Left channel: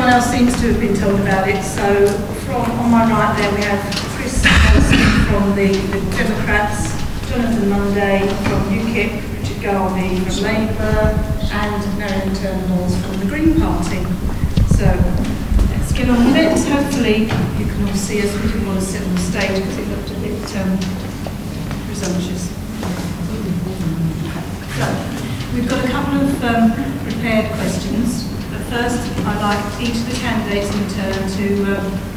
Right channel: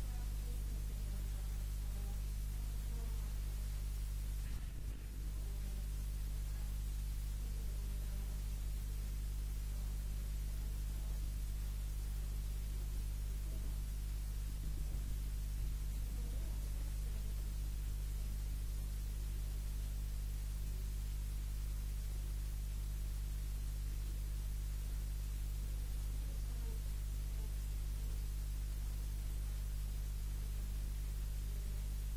everyone else seems to have been told about it. So on my right there we have Chris Nelson from the Democrats, Jonathan Munday from UKIP, Richard Garvie from Labour, and Marion Turner-Hawes from the Green Party. So let's get on with it. Hopefully you can all see us. We didn't want to sit on the stage because it looked a bit presumptuous. So we've got a couple of prepared questions. But first, I'd like each of the candidates in turn to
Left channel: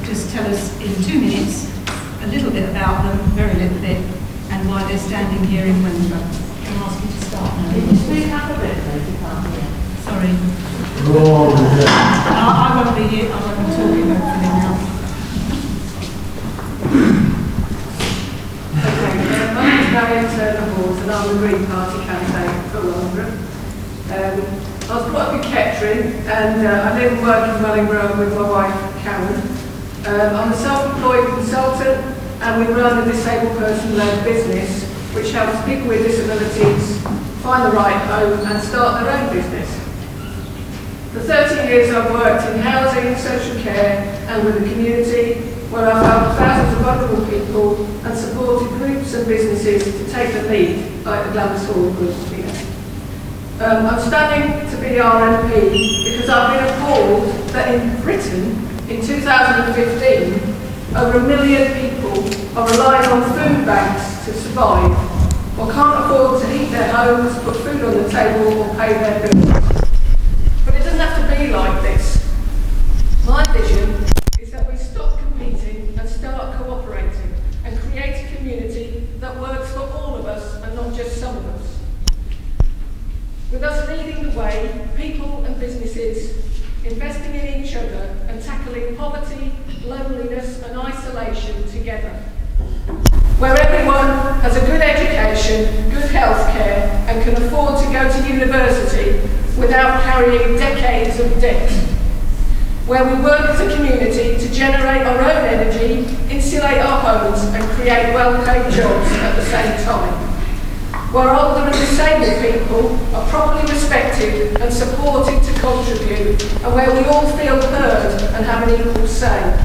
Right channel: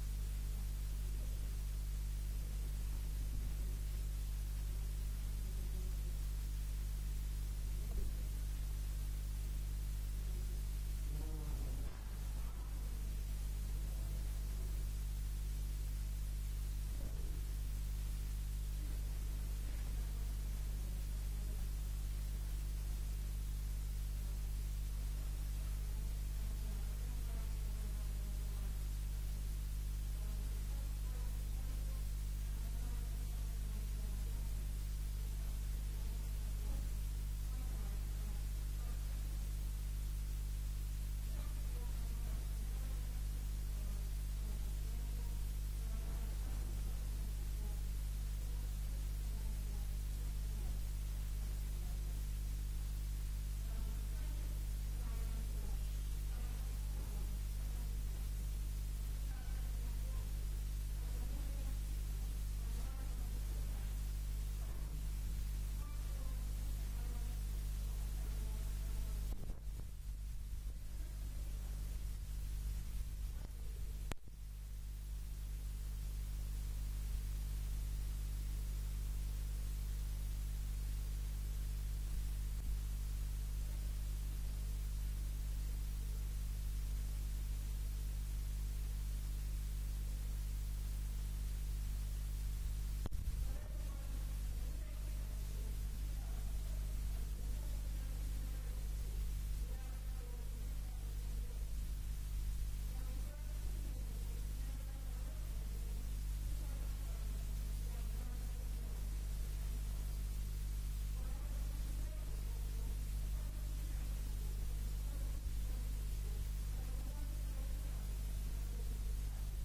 just tell us in 2 minutes a little bit about them, very little bit, and why they're standing here in Wellingborough. Can I ask you to start now? Can you speak up a bit, please? You can't hear. Sorry. Oh, I won't be here. I won't be talking hopefully now. Okay, my name is Marion Turner-Hawes and I'm the Green Party candidate for Wellingborough. I was brought up in Kettering and I live and work in Wellingborough with my wife Karen. I'm a self-employed consultant and we run a disabled person-led business which helps people with disabilities find the right home and start their own business. For 30 years I've worked in housing, social care and with the community where I've helped thousands of vulnerable people and supported groups and businesses to take the lead, like the Glamis Hall group here. I'm standing to be our MP because I've been appalled that in Britain, in 2015, over 1 million people are relying on food banks to survive, or can't afford to heat their homes, put food on the table, or pay their bills. But it doesn't have to be like this. My vision is that we stop competing and start cooperating and create a community that works for all of us and not just some of us. With us leading the way, people and businesses investing in each other and tackling poverty, loneliness and isolation together. Where everyone has a good education, good health care and can afford to go to university without carrying decades of debt. Where we work as a community to generate our own energy, insulate our homes and create well-paid jobs at the same time. Where older and disabled people are properly respected and supported to contribute, and where we all feel heard and have an equal say.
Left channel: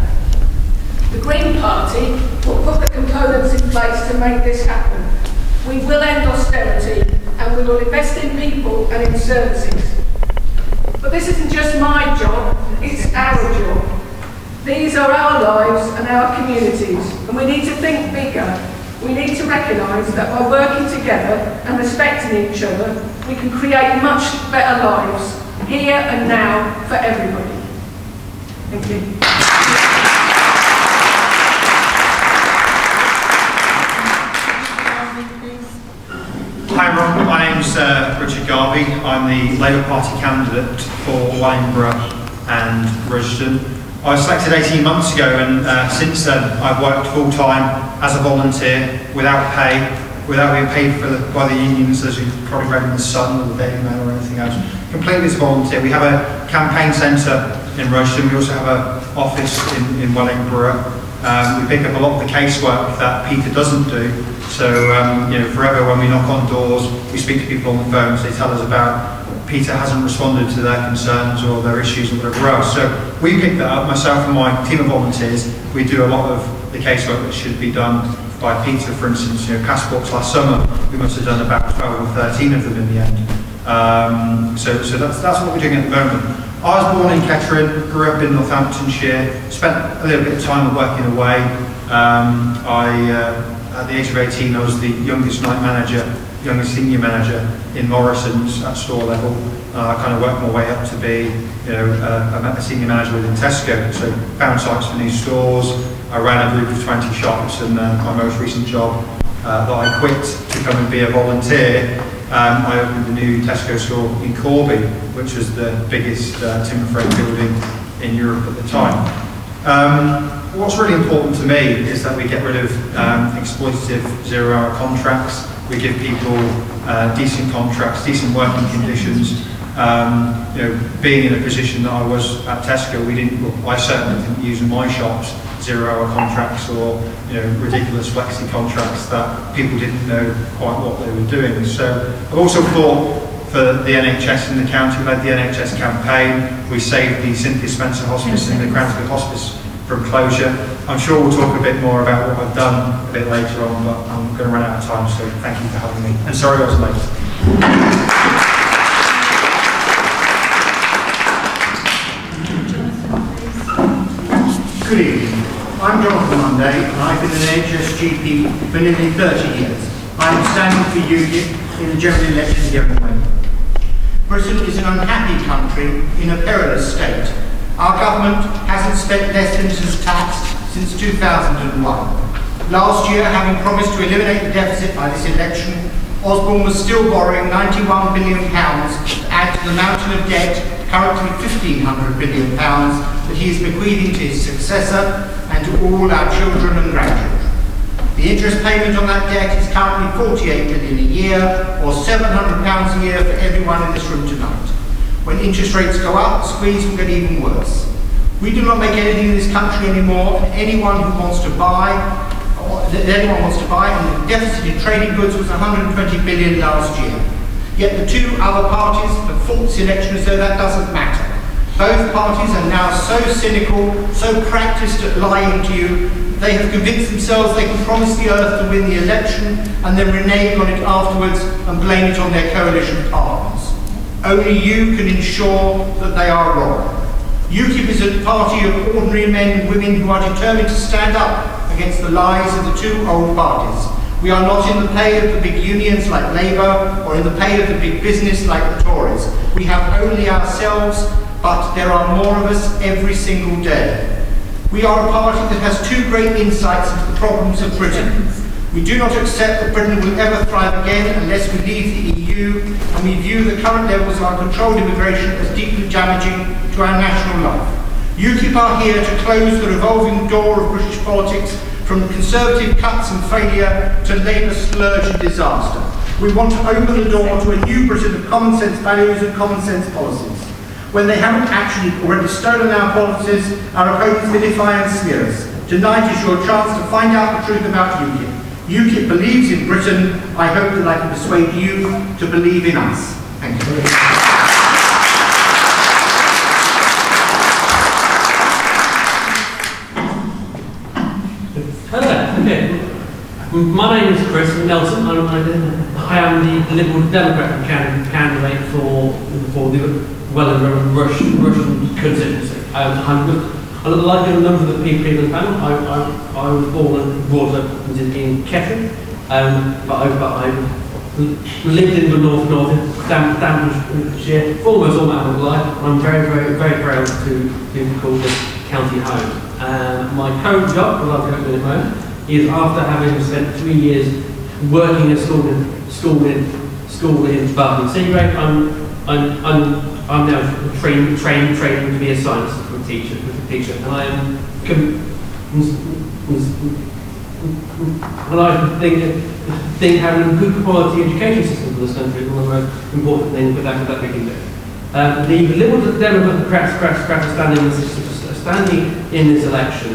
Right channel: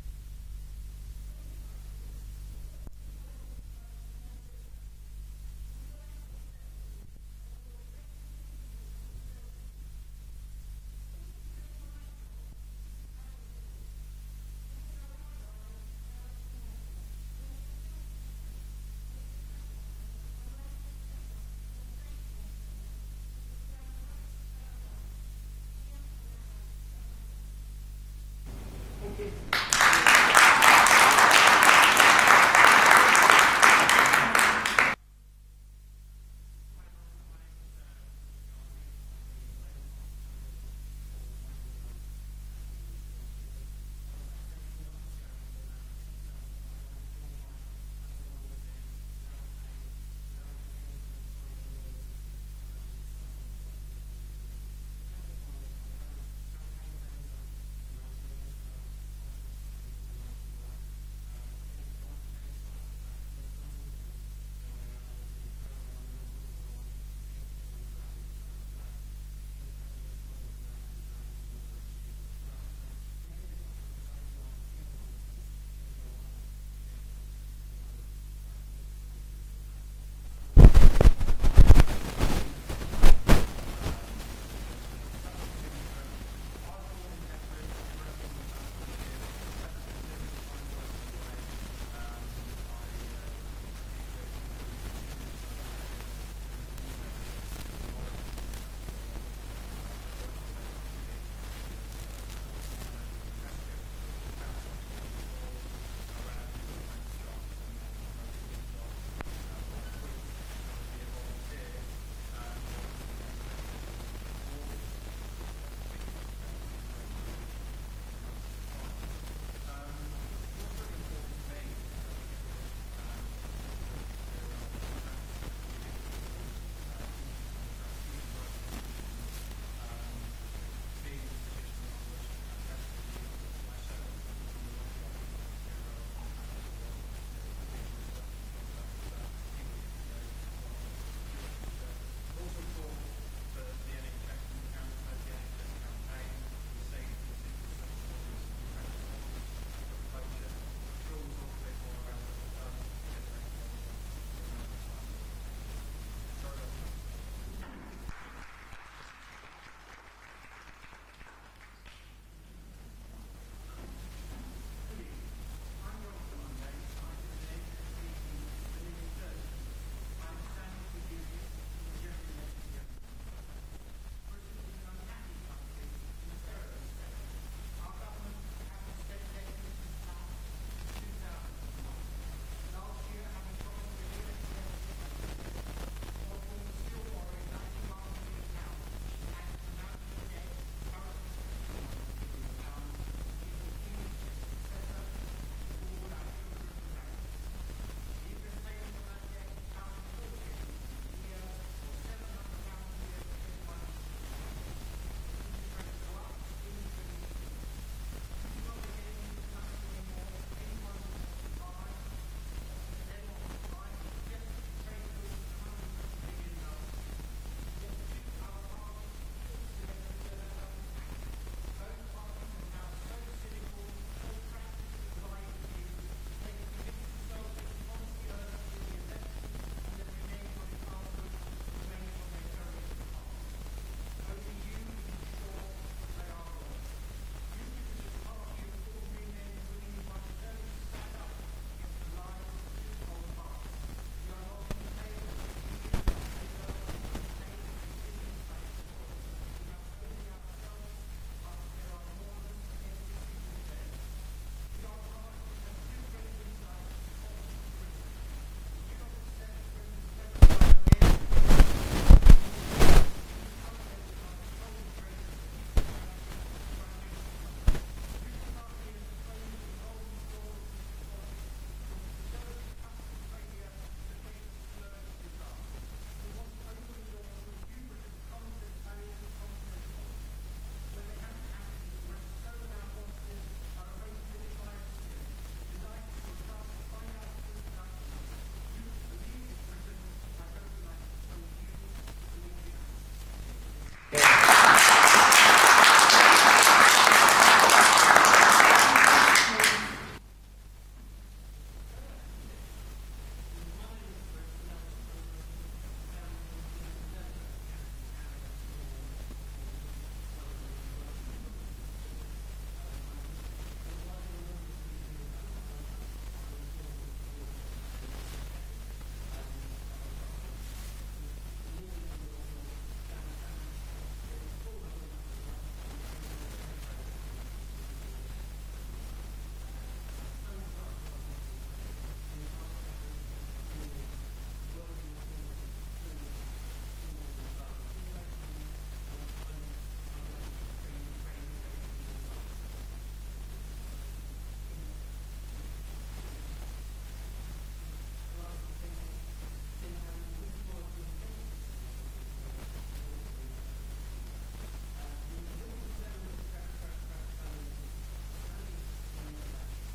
The Green Party will put the components in place to make this happen. We will end austerity and we will invest in people and in services. But this isn't just my job, it's our job. These are our lives and our communities, and we need to think bigger. We need to recognise that by working together and respecting each other, we can create much better lives, here and now, for everybody. Thank you. Hi everyone, my name's Richard Garvie. I'm the Labour Party candidate for Wellingborough and Rushden. I was selected 18 months ago and since then I've worked full-time as a volunteer, without pay, without being paid by the unions, as you've probably read in the Sun or the Daily Mail or anything else. Completely as a volunteer. We have a campaign centre in Rushden. We also have an office in Wellingborough. We pick up a lot of the casework that Peter doesn't do. So, you know, forever when we knock on doors, we speak to people on the phones, they tell us about Peter hasn't responded to their concerns or their issues or whatever else. So we pick that up, myself and my team of volunteers. We do a lot of the casework that should be done by Peter. For instance, you know, passports last summer, we must have done about 12 or 13 of them in the end. So that's what we're doing at the moment. I was born in Kettering, grew up in Northamptonshire, spent a little bit of time working away. At the age of 18, I was the youngest night manager, youngest senior manager in Morrison's at store level. I kind of worked my way up to be, you know, a senior manager within Tesco. So found sites for new stores. I ran a group of 20 shops, and my most recent job that I quit to come and be a volunteer, I opened a new Tesco store in Corby, which was the biggest timber frame building in Europe at the time. What's really important to me is that we get rid of exploitative zero-hour contracts. We give people decent contracts, decent working conditions. You know, being in a position that I was at Tesco, I certainly didn't use in my shops zero-hour contracts or, you know, ridiculous flexi contracts that people didn't know quite what they were doing. So I've also thought for the NHS in the county. We led the NHS campaign. We saved the Cynthia Spencer Hospice and the Cranswick Hospice from closure. I'm sure we'll talk a bit more about what I've done a bit later on, but I'm going to run out of time, so thank you for having me. And sorry I was late. Good evening. I'm Jonathan Munday, and I've been an NHS GP for nearly 30 years. I am standing for UKIP in the general election here in Wellingborough. Britain is an unhappy country in a perilous state. Our government hasn't spent less than it has taxed since 2001. Last year, having promised to eliminate the deficit by this election, Osborne was still borrowing £91 billion to add to the mountain of debt, currently £1,500 billion, that he is bequeathing to his successor and to all our children and grandchildren. The interest payment on that debt is currently £48 billion a year, or £700 a year for everyone in this room tonight. When interest rates go up, the squeeze will get even worse. We do not make anything in this country anymore, and anyone wants to buy, and the deficit in trading goods was £120 billion last year. Yet the two other parties have fought this election as though that doesn't matter. Both parties are now so cynical, so practiced at lying to you, they have convinced themselves they can promise the earth to win the election and then renege on it afterwards and blame it on their coalition partners. Only you can ensure that they are wrong. UKIP is a party of ordinary men and women who are determined to stand up against the lies of the two old parties. We are not in the pay of the big unions like Labour or in the pay of the big business like the Tories. We have only ourselves, but there are more of us every single day. We are a party that has two great insights into the problems of Britain. We do not accept that Britain will ever thrive again unless we leave the EU, and we view the current levels of uncontrolled immigration as deeply damaging to our national life. UKIP are here to close the revolving door of British politics from Conservative cuts and failure to Labour splurge and disaster. We want to open the door to a new Britain of common sense values and common sense policies. When they haven't actually already stolen our policies, our opponents vilify and smear us. Tonight is your chance to find out the truth about UKIP. UKIP believes in Britain. I hope that I can persuade you to believe in us. Thank you. Hello. Okay. My name is Chris Nelson. I am the Liberal Democrat candidate for the Wellingborough Rushden constituency. Like a number of the people in the panel, I was born and brought up in Kettering, but I lived in the north Staffordshire for almost all my life. I'm very proud to be called this county home. My current job, as I'll go to in a moment, is after having spent 3 years working at school in Barton Seagrave, I'm now trained to be a science teacher, and I am. And I think having a good quality education system for this country is one of the most important things that we can do. The Liberal Democrats are standing in this election,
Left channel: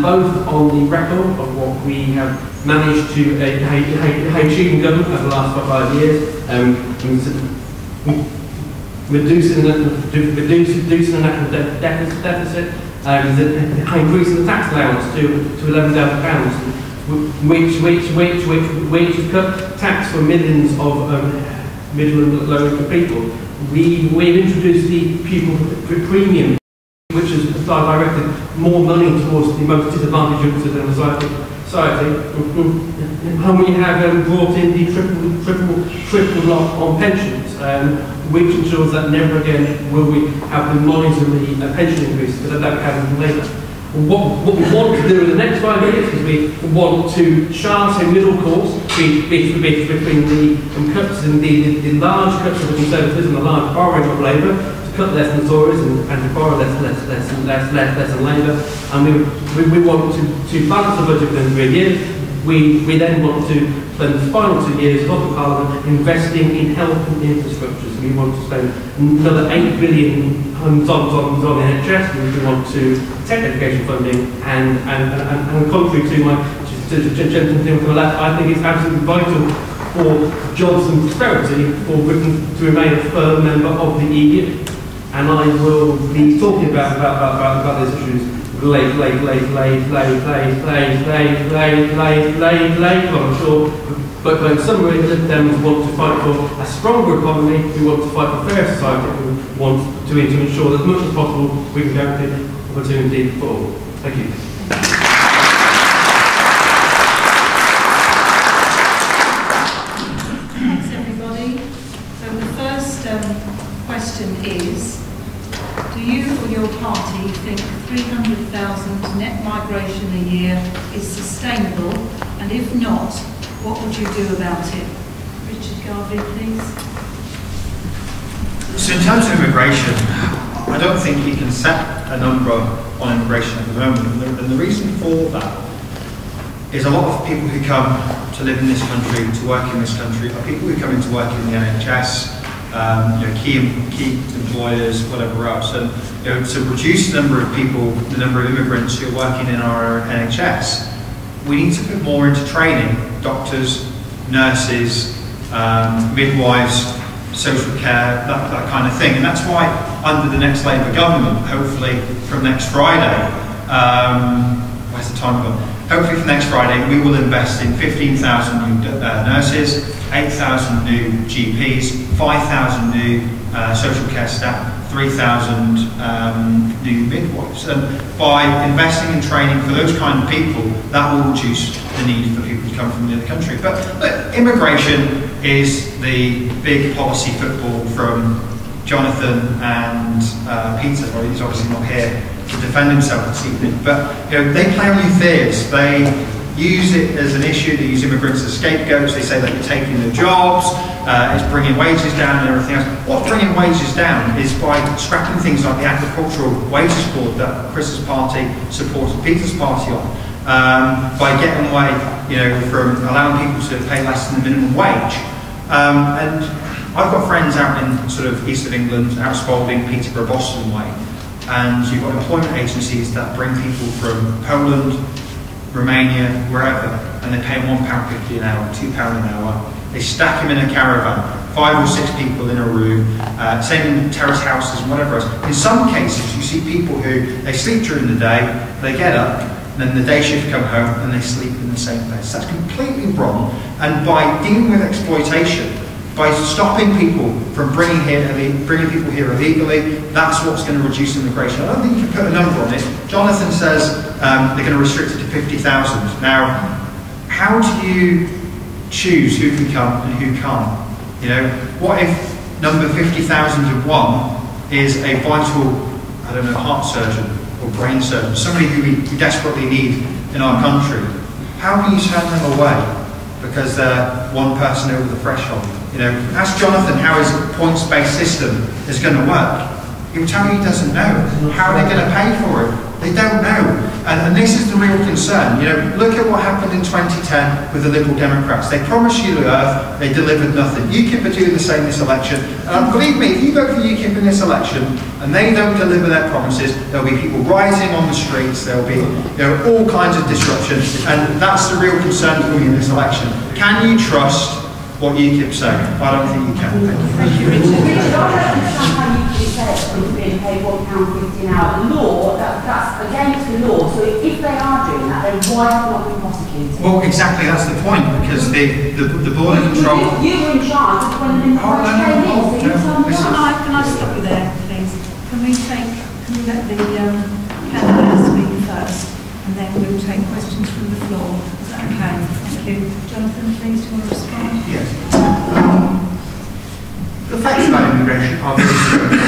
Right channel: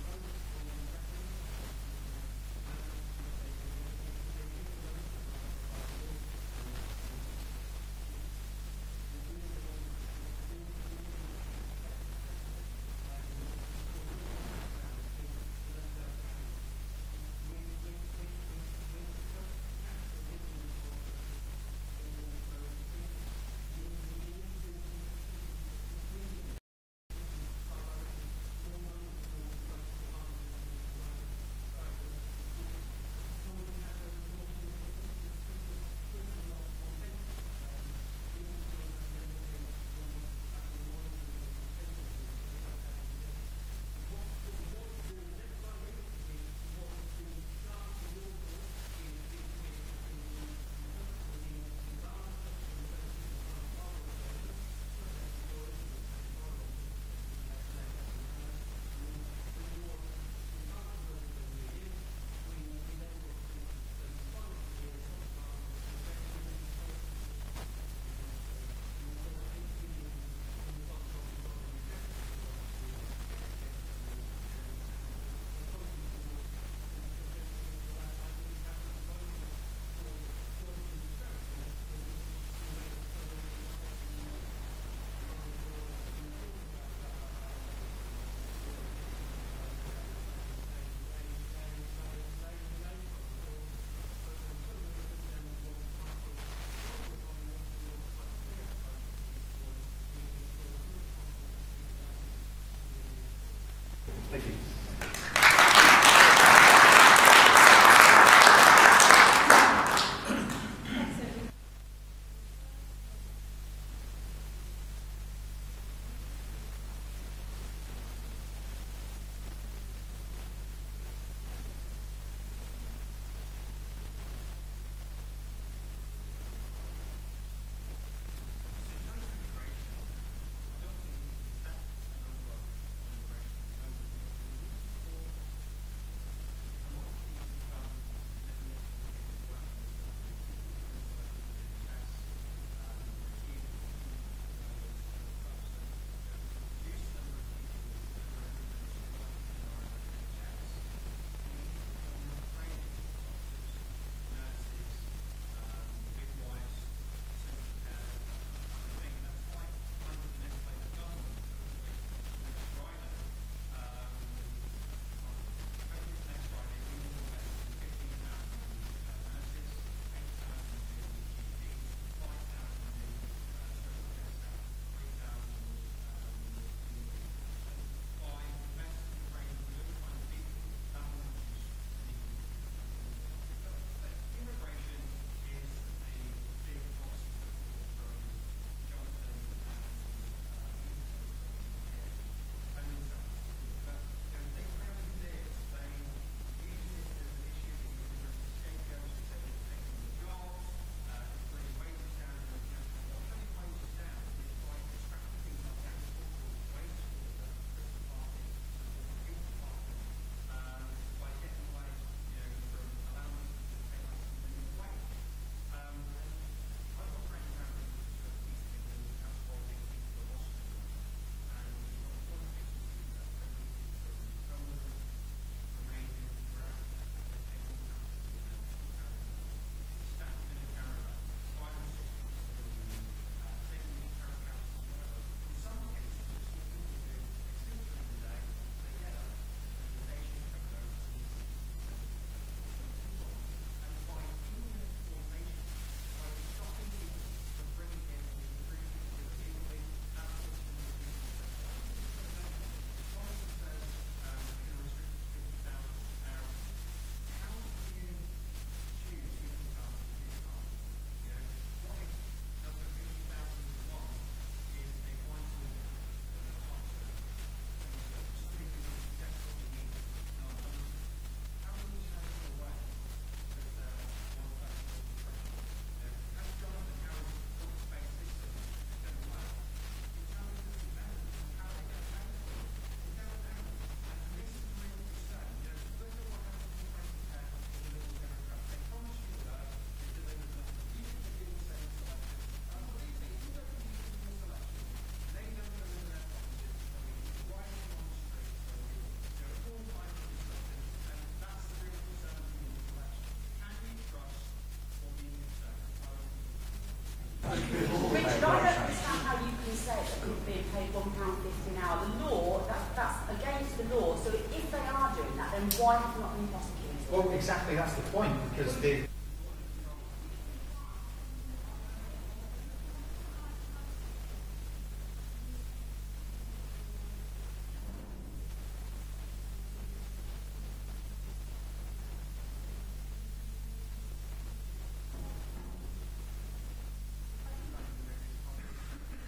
both on the record of what we have managed to achieve in government over the last 5 years, reducing the national deficit, increasing the tax allowance to £11,000, which has cut tax for millions of middle and low income people. We've introduced the pupil premium, which has directed more money towards the most disadvantaged groups of the society. And we have brought in the triple lock on pensions, which ensures that never again will we have the monitor the pension increases that we have in Labour. What we want to do in the next 5 years is we want to chart a middle course between the cuts in the large cuts of the Conservatives and the large borrowing of Labour, to cut less than Tories and to borrow less than Labour. And we want to balance the budget within 3 years. We then want to spend the final 2 years of the Parliament investing in health and infrastructures. We want to spend another £8 billion on the NHS. We want to protect education funding, and contrary to my gentleman to the left, I think it's absolutely vital for jobs and prosperity for Britain to remain a firm member of the EU. And I will be talking about these issues later. I'm sure. But in summary, the Lib Dems want to fight for a stronger economy, we want to fight for fair society, we want to ensure that as much as possible we can guarantee opportunity for all. Thank you. Thanks everybody. So the first question is, do you or your party think 300,000 net migration a year is sustainable? And if not, what would you do about it? Richard Garvie, please. So in terms of immigration, I don't think you can set a number on immigration at the moment. And the reason for that is a lot of people who come to live in this country, to work in this country, are people who come in to work in the NHS, key employers, whatever else. And to reduce the number of people, the number of immigrants who are working in our NHS, we need to put more into training. Doctors, nurses, midwives, social care, that kind of thing. And that's why under the next Labour government, hopefully from next Friday, where's the time gone? Hopefully from next Friday, we will invest in 15,000 new nurses, 8,000 new GPs, 5,000 new social care staff, 3,000 new midwives. And by investing in training for those kind of people, that will reduce the need for people to come from the other country. But look, immigration is the big policy football from Jonathan and Peter. Well, he's obviously not here to defend himself this evening, but they play on your fears. They use it as an issue. They use immigrants as scapegoats. They say that you're taking their jobs, it's bringing wages down and everything else. What's bringing wages down is by scrapping things like the agricultural wages board that Chris's party supported Peter's party on, by getting away, from allowing people to pay less than the minimum wage. And I've got friends out in sort of east of England, out Spalding, Peterborough, Boston way, and you've got employment agencies that bring people from Poland, Romania, wherever, and they pay £1.50 an hour, £2 an hour. They stack them in a caravan, 5 or 6 people in a room, same in terrace houses and whatever else. In some cases, you see people who, they sleep during the day, they get up, and then the day shift come home, and they sleep in the same place. That's completely wrong, and by dealing with exploitation, by stopping people from bringing people here illegally, that's what's going to reduce immigration. I don't think you can put a number on it. Jonathan says they're going to restrict it to 50,000. Now, how do you choose who can come and who can't? What if number 50,001 is a vital, heart surgeon or brain surgeon, somebody who we desperately need in our country? How can you turn them away because they're one person over the threshold? Ask Jonathan how his points-based system is going to work. He'll tell you he doesn't know. How are they going to pay for it? They don't know. And this is the real concern. Look at what happened in 2010 with the Liberal Democrats. They promised you the earth, they delivered nothing. UKIP are doing the same this election. And believe me, if you vote for UKIP in this election and they don't deliver their promises, there'll be people rioting on the streets, there'll be all kinds of disruption. And that's the real concern for me in this election. Can you trust what UKIP say? I don't think you can. Thank you, Richard. Being paid £1.50 an hour. The law, that's against the law. So if they are doing that, then why are they not being prosecuted? Well, exactly, that's the point, because the border control... You were in charge of when the Can I stop you there, please? Can we let the candidates speak first, and then we'll take questions from the floor? Is that okay? Thank you. Jonathan, please, do you want to respond? Yes. The facts about immigration are very simple.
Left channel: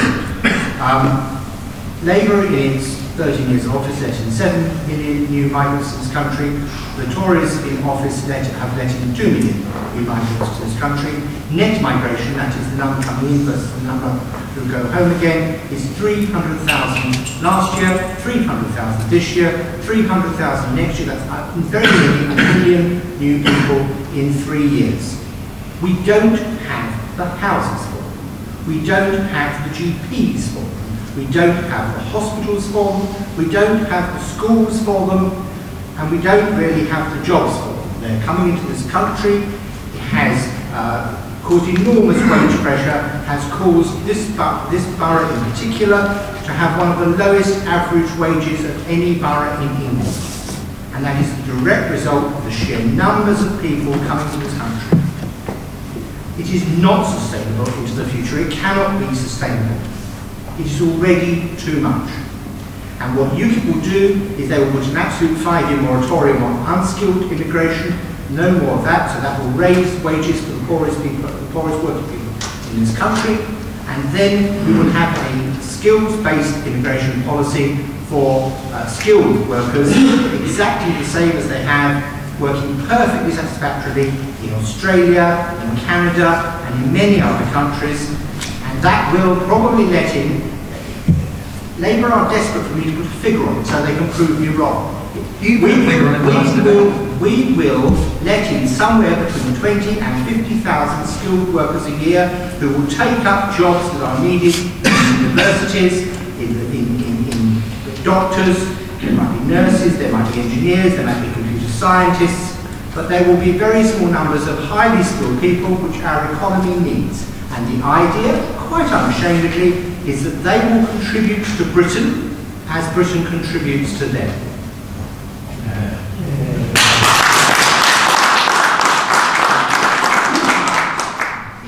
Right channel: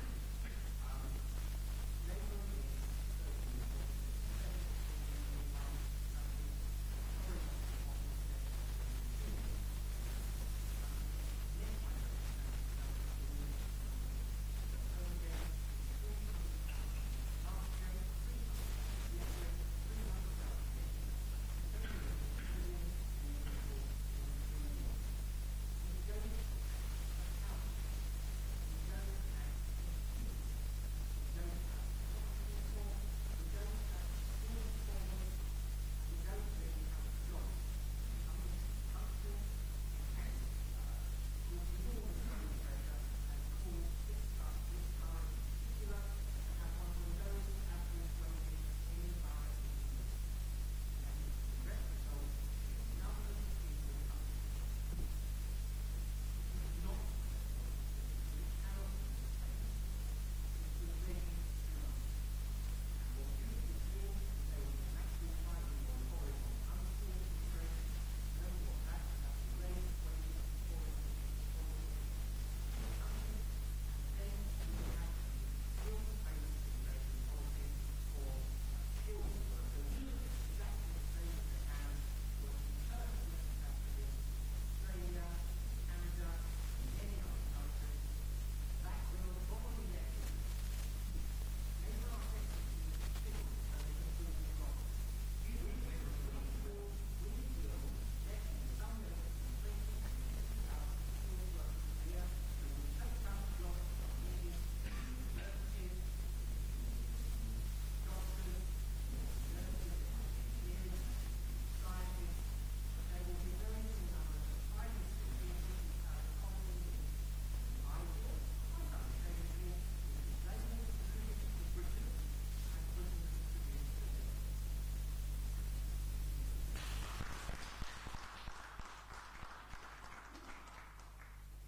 Labour in its 13 years of office let in 7 million new migrants to this country. The Tories in office have let in 2 million new migrants to this country. Net migration, that is the number coming in versus the number who go home again, is 300,000 last year, 300,000 this year, 300,000 next year. That's very nearly 1 million new people in 3 years. We don't have the houses for them. We don't have the GPs for them. We don't have the hospitals for them. We don't have the schools for them. And we don't really have the jobs for them. They're coming into this country, they has caused enormous wage pressure, has caused this borough in particular to have one of the lowest average wages of any borough in England. And that is the direct result of the sheer numbers of people coming to this country. It is not sustainable into the future. It cannot be sustainable. It is already too much. And what UKIP will do is they will put an absolute 5-year moratorium on unskilled immigration, no more of that, so that will raise wages for the poorest people, the poorest working people in this country, and then we will have a skills-based immigration policy for skilled workers, exactly the same as they have, working perfectly satisfactorily in Australia, in Canada, and in many other countries, and that will probably let in. Labour are desperate for me to put a figure on it so they can prove me wrong. We will let in somewhere between 20 and 50,000 skilled workers a year who will take up jobs that are needed in universities, in doctors, there might be nurses, there might be engineers, there might be computer scientists, but there will be very small numbers of highly skilled people which our economy needs. And the idea, quite unashamedly, is that they will contribute to Britain as Britain contributes to them.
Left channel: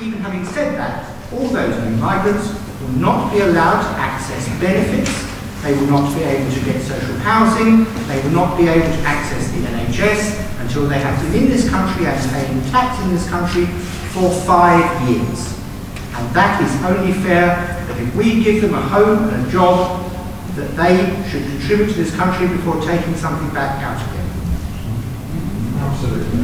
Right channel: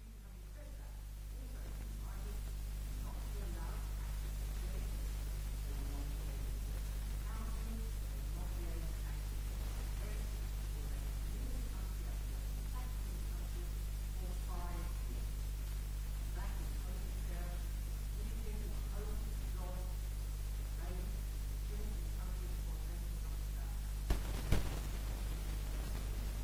Even having said that, all those new migrants will not be allowed to access benefits, they will not be able to get social housing, they will not be able to access the NHS until they have been in this country and paying tax in this country for 5 years. And that is only fair that if we give them a home and a job, that they should contribute to this country before taking something back out again. Absolutely.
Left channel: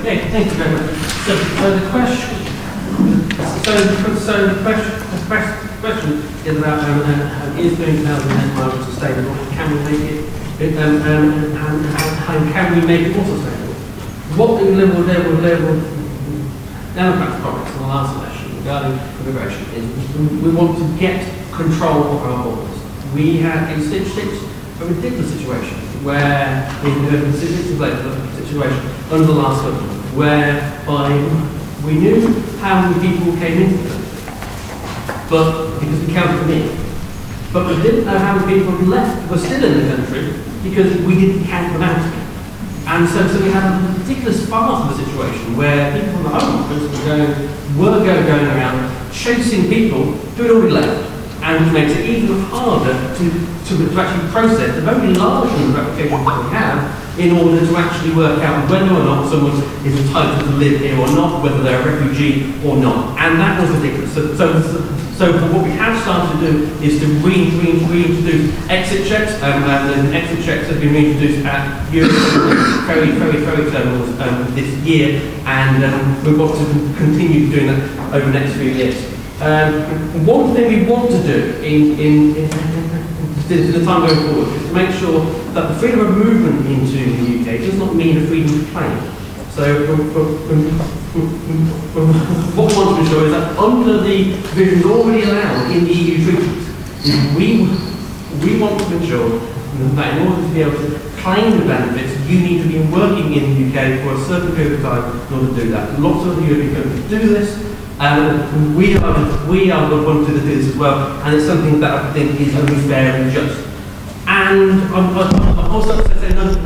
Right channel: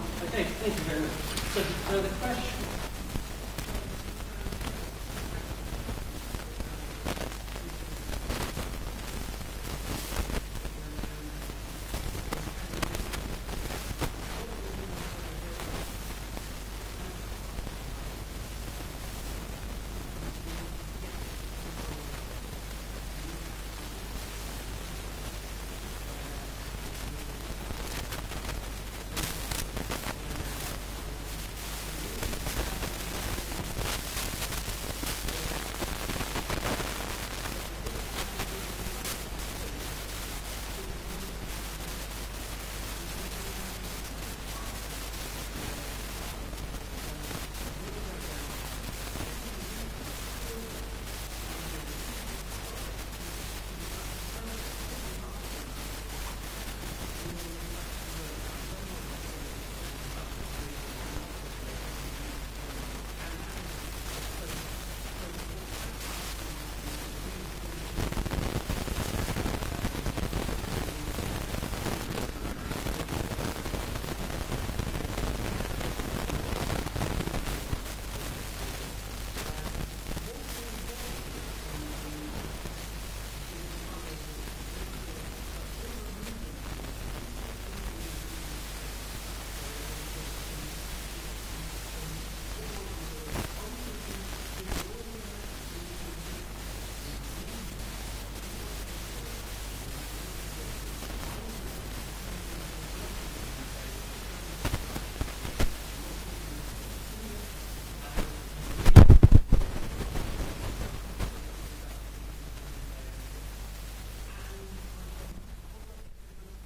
Okay, thank you very much. So the question is about is doing 2008 migrants sustainable? Can we make it? And can we make it more sustainable? What the level Democrats promised in the last election regarding immigration is we want to get control of our borders. We had a ridiculous situation where we had a situation under the last government whereby we knew how many people came into it, but because we counted them in. But we didn't know how many people were still in the country because we didn't count them out. And so we had a ridiculous part of the situation where people from the home office were going around chasing people who had already left, and which makes it even harder to actually process the very large number of applications that we have in order to actually work out whether or not someone is entitled to live here or not, whether they're a refugee or not. And that was ridiculous. So what we have started to do is to reintroduce exit checks, and exit checks have been reintroduced at ferry terminals this year, and we want to continue doing that over the next few years. One thing we want to do in the time going forward is to make sure that the freedom of movement into the UK does not mean a freedom of claim. So what we want to ensure is that under the provisions already allowed in the EU treaties, we want to ensure that in order to be able to claim the benefits, you need to be working in the UK for a certain period of time in order to do that. Lots of the European countries do this, and we are the ones to do this as well, and it's something that I think is only fair and just. And I'm also saying another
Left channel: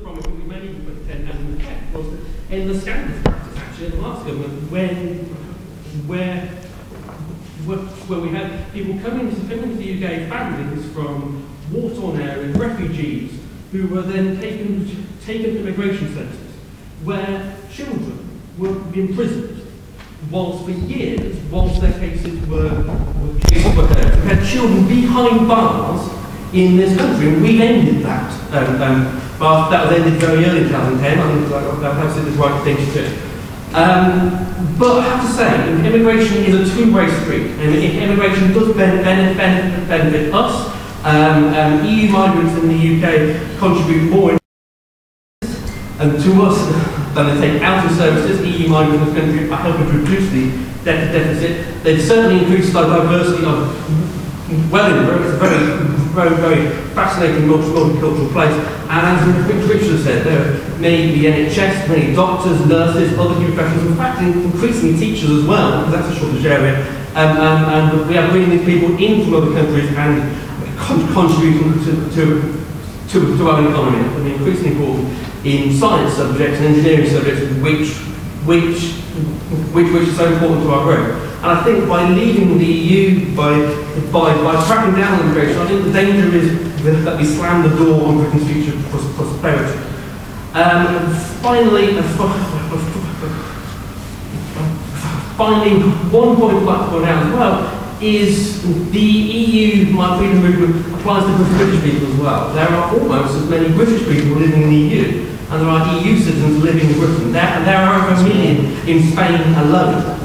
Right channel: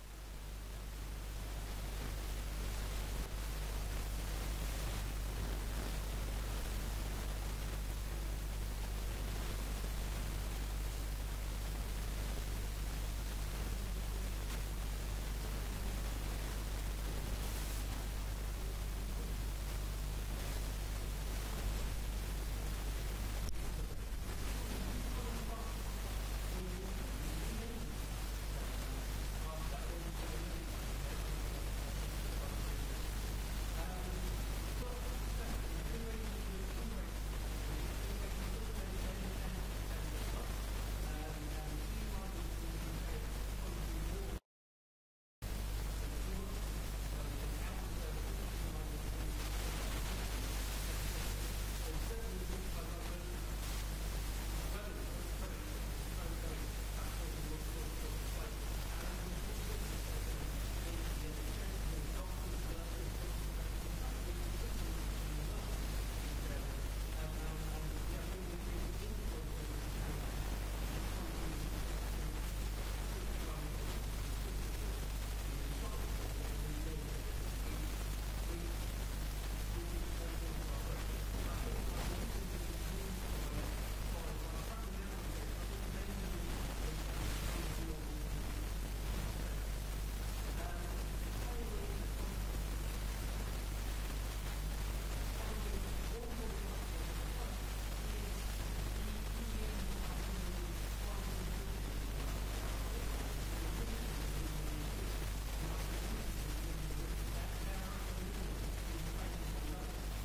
promise we made in 2010 was in the scandal practice, actually, in the last government, where we had people coming to the UK, families from war-torn areas, refugees, who were then taken to immigration centres, where children were imprisoned, whilst for years, whilst their cases were heard. We had children behind bars in this country, and we've ended that. But that was ended very early in 2010. I think that perhaps is the right thing to do. But I have to say, immigration is a two-way street. And if immigration does benefit us, EU migrants in the UK contribute more and to us than they take out of services. EU migrants in the country are helping to reduce the deficit. They've certainly increased the diversity of Wellingborough. It's a very very fascinating multicultural place. And as Richard said, there are many the NHS, many doctors, nurses, other new professionals, in fact increasingly teachers as well, because that's a shortage area. And we are bringing these people in from other countries and contributing to our economy. I mean, increasingly important in science subjects and engineering subjects, which is so important to our growth. And I think by leaving the EU, by cracking down on immigration, I think the danger is that we slam the door on Britain's future prosperity. Finally, one point I'd like to point out as well is the EU My Freedom Movement applies to British people as well. There are almost as many British people living in the EU, and there are EU citizens living in Britain. There are over 1 million in Spain alone.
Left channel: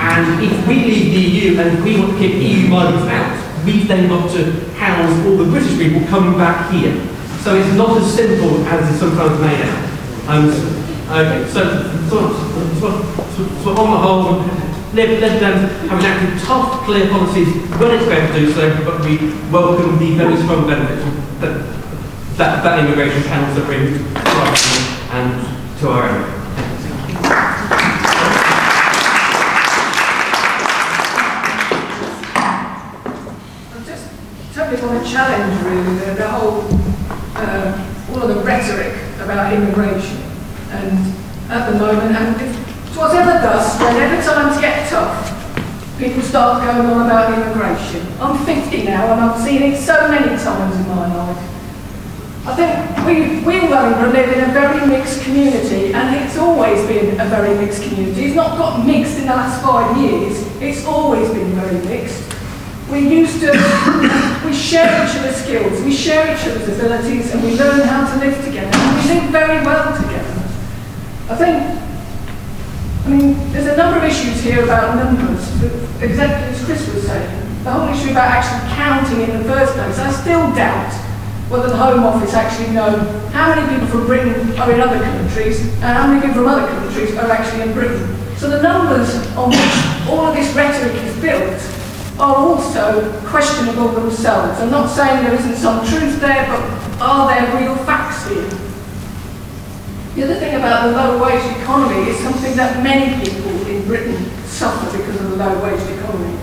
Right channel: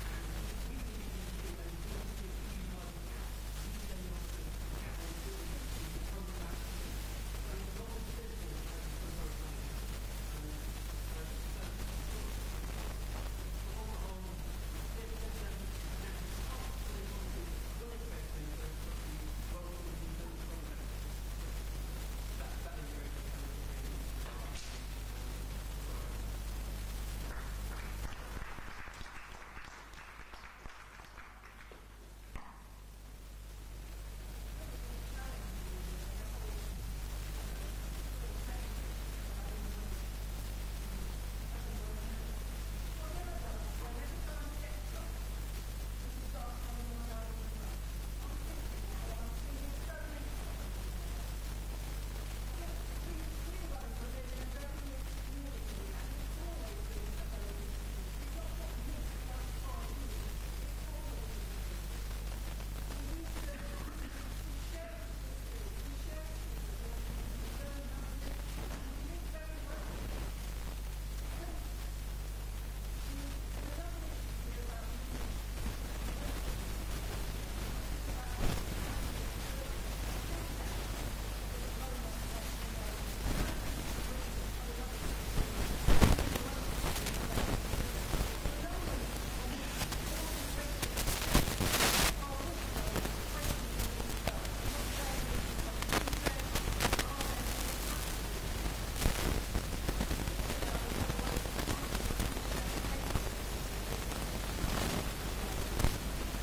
And if we leave the EU and we want to keep EU migrants out, we've then got to house all the British people coming back here. So it's not as simple as it's sometimes made out. So on the whole, let them have enacted tough, clear policies when it's fair to do so, but we welcome the very strong benefits that immigration can also bring to our country and to our area. I want to challenge really the whole, all of the rhetoric about immigration. And at the moment, and it's whatever does, whenever times get tough, people start going on about immigration. I'm 50 now and I've seen it so many times in my life. I think we in Wellingborough live in a very mixed community, and it's always been a very mixed community. It's not got mixed in the last 5 years, it's always been very mixed. We share each other's skills, we share each other's abilities, and we learn how to live together. And we live very well together. I mean, there's a number of issues here about numbers. Exactly as Chris was saying, the whole issue about actually counting in the first place. I still doubt whether the Home Office actually know how many people from Britain are in other countries and how many people from other countries are actually in Britain. So the numbers on which all of this rhetoric is built are also questionable themselves. I'm not saying there isn't some truth there, but are there real facts here? The other thing about the low wage economy is something that many people in Britain suffer because of the low wage economy.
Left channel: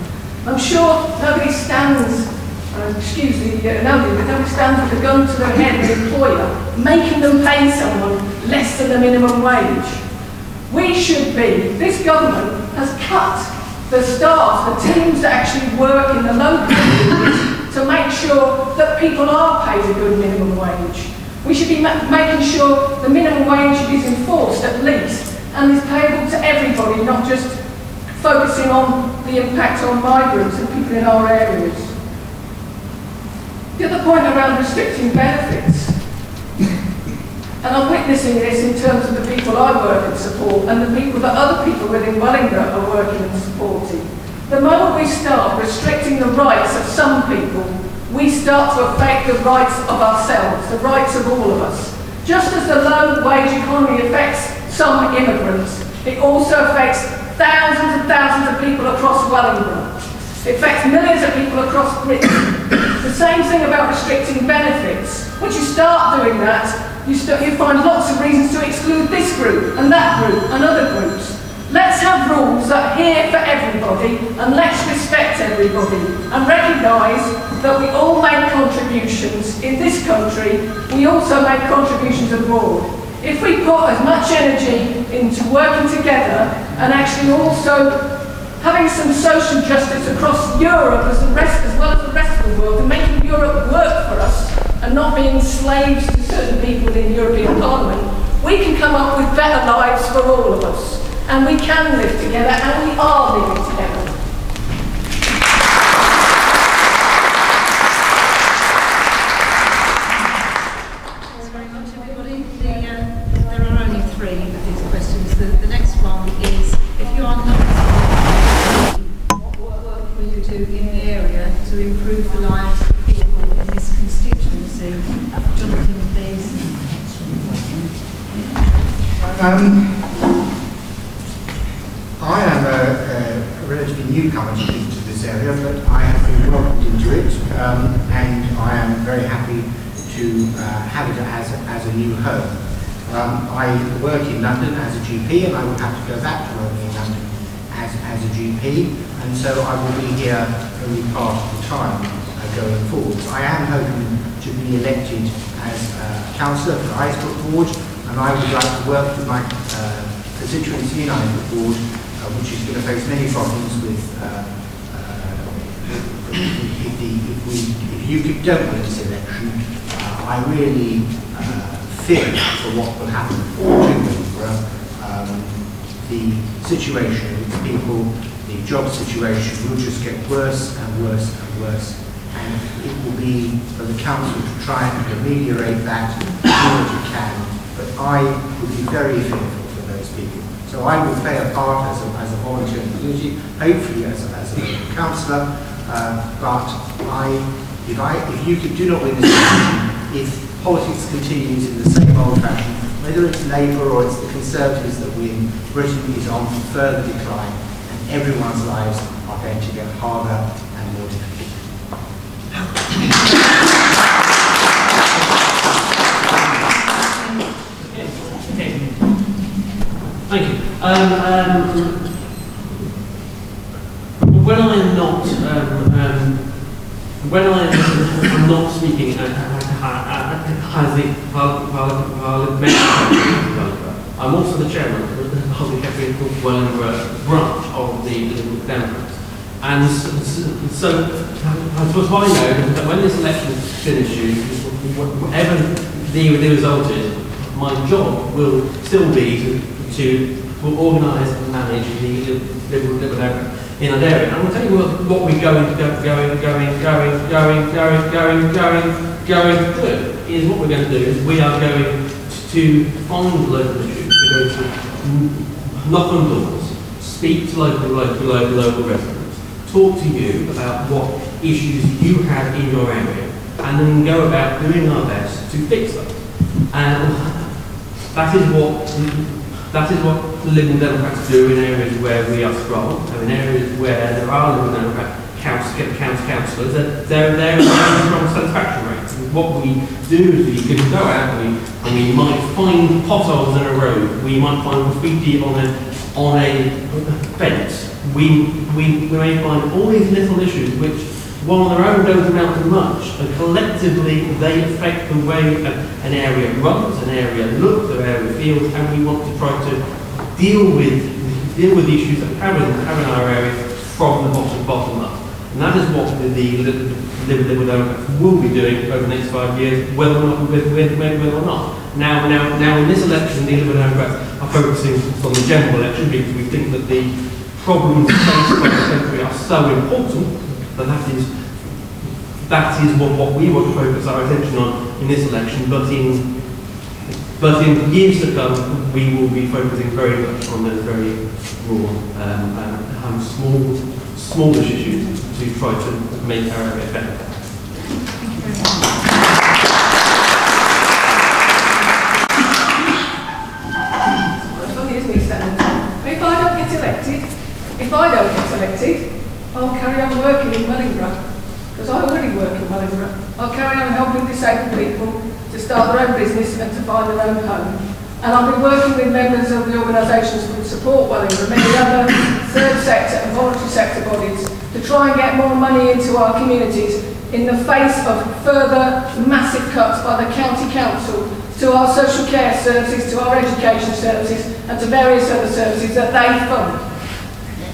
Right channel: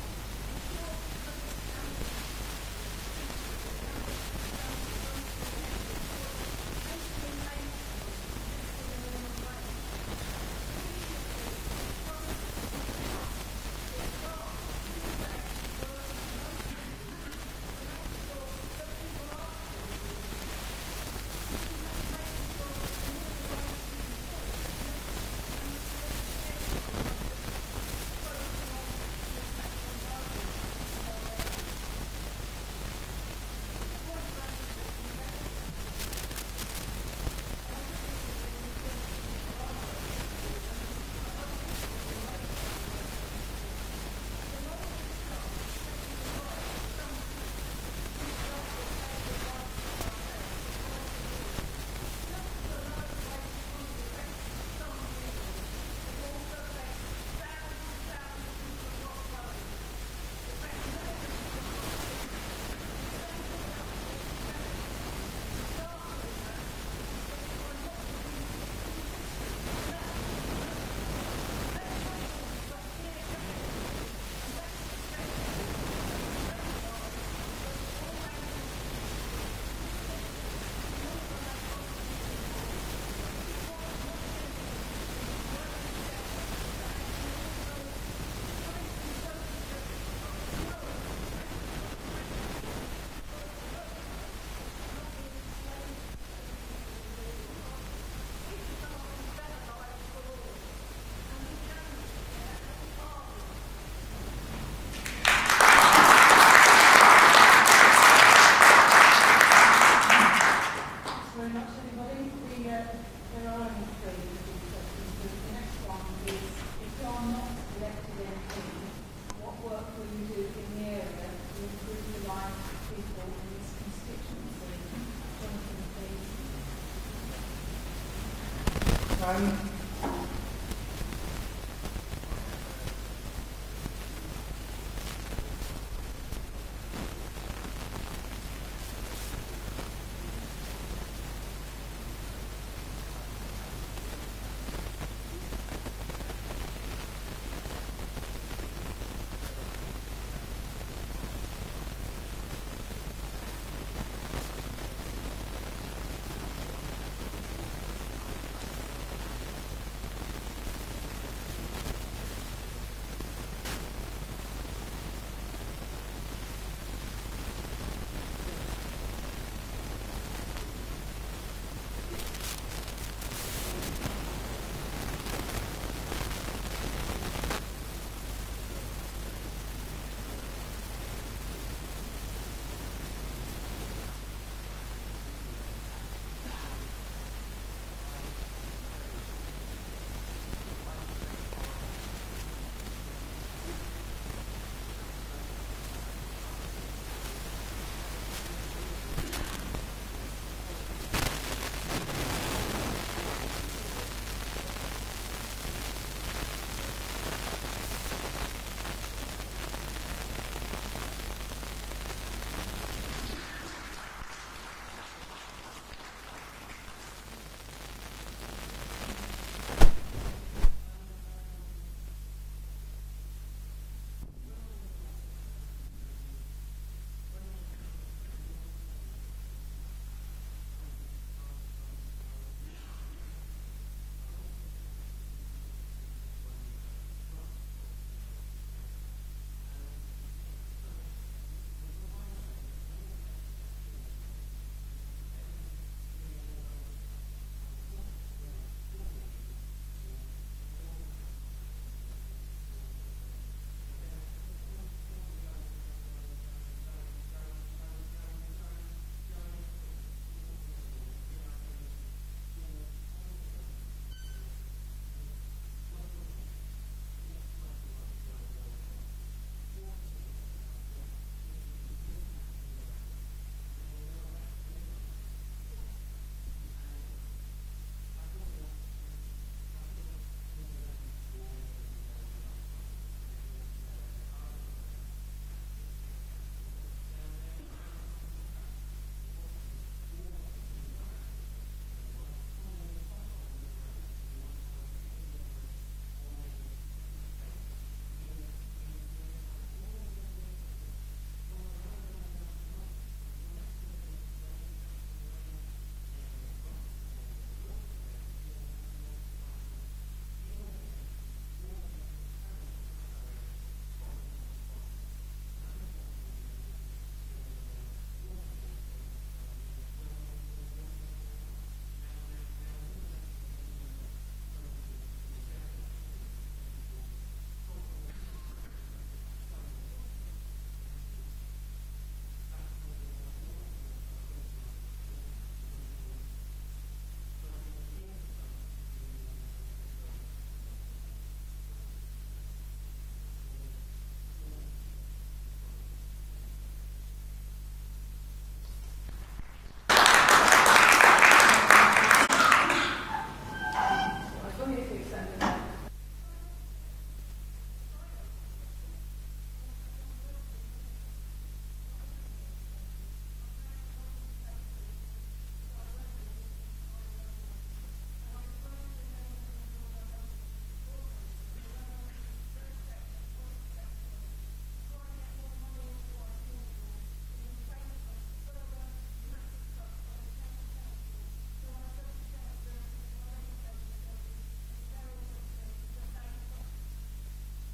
I'm sure nobody stands, nobody stands with a gun to their head, the employer, making them pay someone less than the minimum wage. We should be, this government has cut the staff, the teams that actually work in the local communities to make sure that people are paid a good minimum wage. We should be making sure the minimum wage is enforced at least and is payable to everybody, not just focusing on the impact on migrants and people in our areas. The other point around restricting benefits, and I'm witnessing this in terms of the people I work and support and the people that other people within Wellingborough are working and supporting. The moment we start restricting the rights of some people, we start to affect the rights of ourselves, the rights of all of us. Just as the low wage economy affects some immigrants, it also affects thousands and thousands of people across Wellingborough. It affects millions of people across Britain. The same thing about restricting benefits. Once you start doing that, you find lots of reasons to exclude this group and that group and other groups. Let's have rules that are here for everybody, and let's respect everybody and recognise that we all make contributions in this country. We also make contributions abroad. If we put as much energy into working together and actually also having some social justice across Europe as well as the rest of the world, and making Europe work for us and not being slaves to certain people in the European Parliament, we can come up with better lives for all of us. And we can live together, and we are living together. There are only 3 of these questions. The next one is, if you are not, what work will you do in the area to improve the lives of people in this constituency? Jonathan, please. I am a relatively newcomer to this area, but I have been welcomed into it, and I am happy to have it as a new home. I work in London as a GP, and I will have to go back to working in London as a GP, and so I will be here only part of the time going forward. I am hoping to be elected as a councillor for Islesbrook Ward, and I would like to work with my constituency in Islesbrook Ward, which is going to face many problems with if you don't win this election. I really fear for what will happen to Wellingborough. The situation with the people, the job situation will just get worse and worse and worse, and it will be for the council to try and ameliorate that as much as it can. But I would be very fearful for those people. So I will play a part as a volunteer in the community, hopefully as a councillor. But if you do not win this election, if politics continues in the same old fashion, whether it's Labour or it's the Conservatives that win, Britain is on further decline, and everyone's lives are going to get harder and more difficult. Thank you. When I'm not speaking as the parliamentary, I'm also the chairman of the Wellingborough branch of the Liberal Democrats. And so as far as I know, that when this election finishes, whatever the result is, my job will still be to organise and manage the Liberal Democrats in an area. And I'll tell you what we're going to do is what we're going to do is we are going to find local issues. We're going to knock on doors, speak to local residents, talk to you about what issues you have in your area, and then go about doing our best to fix them. And that is what the Liberal Democrats do in areas where we are strong, and in areas where there are Liberal Democrat councillors, they're a very strong satisfaction rate. What we do is we can go out and we might find potholes in a road, we might find graffiti on a fence, we may find all these little issues which, while on their own don't amount to much, and collectively they affect the way an area runs, an area looks, an area feels, and we want to try to deal with the issues that we have in our area from the bottom up. And that is what the Liberal Democrats will be doing over the next 5 years, whether or not. Now in this election, the Liberal Democrats are focusing on the general election because we think that the problems faced by the country are so important that that is what we want to focus our attention on in this election. But in years to come, we will be focusing very much on those very raw and smallish issues to try to make our area better. Thank you very much. If I don't get elected, I'll carry on working in Wellingborough, because I already work in Wellingborough. I'll carry on helping disabled people to start their own business and to find their own home. And I'll be working with members of the organisations that support Wellingborough, many other third sector and voluntary sector bodies, to try and get more money into our communities in the face of further massive cuts by the county council to our social care services, to our education services, and to various other services that they fund.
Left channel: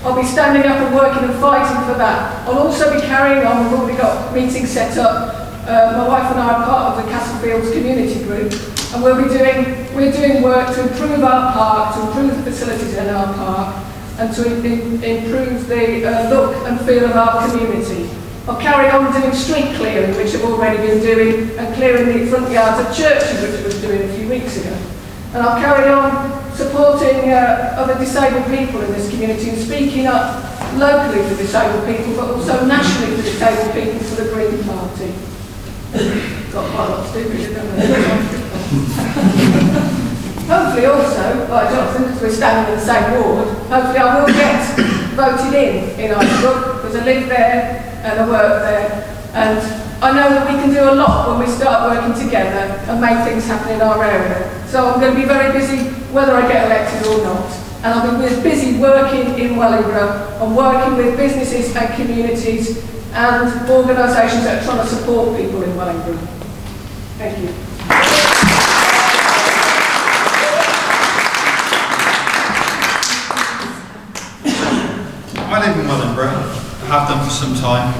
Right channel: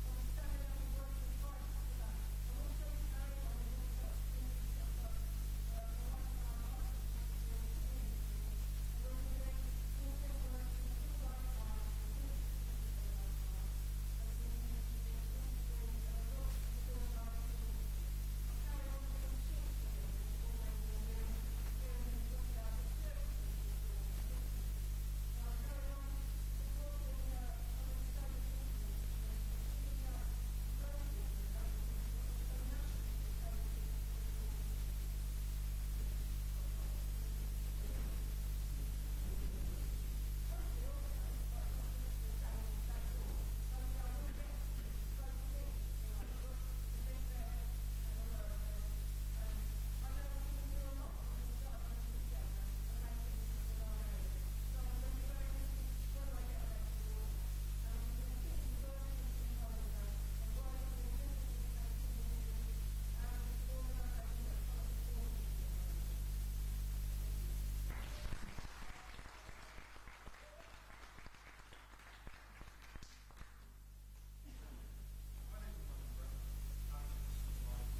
I'll be standing up and working and fighting for that. I'll also be carrying on, we've already got meetings set up. My wife and I are part of the Castlefields community group, and we're doing work to improve our park, to improve the facilities in our park, and to improve the look and feel of our community. I'll carry on doing street clearing, which I've already been doing, and clearing the front yards of churches, which I was doing a few weeks ago. And I'll carry on supporting other disabled people in this community and speaking up locally for disabled people, but also nationally for disabled people for the Green Party. Got quite a lot to do with it, haven't I? Hopefully also, like Jonathan, because we're standing in the same ward, hopefully I will get voted in Islesbrook, because I live there and I work there, and I know that we can do a lot when we start working together and make things happen in our area. So I'm going to be very busy whether I get elected or not. And I'm going to be busy working in Wellingborough and working with businesses and communities and organisations that are trying to support people in Wellingborough. Thank you. I live in Wellingborough. I have done for some time.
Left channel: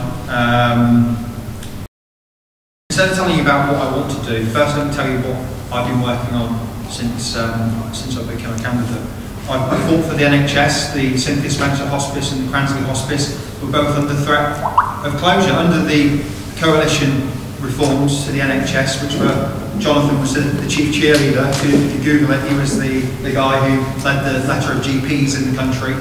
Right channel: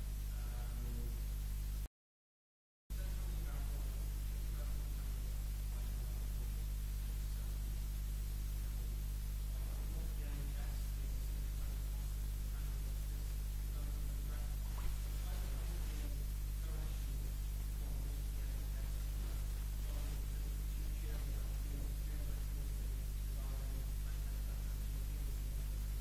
Instead of telling you about what I want to do, first let me tell you what I've been working on since I've become a candidate. I fought for the NHS, the Cynthia Spencer Hospice and the Cransley Hospice were both under threat of closure. Under the coalition reforms to the NHS, which were, Jonathan was the chief cheerleader. If you Google it, he was the guy who led the letter of GPs in the country.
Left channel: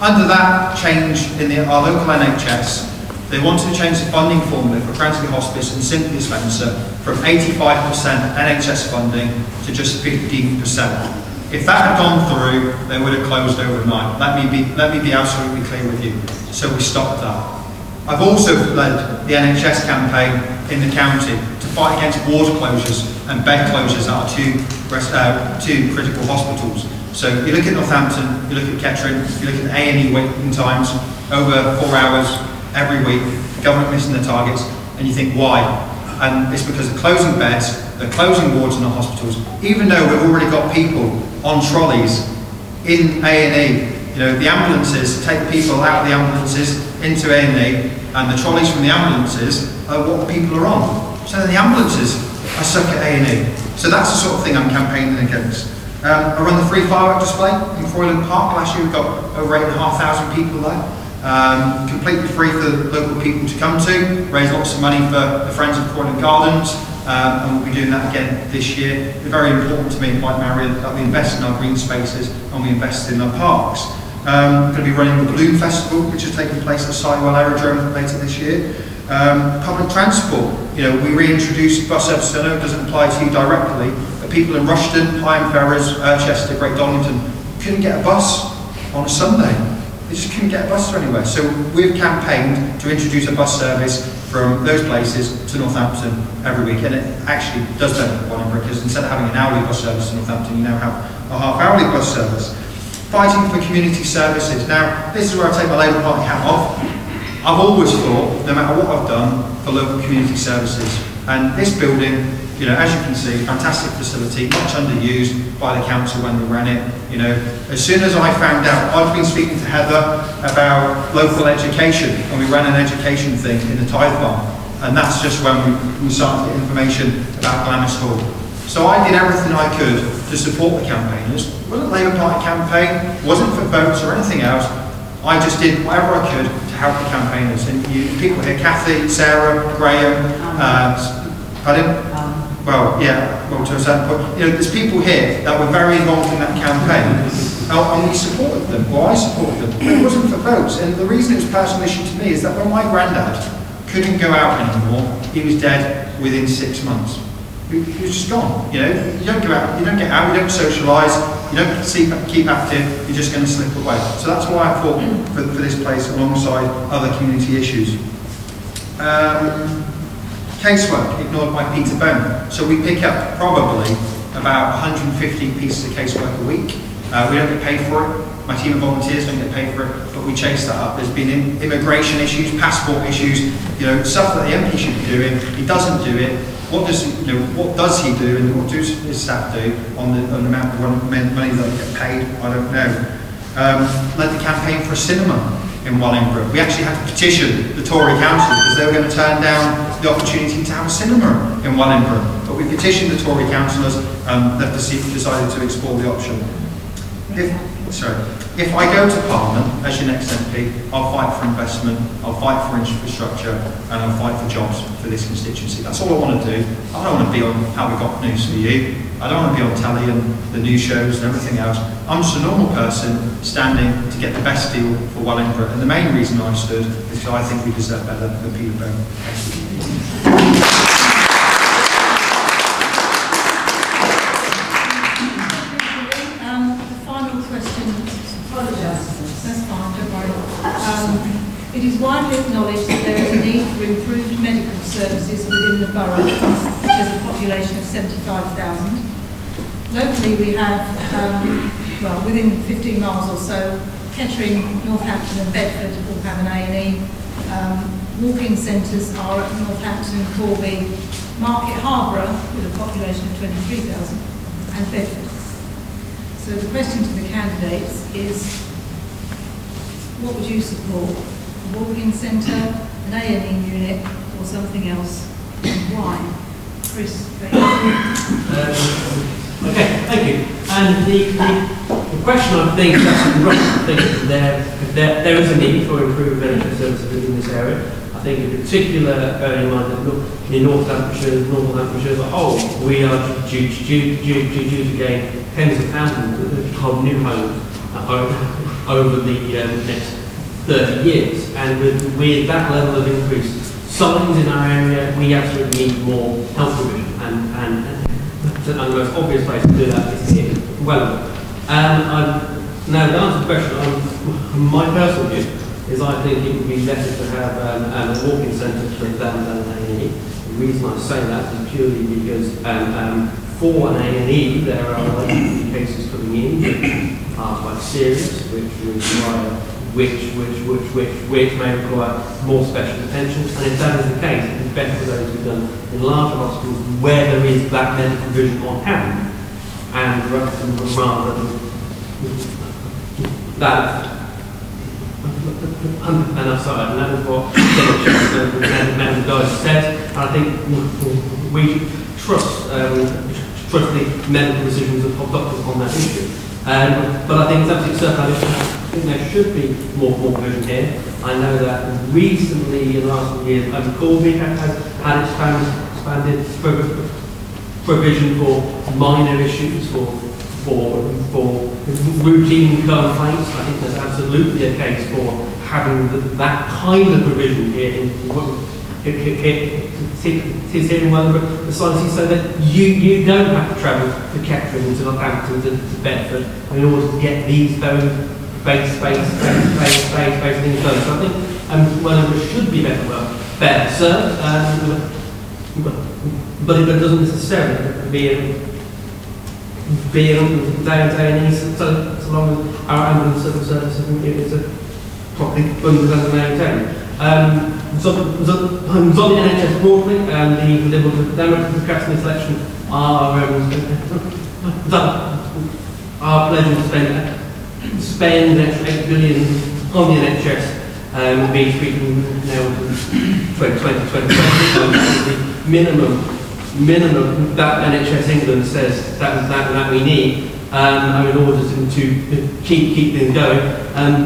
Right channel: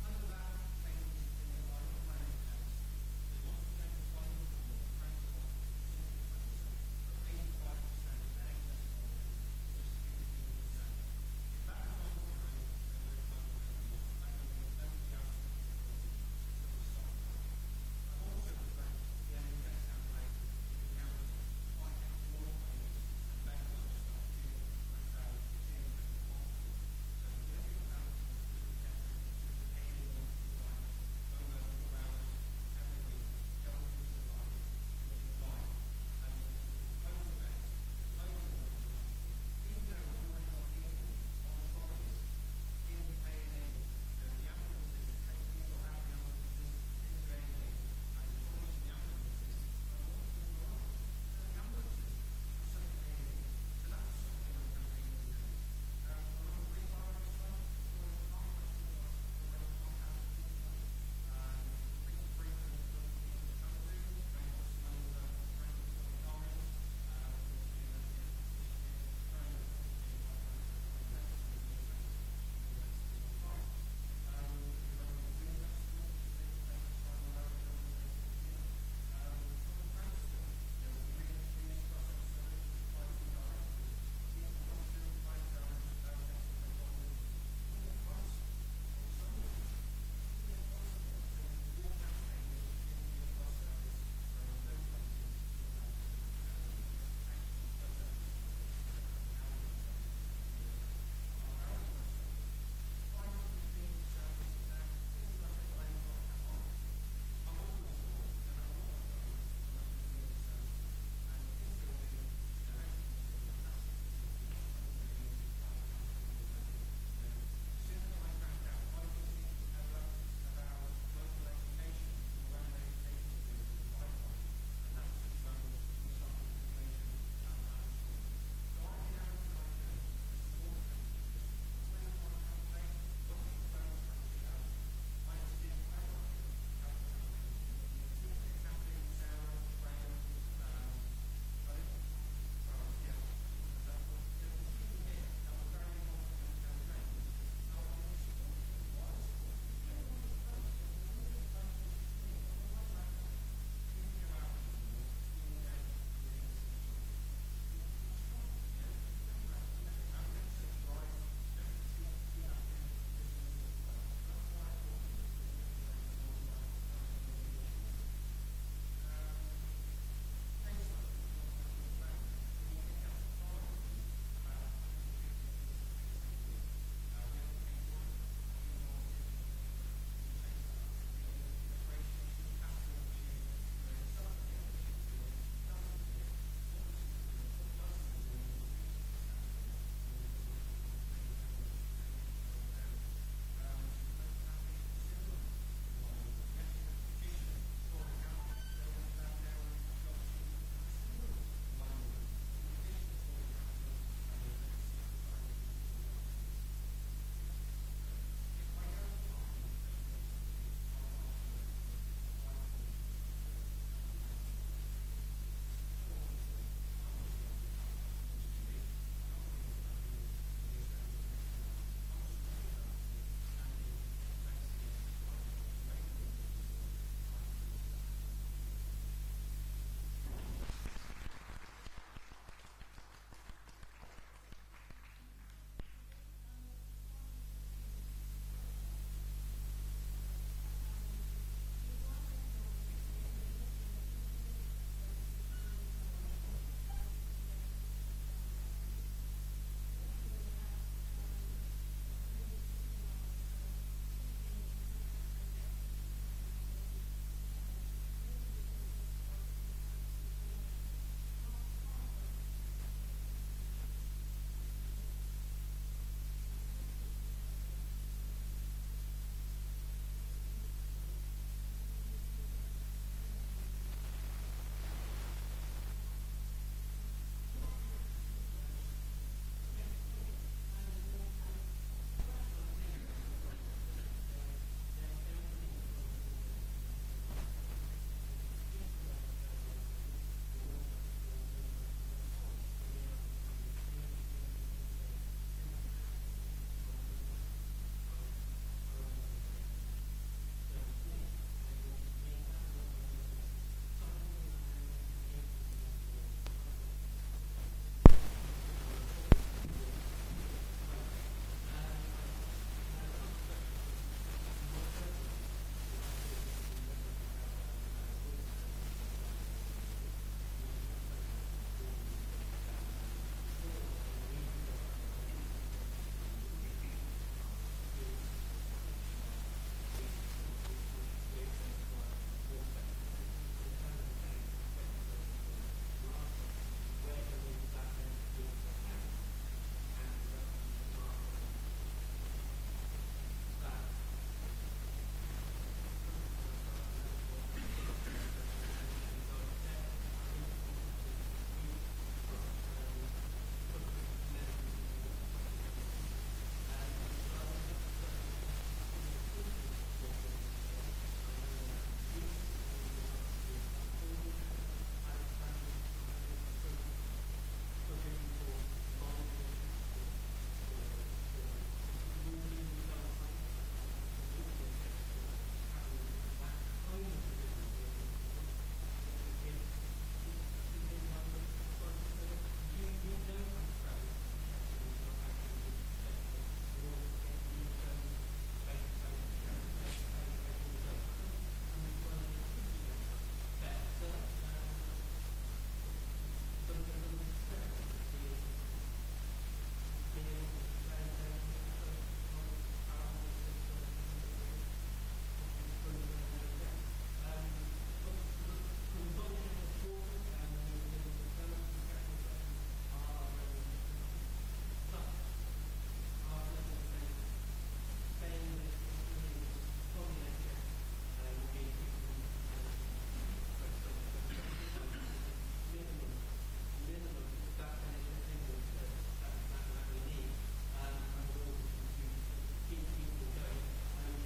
Under that change in our local NHS, they wanted to change the funding formula for Cransley Hospice and Cynthia Spencer from 85% NHS funding to just 15%. If that had gone through, they would have closed overnight. Let me be absolutely clear with you. So we stopped that. I've also led the NHS campaign in the county to fight against ward closures and bed closures at two critical hospitals. So you look at Northampton, you look at Kettering, you look at A&E waiting times, over 4 hours every week, the government missing their targets, and you think, why? And it's because they're closing beds, they're closing wards in the hospitals, even though we've already got people on trolleys in A&E. You know, the ambulances take people out of the ambulances into A&E, and the trolleys from the ambulances are what the people are on. So then the ambulances are stuck at A&E. So that's the sort of thing I'm campaigning against. I run the free firework display in Croyland Park. Last year we got over 8,500 people there. Completely free for local people to come to, raise lots of money for the Friends of Croyland Gardens, and we'll be doing that again this year. It's very important to me, like Marion, that we invest in our green spaces and we invest in our parks. We're going to be running the Balloon Festival, which is taking place at Sidewell Aerodrome later this year. Public transport, you know, we reintroduced bus services. I know it doesn't apply to you directly, but people in Rushden, Higham Ferrers, Chester, Great Donington couldn't get a bus on a Sunday. They just couldn't get a bus to anywhere. So we've campaigned to introduce a bus service from those places to Northampton every week. And it actually does benefit Wellingborough, because instead of having an hourly bus service to Northampton, you now have a half-hourly bus service. Fighting for community services. Now, this is where I take my Labour Party hat off. I've always thought, no matter what I've done for local community services, and this building, you know, as you can see, fantastic facility, much underused by the council when we ran it. You know, as soon as I found out, I've been speaking to Heather about local education, and we ran an education thing in the Tithe Farm, and that's just when we started to get information about Glamis Hall. So I did everything I could to support the campaigners. It wasn't a Labour Party campaign, wasn't for votes or anything else. I just did whatever I could to help the campaigners. And people here, Kathy, Sarah, Graham, pardon? Well, yeah, well, to a certain point. You know, there's people here that were very involved in that campaign, and we supported them, or I supported them. But it wasn't for votes, and the reason it was a personal issue to me is that when my granddad couldn't go out anymore, he was dead within 6 months. He was just gone. You know, you don't go out, you don't get out, you don't socialise, you don't keep active, you're just going to slip away. So that's why I fought for this place alongside other community issues. Casework, ignored by Peter Bone. So we pick up probably about 150 pieces of casework a week. We don't get paid for it. My team of volunteers don't get paid for it, but we chase that up. There's been immigration issues, passport issues, you know, stuff that the MP should be doing. He doesn't do it. What does he do, and what do his staff do on the amount of money that they get paid? I don't know. Led the campaign for a cinema in Wellingborough. We actually had to petition the Tory council because they were going to turn down the opportunity to have a cinema in Wellingborough. But we petitioned the Tory councillors, and they've decided to explore the option. If I go to Parliament as your next MP, I'll fight for investment, I'll fight for infrastructure, and I'll fight for jobs for this constituency. That's all I want to do. I don't want to be on How We Got News for You. I don't want to be on telly and the news shows and everything else. I'm just a normal person standing to get the best deal for Wellingborough. And the main reason I stood is because I think we deserve better than Peter Bone. Thank you. It is widely acknowledged that there is a need for improved medical services in population of 75,000. Locally we have, well, within 15 miles or so, Kettering, Northampton and Bedford all have an A&E. Walk-in centres are at Northampton, Corby, Market Harborough with a population of 23,000 and Bedford. So the question to the candidates is, what would you support? A walk-in centre, an A&E unit or something else? And why? Chris, okay, thank you. And the question I think is actually right. I think there is a need for improved NHS services within this area. I think in particular, bearing in mind that in North Hampshire as a whole, we are due to gain tens of thousands of new homes over the next 30 years. And with that level of increase, signs in our area, we absolutely need more health provision. And the most obvious place to do that is here in Wellingborough. Now, to answer the question, my personal view is I think it would be better to have a walk-in centre than an A&E. The reason I say that is purely because for an A&E there are likely cases coming in which are quite serious, which may require more special attention. And if that is the case, it is better for those to be done in larger hospitals where there is that medical provision on hand, and rather than that. And aside, and that is what the guys said. And I think we trust the medical decisions of doctors on that issue. But I think it's absolutely certain. I think there should be more provision here. I know that recently, in the last years, Garvie has had expanded provision for minor issues, for routine complaints. I think there's absolutely a case for having that kind of provision here in Wellingborough, precisely so that you don't have to travel to Kettering, to Northampton, to Bedford in order to get these very basic things done. So I think Wellingborough should be better served, but it doesn't necessarily be day-to-day needs, so long as our ambulance service is properly funded and maintained. So on the NHS broadly, the Liberal Democrats in this election are pledging to spend an extra 8 billion on the NHS, being speaking now to 2020. The minimum that NHS England says that we need in order to keep things going.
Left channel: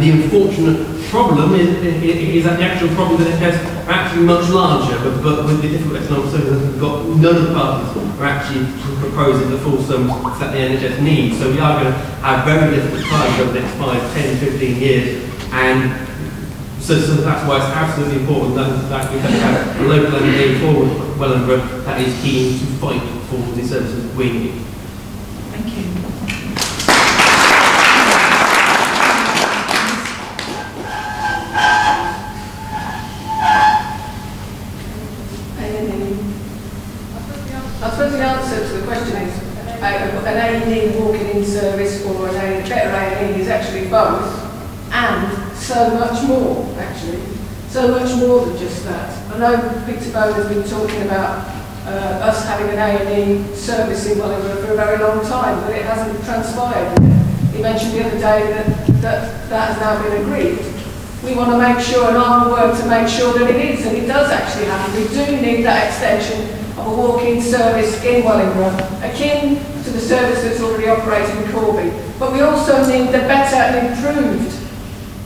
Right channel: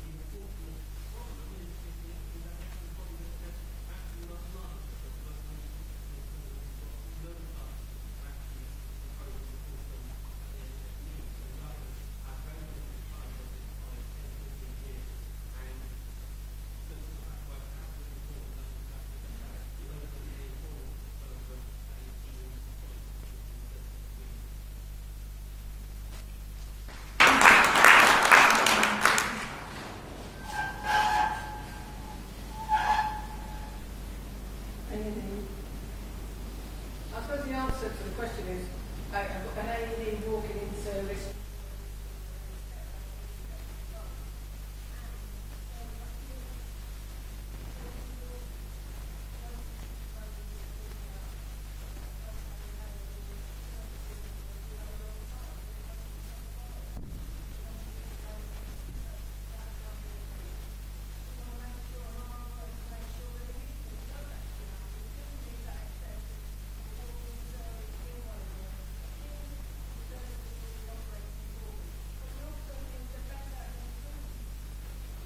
The unfortunate problem is that the actual problem that it has are actually much larger, but with the difficult economic circumstances we've got, none of the parties are actually proposing the full sums that the NHS needs. So we are going to have very difficult times over the next 5, 10, 15 years, and so that's why it's absolutely important that we have a local MP for Wellingborough that is keen to fight for the services we need. Thank you. I suppose the answer to the question is an A&E walking-in service or a better A&E is actually both, and so much more, actually. So much more than just that. I know Peter Bone has been talking about us having an A&E service in Wellingborough for a very long time, but it hasn't transpired yet. He mentioned the other day that has now been agreed. We want to make sure, and I will work to make sure that it is, and it does actually happen. We do need that extension of a walk-in service in Wellingborough, akin to the service that's already operating in Corby. But we also need the better and improved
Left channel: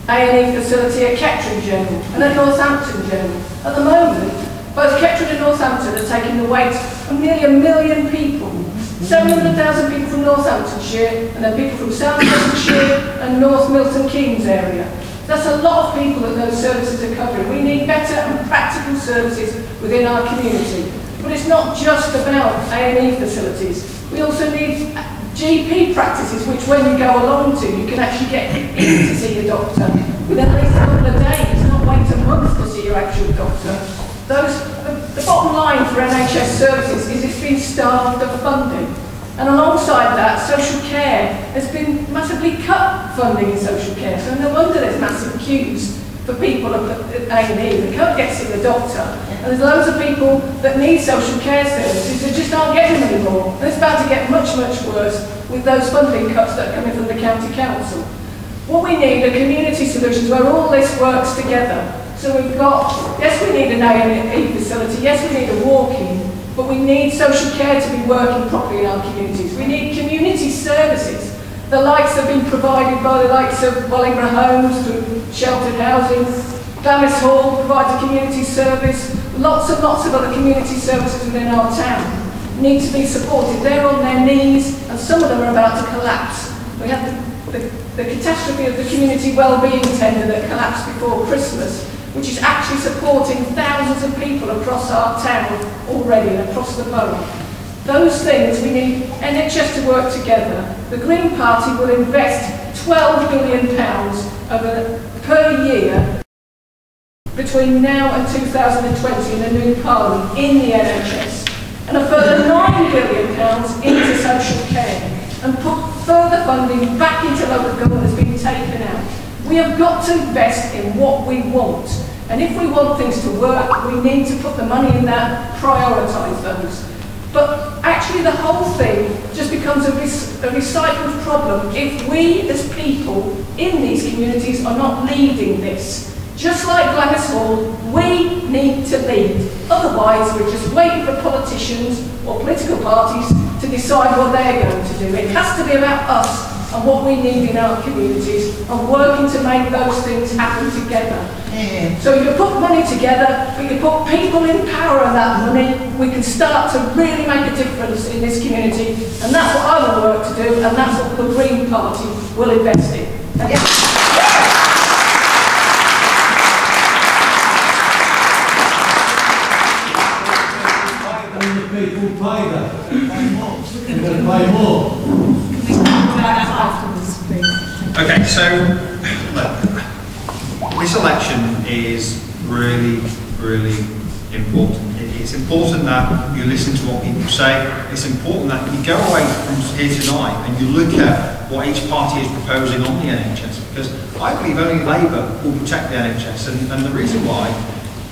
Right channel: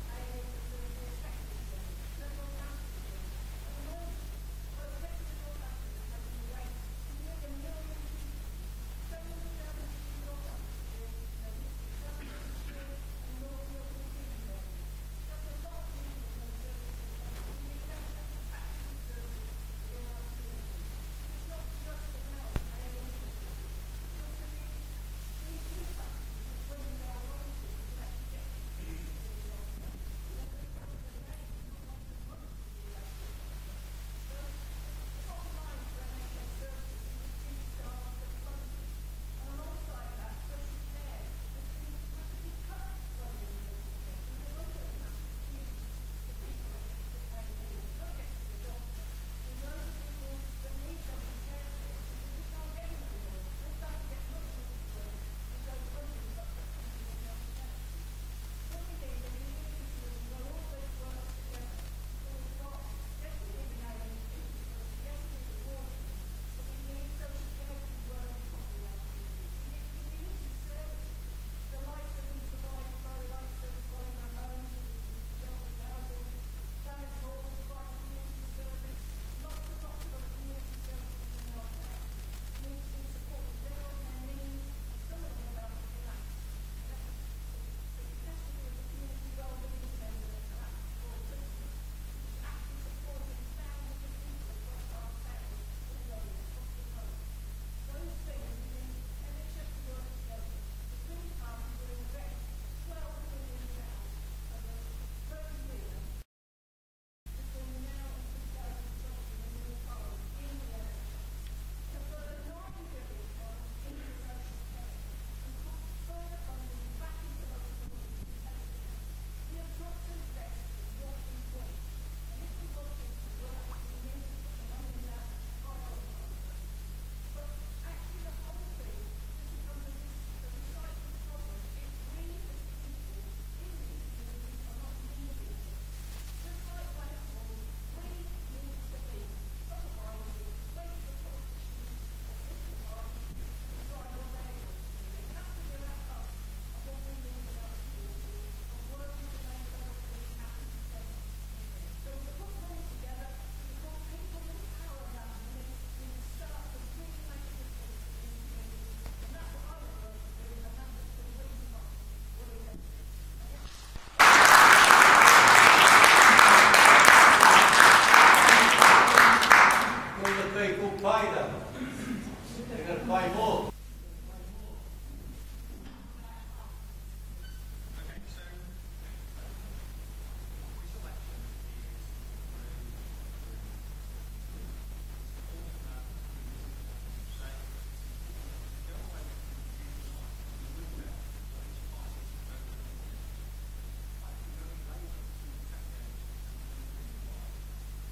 A&E facility at Kettering General and at Northampton General. At the moment, both Kettering and Northampton are taking the weight of nearly 1 million people. 700,000 people from Northamptonshire, and then people from South Leicestershire and North Milton Keynes area. That's a lot of people that those services are covering. We need better and practical services within our community. But it's not just about A&E facilities. We also need GP practices, which when you go along to, you can actually get in to see your doctor within at least a couple of days, not wait a month to see your actual doctor. The bottom line for NHS services is it's been starved of funding. And alongside that, social care has been massively cut funding in social care. So no wonder there's massive queues for people at A&E. They can't get to see the doctor. And there's loads of people that need social care services that just aren't getting them anymore. And it's about to get much, much worse with those funding cuts that are coming from the county council. What we need are community solutions where all this works together. So we've got, yes, we need an A&E facility, yes, we need a walk-in, but we need social care to be working properly in our communities. We need community services. The likes have been provided by the likes of Wellingborough Homes through sheltered housing. Glamis Hall provides a community service. Lots and lots of other community services within our town need to be supported. They're on their knees and some of them are about to collapse. We had the catastrophe of the community wellbeing tender that collapsed before Christmas, which is actually supporting thousands of people across our town already and across the borough. Those things, we need NHS to work together. The Green Party will invest £12 billion per year between now and 2020 in a new parliament in the NHS, and a further £9 billion into social care, and put further funding back into local government that's been taken out. We have got to invest in what we want. And if we want things to work, we need to put the money in that, prioritise those. But actually the whole thing just becomes a recycled problem if we as people in these communities are not leading this. Just like Glamis Hall, we need to lead. Otherwise, we're just waiting for politicians or political parties to decide what they're going to do. It has to be about us and what we need in our communities and working to make those things happen together. Yeah. So you put money together, but you put people in power of that money, we can start to really make a difference in this community, and that's what I will work to do, and that's what the Green Party will invest in. Thank you. Okay, so look, this election is really, really important. It's important that you listen to what people say. It's important that you go away from here tonight and you look at what each party is proposing on the NHS, because I believe only Labour will protect the NHS, and the reason why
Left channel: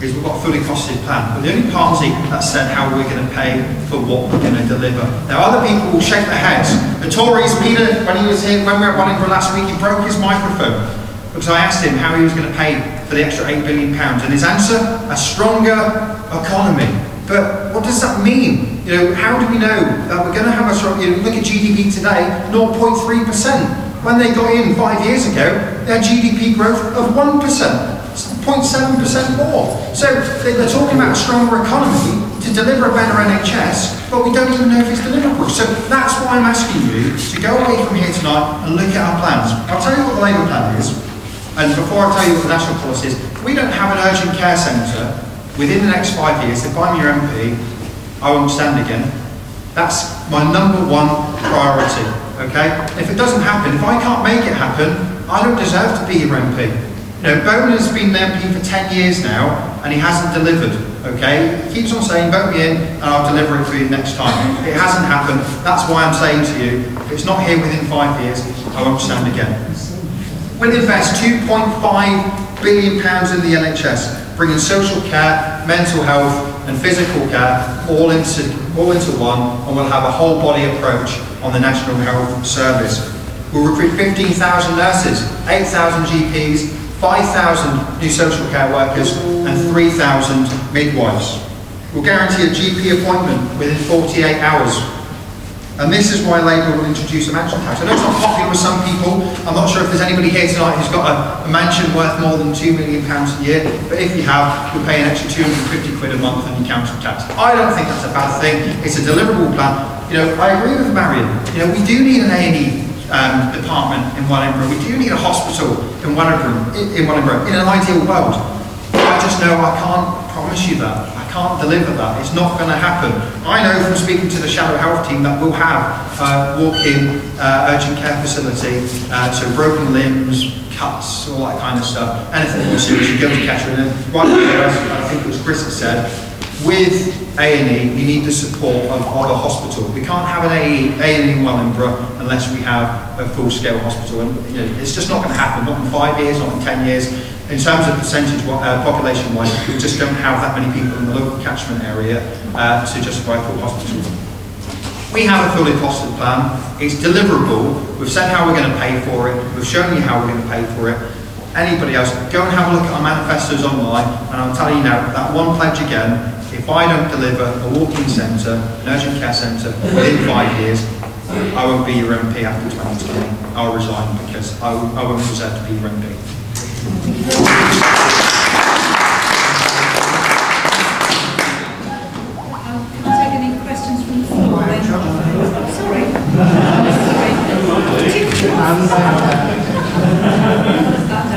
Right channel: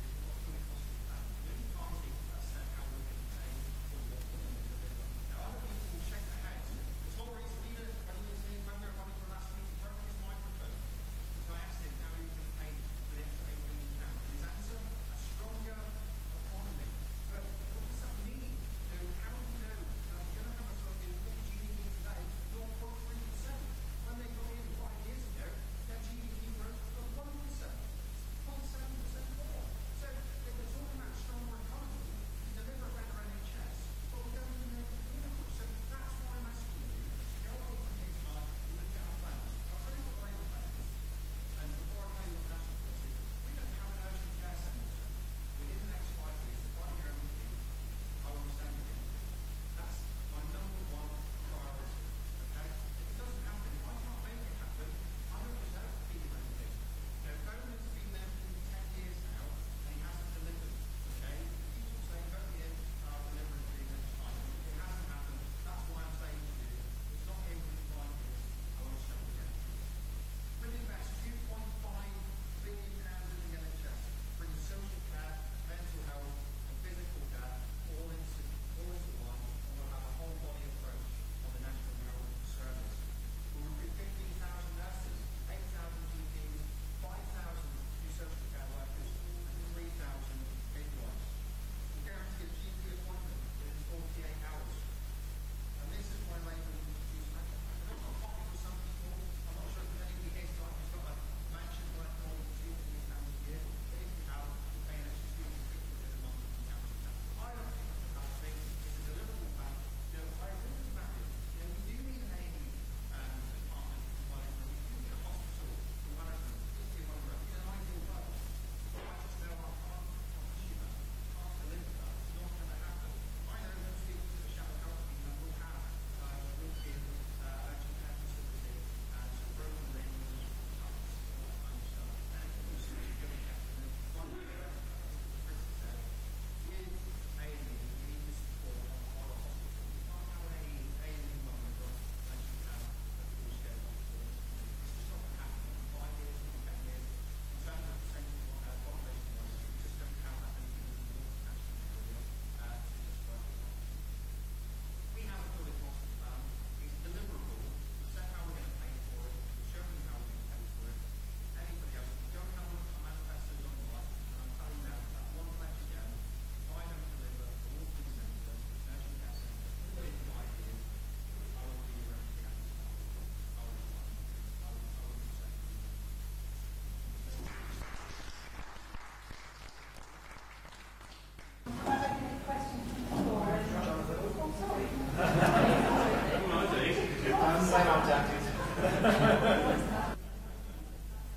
is we've got a fully costed plan. We're the only party that said how we're going to pay for what we're going to deliver. Now other people will shake their heads. The Tories, Peter, when he was here, when we were at Wellingborough last week, he broke his microphone because I asked him how he was going to pay for the extra £8 billion, and his answer, a stronger economy. But what does that mean? You know, how do we know that we're going to have a strong, you know, look at GDP today, 0.3%. When they got in 5 years ago, they had GDP growth of 1%. 0.7% more. So they're talking about a stronger economy to deliver a better NHS, but we don't even know if it's deliverable. So that's why I'm asking you to go away from here tonight and look at our plans. I'll tell you what the Labour plan is, and before I tell you what the national policy is, we don't have an urgent care centre within the next 5 years. If I'm your MP, I won't stand again. That's my #1 priority, okay? If it doesn't happen, if I can't make it happen, I don't deserve to be your MP. You know, Bowman has been the MP for 10 years now, and he hasn't delivered, okay? He keeps on saying, vote me in, and I'll deliver it for you next time. It hasn't happened. That's why I'm saying to you, if it's not here within 5 years, I won't stand again. We'll invest £2.5 billion in the NHS, bringing social care, mental health, and physical care all into one, and we'll have a whole body approach on the National Health Service. We'll recruit 15,000 nurses, 8,000 GPs, 5,000 new social care workers and 3,000 midwives. We'll guarantee a GP appointment within 48 hours. And this is why Labour will introduce a mansion tax. I know it's not popular with some people. I'm not sure if there's anybody here tonight who's got a mansion worth more than £2 million a year, but if you have, you'll pay an extra 250 quid a month on your council tax. I don't think that's a bad thing. It's a deliverable plan. You know, I agree with Marion. You know, we do need an A&E department in Wellingborough. We do need a hospital in Wellingborough, in an ideal world. I just know I can't promise you that. I can't deliver that. It's not going to happen. I know from speaking to the Shadow Health team that we'll have a walk-in urgent care facility, so broken limbs, cuts, all that kind of stuff. Anything more serious, you go to Kettering, and right there, I think it was Chris that said, with A&E, we need the support of a hospital. We can't have an A&E in Wellingborough unless we have a full-scale hospital. And it's just not going to happen, not in 5 years, not in 10 years. In terms of percentage population-wise, we just don't have that many people in the local catchment area to justify a full hospital. We have a fully costed plan. It's deliverable. We've said how we're going to pay for it. We've shown you how we're going to pay for it. Anybody else, go and have a look at our manifestos online, and I'll tell you now, that one pledge again, if I don't deliver a walk-in centre, an urgent care centre, within 5 years, I won't be your MP after 2020. I'll resign because I won't deserve to be your MP. Can I take any questions from the floor then?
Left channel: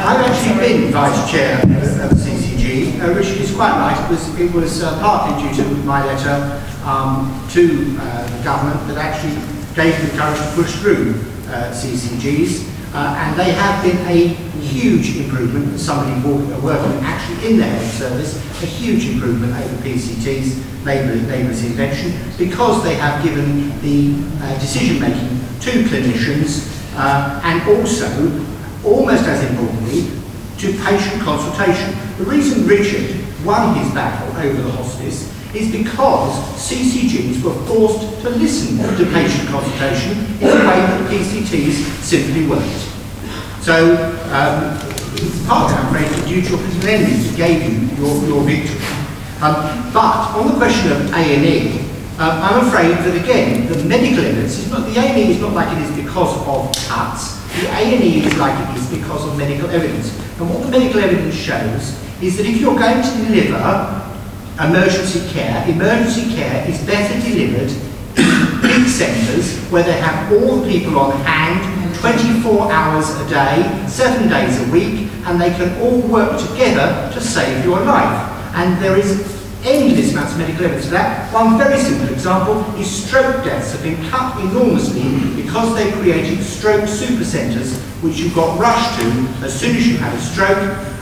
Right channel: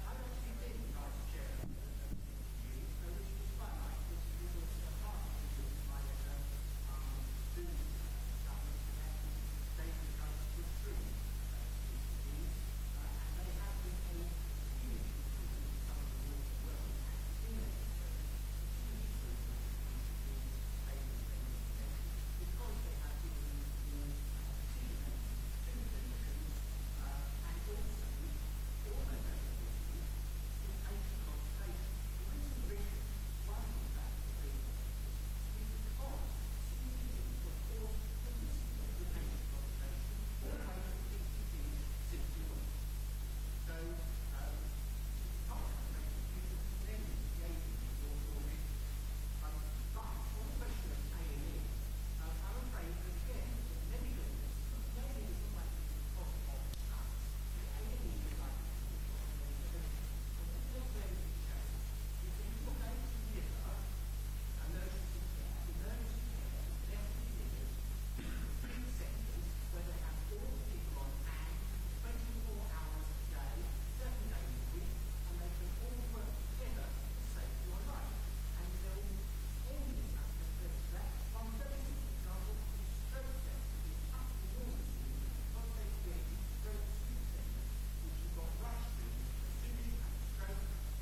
I've actually been Vice Chair of CCG, which is quite right. It was partly due to my letter to the government that actually gave me the courage to push through CCGs, and they have been a huge improvement for somebody working actually in the health service, a huge improvement over PCT's neighbour's invention, because they have given the decision making to clinicians and also, almost as importantly, to patient consultation. The reason Richard won his battle over the hospice is because CCGs were forced to listen to patient consultation in a way that PCTs simply weren't. So, it's partly, I'm afraid, due to your political enemies that gave you your victory. But on the question of A&E, I'm afraid that again, the medical evidence is not, the A&E is not like it is because of cuts. The A&E is like it is because of medical evidence. And what the medical evidence shows is that if you're going to deliver emergency care is better delivered in big centres where they have all the people on hand 24 hours a day, 7 days a week, and they can all work together to save your life. And there is endless amounts of medical evidence for that. One very simple example is stroke deaths have been cut enormously because they created stroke super centres which you got rushed to as soon as you had a stroke,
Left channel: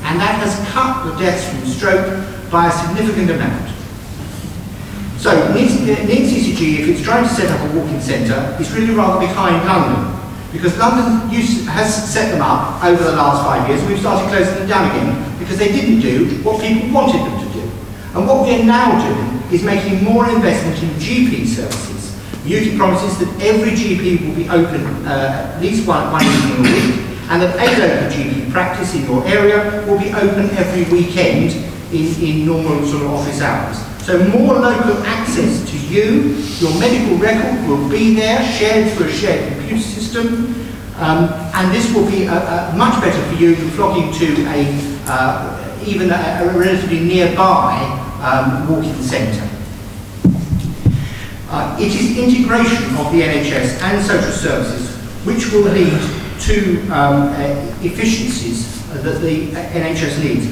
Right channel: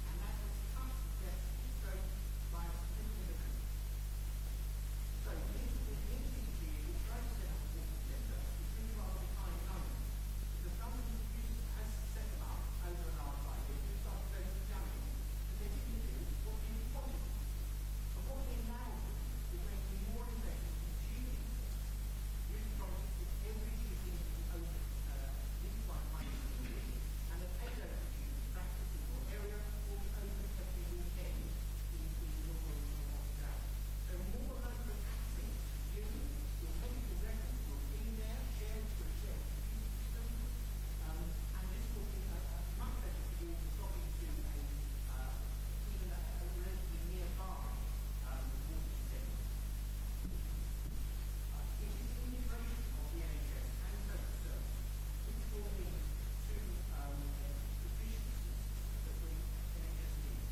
and that has cut the deaths from stroke by a significant amount. So CCG, if it's trying to set up a walk-in centre, is really rather behind London, because London has set them up over the last 5 years, and we've started closing them down again because they didn't do what people wanted them to do. And what we're now doing is making more investment in GP services. UKIP promises that every GP will be open at least one evening a week, and that a local GP practice in your area will be open every weekend in normal sort of office hours. So more local access to you, your medical record will be there, shared through a shared computer system, and this will be much better for you than flocking to even a relatively nearby walk-in centre. It is integration of the NHS and social services which will lead to efficiencies that the NHS needs.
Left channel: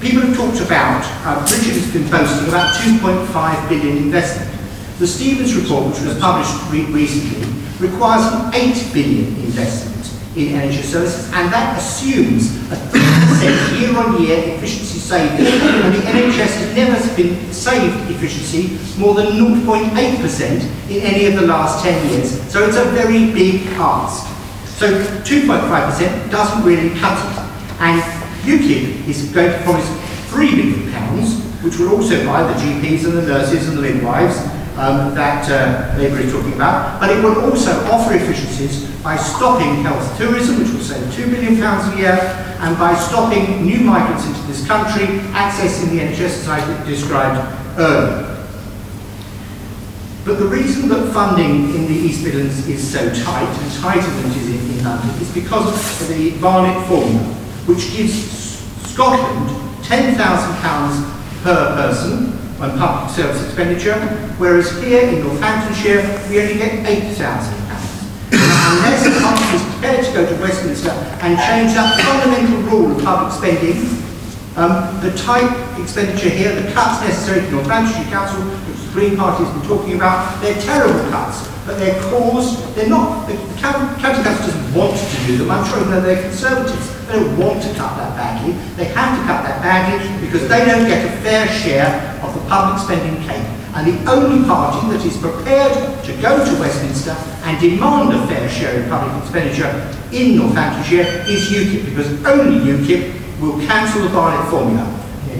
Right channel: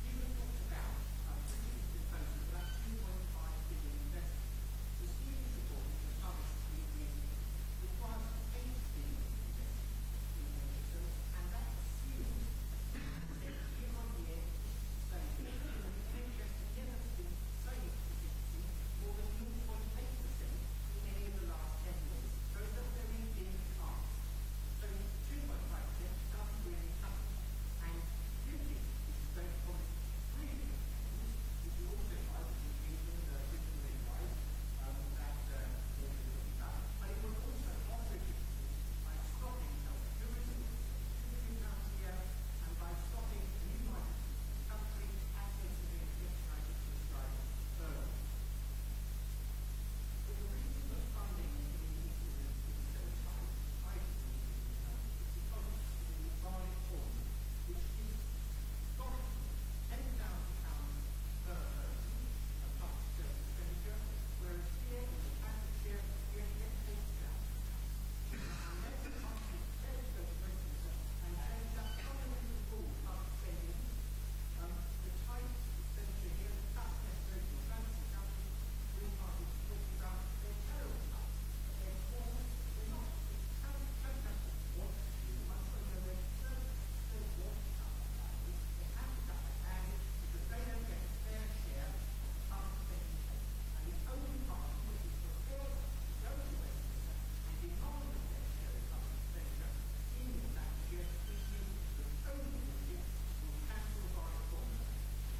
People have talked about, Richard has been boasting about 2.5 billion investment. The Stevens report, which was published recently, requires an 8 billion investment in NHS services, and that assumes a 3% year-on-year efficiency saving, and the NHS has never been saved efficiency more than 0.8% in any of the last 10 years. So it's a very big ask. So 2.5% doesn't really cut it. And UKIP is going to promise £3 billion, which will also buy the GPs and the nurses and the midwives that Labour is talking about, but it will also offer efficiencies by stopping health tourism, which will save £2 billion a year, and by stopping new migrants into this country accessing the NHS as I described earlier. But the reason that funding in the East Midlands is so tight, and tighter than it is in London, is because of the Barnett formula, which gives Scotland £10,000 per person on public service expenditure, whereas here in Northamptonshire we only get £8,000. Unless the country is prepared to go to Westminster and change that fundamental rule of public spending, the type expenditure here, the cuts necessary to Northamptonshire Council, which the Green Party has been talking about, they're terrible cuts, but they're caused, they're not, the County Council doesn't want to do them, I'm sure even though they're Conservatives. They don't want to cut that badly. They have to cut that badly because they don't get a fair share of the of public spending cake. And the only party that is prepared to go to Westminster and demand a fair share of public expenditure in Northamptonshire is UKIP, because only UKIP will cancel the Barnett formula.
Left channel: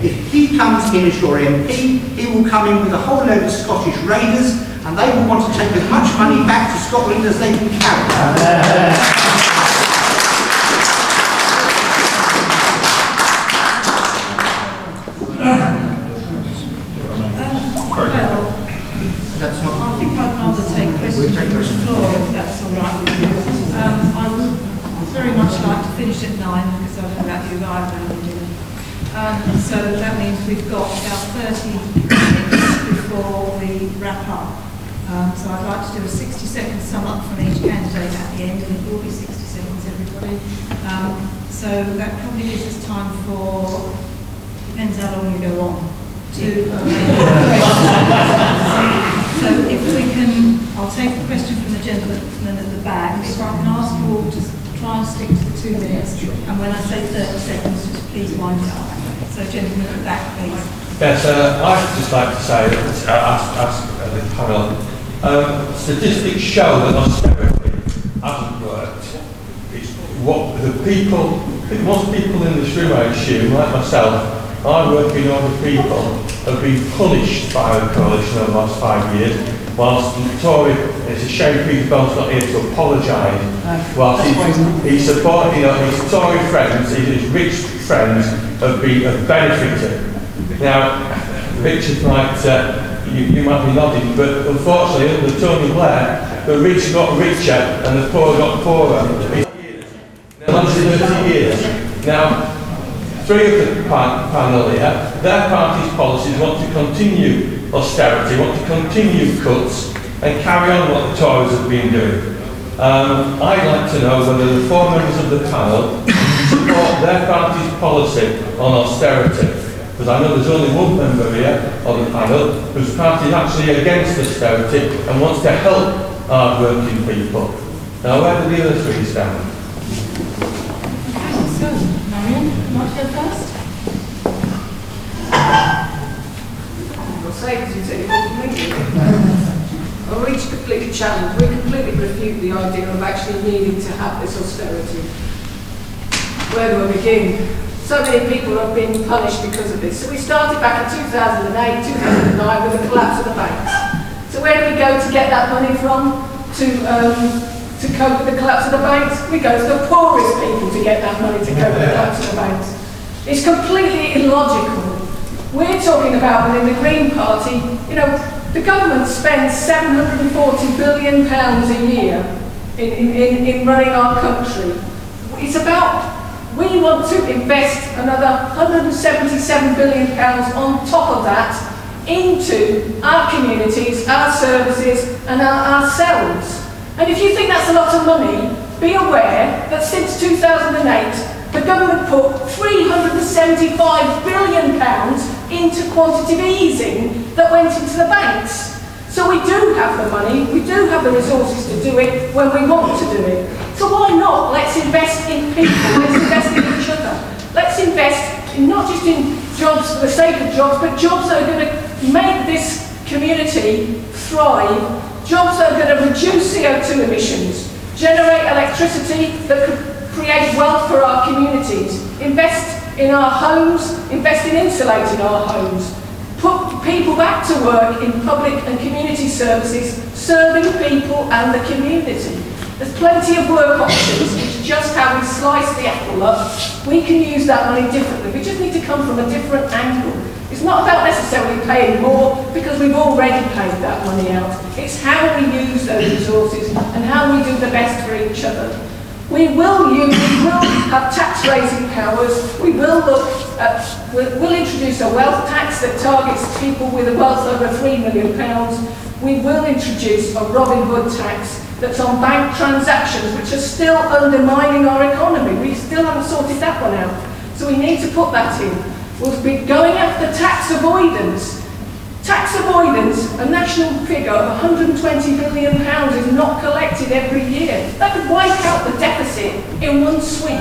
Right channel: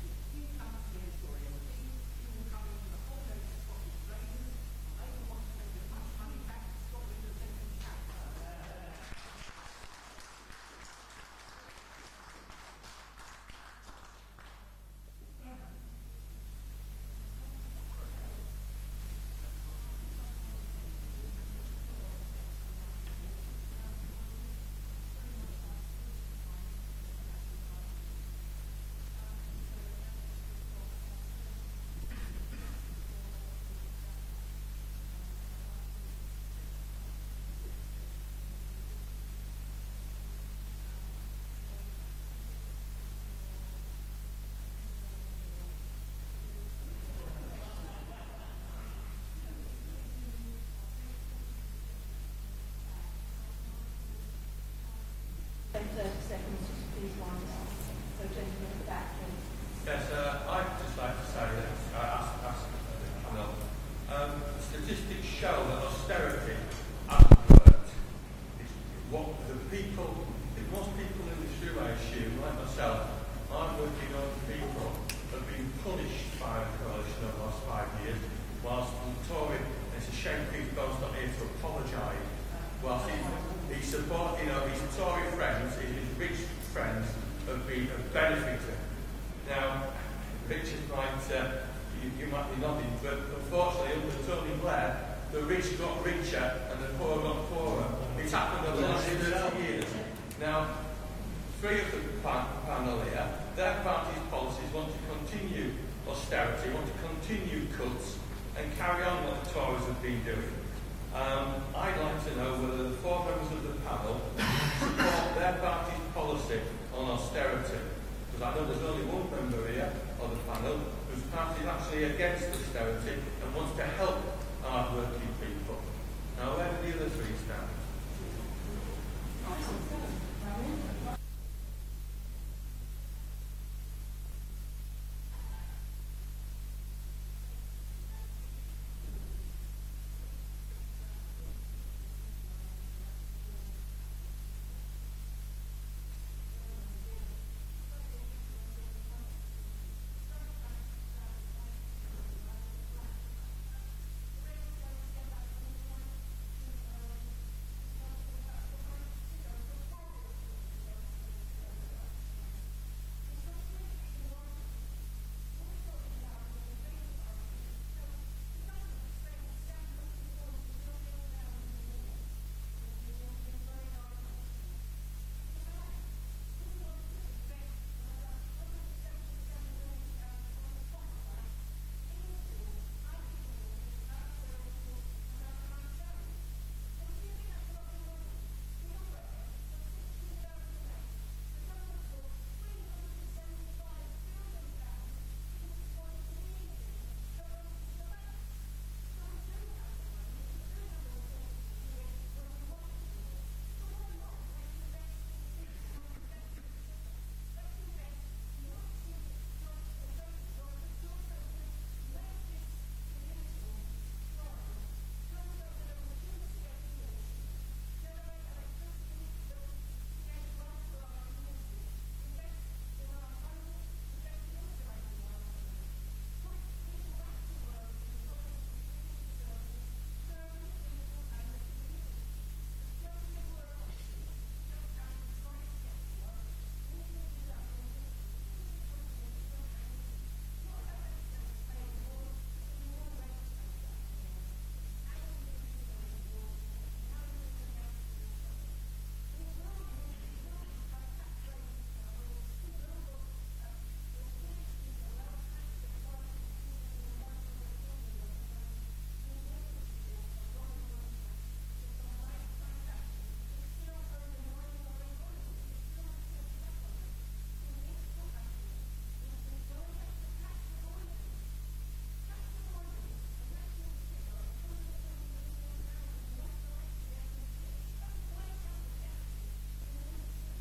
If he comes in as your MP, he will come in with a whole load of Scottish raiders, and they will want to take as much money back to Scotland as they can carry. Finish at 9 because I don't know about you either. So that means we've got about 30 minutes before we wrap up. So I'd like to do a 60-second sum up from each candidate at the end, and it will be 60 seconds, everybody. So that probably gives us time for, depends how long you go on, so if we can, I'll take a question from the gentleman at the back. If I can ask you all to try and stick to the 2 minutes, and when I say 30 seconds, just please wind it up. So gentlemen at the back, please. Yes, I'd just like to say, ask the panel, statistics show that austerity hasn't worked. What the people, most people in this room, I assume, like myself, I work in other people, have been punished by the coalition over the last 5 years, whilst the Tory, it's a shame Peter Bell's not here to apologise, whilst he's supporting, his Tory friends, his rich friends have benefited. Now, Richard might, you might be nodding, but unfortunately under Tony Blair, the rich got richer and the poor got poorer. Now, 30 years. Now, three of the panel here, their party's policies want to continue austerity, want to continue cuts and carry on what the Tories have been doing. I'd like to know whether the 4 members of the panel support their party's policy on austerity. Because I know there's only one member here on the panel whose party is actually against austerity and wants to help hard-working people. Now, where do the other three stand? Okay, so, Marion, you want to go first? I'll say because you said you want to Well, we completely challenge, we completely refute the idea of actually needing to have this austerity. Where do I begin? So many people have been punished because of this. So we started back in 2008, 2009 with the collapse of the banks. So where do we go to get that money from to cope with the collapse of the banks? We go to the poorest people to get that money to cope with the collapse of the banks. It's completely illogical. We're talking about within the Green Party, you know, the government spends £740 billion a year in running our country. It's about, we want to invest another £177 billion on top of that into our communities, our services and ourselves. And if you think that's a lot of money, be aware that since 2008, the government put £375 billion into quantitative easing that went into the banks. So we do have the money, we do have the resources to do it when we want to do it. So why not? Let's invest in people, let's invest in each other. Let's invest in not just in jobs for the sake of jobs, but jobs that are going to make this community thrive, jobs that are going to reduce CO2 emissions, generate electricity that could create wealth for our communities, invest in our homes, invest in insulating our homes, put people back to work in public and community services, serving people and the community. There's plenty of work options. It's just how we slice the apple up. We can use that money differently. We just need to come from a different angle. It's not about necessarily paying more because we've already paid that money out. It's how we use those resources and how we do the best for each other. We will have tax raising powers. We will we'll introduce a wealth tax that targets people with a wealth over £3 million. We will introduce a Robin Hood tax that's on bank transactions, which are still undermining our economy. We still haven't sorted that one out. So we need to put that in. We'll be going after tax avoidance. Tax avoidance, a national figure of £120 billion is not collected every year. That could wipe out the deficit in one sweep.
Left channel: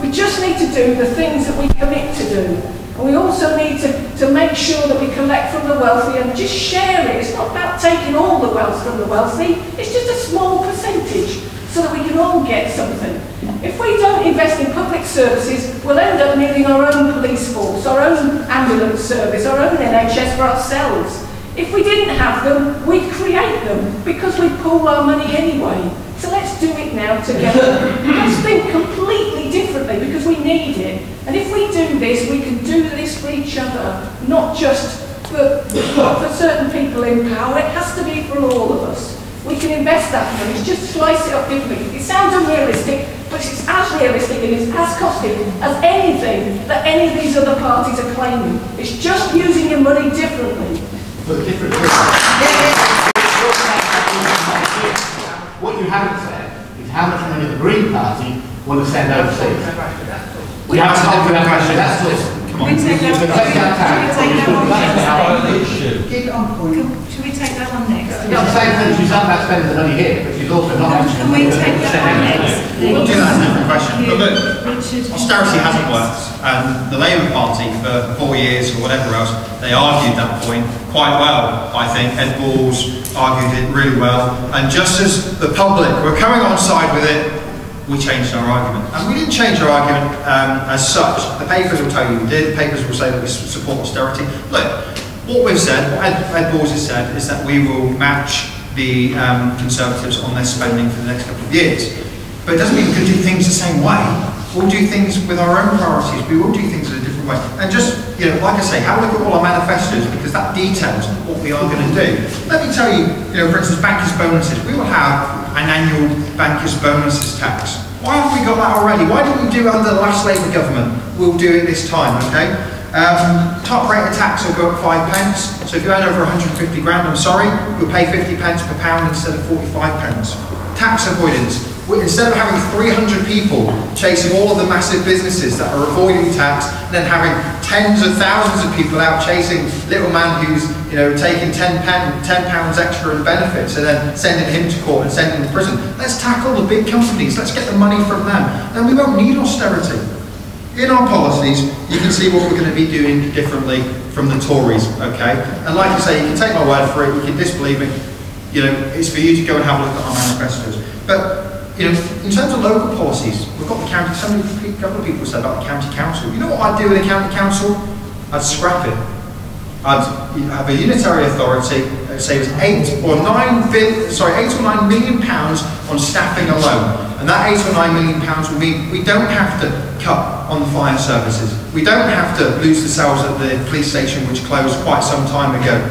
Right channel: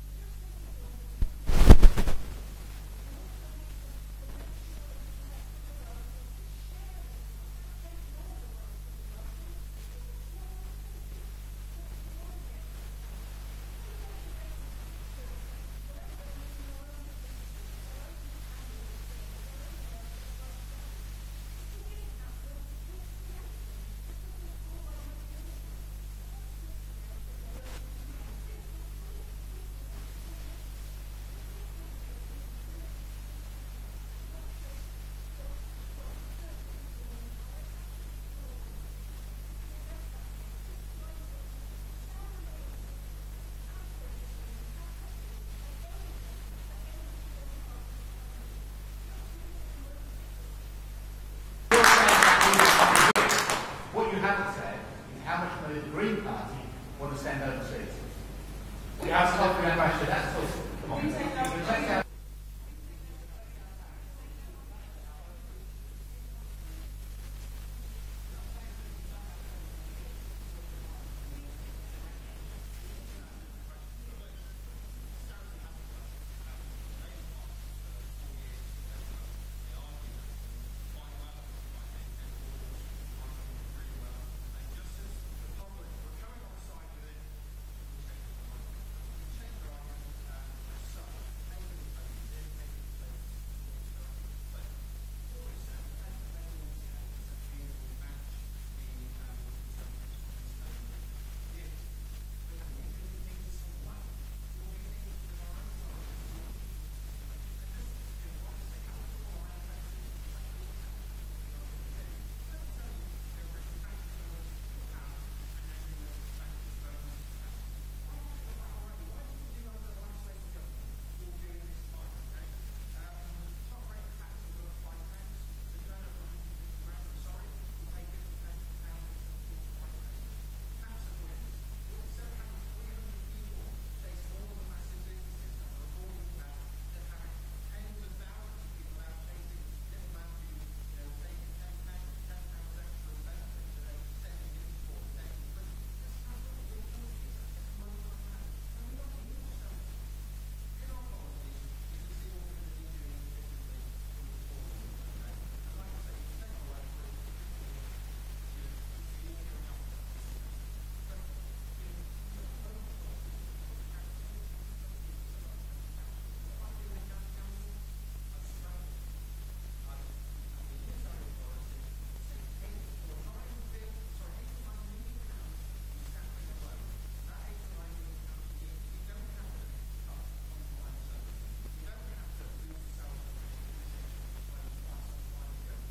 We just need to do the things that we commit to do. And we also need to make sure that we collect from the wealthy and just share it. It's not about taking all the wealth from the wealthy, it's just a small percentage so that we can all get something. If we don't invest in public services, we'll end up needing our own police force, our own ambulance service, our own NHS for ourselves. If we didn't have them, we'd create them because we pool our money anyway. So let's do it now together. Let's think completely differently because we need it. And if we do this, we can do this for each other, not just for certain people in power. It has to be for all of us. We can invest that money, just slice it up differently. It sounds unrealistic, but it's as realistic and it's as costly as anything that any of these other parties are claiming. It's just using your money differently. But differently. What you haven't said is how much money the Green Party want to send overseas. We have to have a question. That's all. Can we take that one? Keep it on point. Should we take that one next? I'm not saying that she's not about spending the money here, but she's also not Can we take that one next? We'll do that as a different question. But look, Richard. austerity hasn't worked, and the Labour Party for 4 years or whatever else, they argued that point quite well, I think. Ed Balls argued it really well, and just as the public were coming on side with it, we changed our argument. And we didn't change our argument as such. The papers will tell you we did, the papers will say that we support austerity. Look, what we've said, what Ed Balls has said, is that we will match the Conservatives on their spending for the next couple of years. But it doesn't mean we can do things the same way. We'll do things with our own priorities. We will do things in a different way. And just, you know, like I say, have a look at all our manifestos because that details what we are going to do. Let me tell you, for instance, bankers' bonuses. We will have an annual bankers' bonuses tax. Why haven't we got that already? Why didn't we do it under the last Labour government? We'll do it this time, okay? Top rate of tax will go up 5 pence. So if you earn over 150 grand, I'm sorry, you'll pay 50 pence per pound instead of 45 pence. Tax avoidance. Instead of having 300 people chasing all of the massive businesses that are avoiding tax, and then having tens of thousands of people out chasing little man who's taking £10 extra in benefits and then sending him to court and sending him to prison. Let's tackle the big companies. Let's get the money from them. Then we won't need austerity. In our policies, you can see what we're going to be doing differently from the Tories, okay? And like I say, you can take my word for it, you can disbelieve me. It's for you to go and have a look at our manifestos. But in terms of local policies, we've got the county. A couple of people said about the county council. You know what I'd do with the county council? I'd scrap it. I'd have a unitary authority. Say it was 8 or 9 million pounds on staffing alone, and that 8 or 9 million pounds will mean we don't have to cut on the fire services. We don't have to lose the cells at the police station, which closed quite some time ago.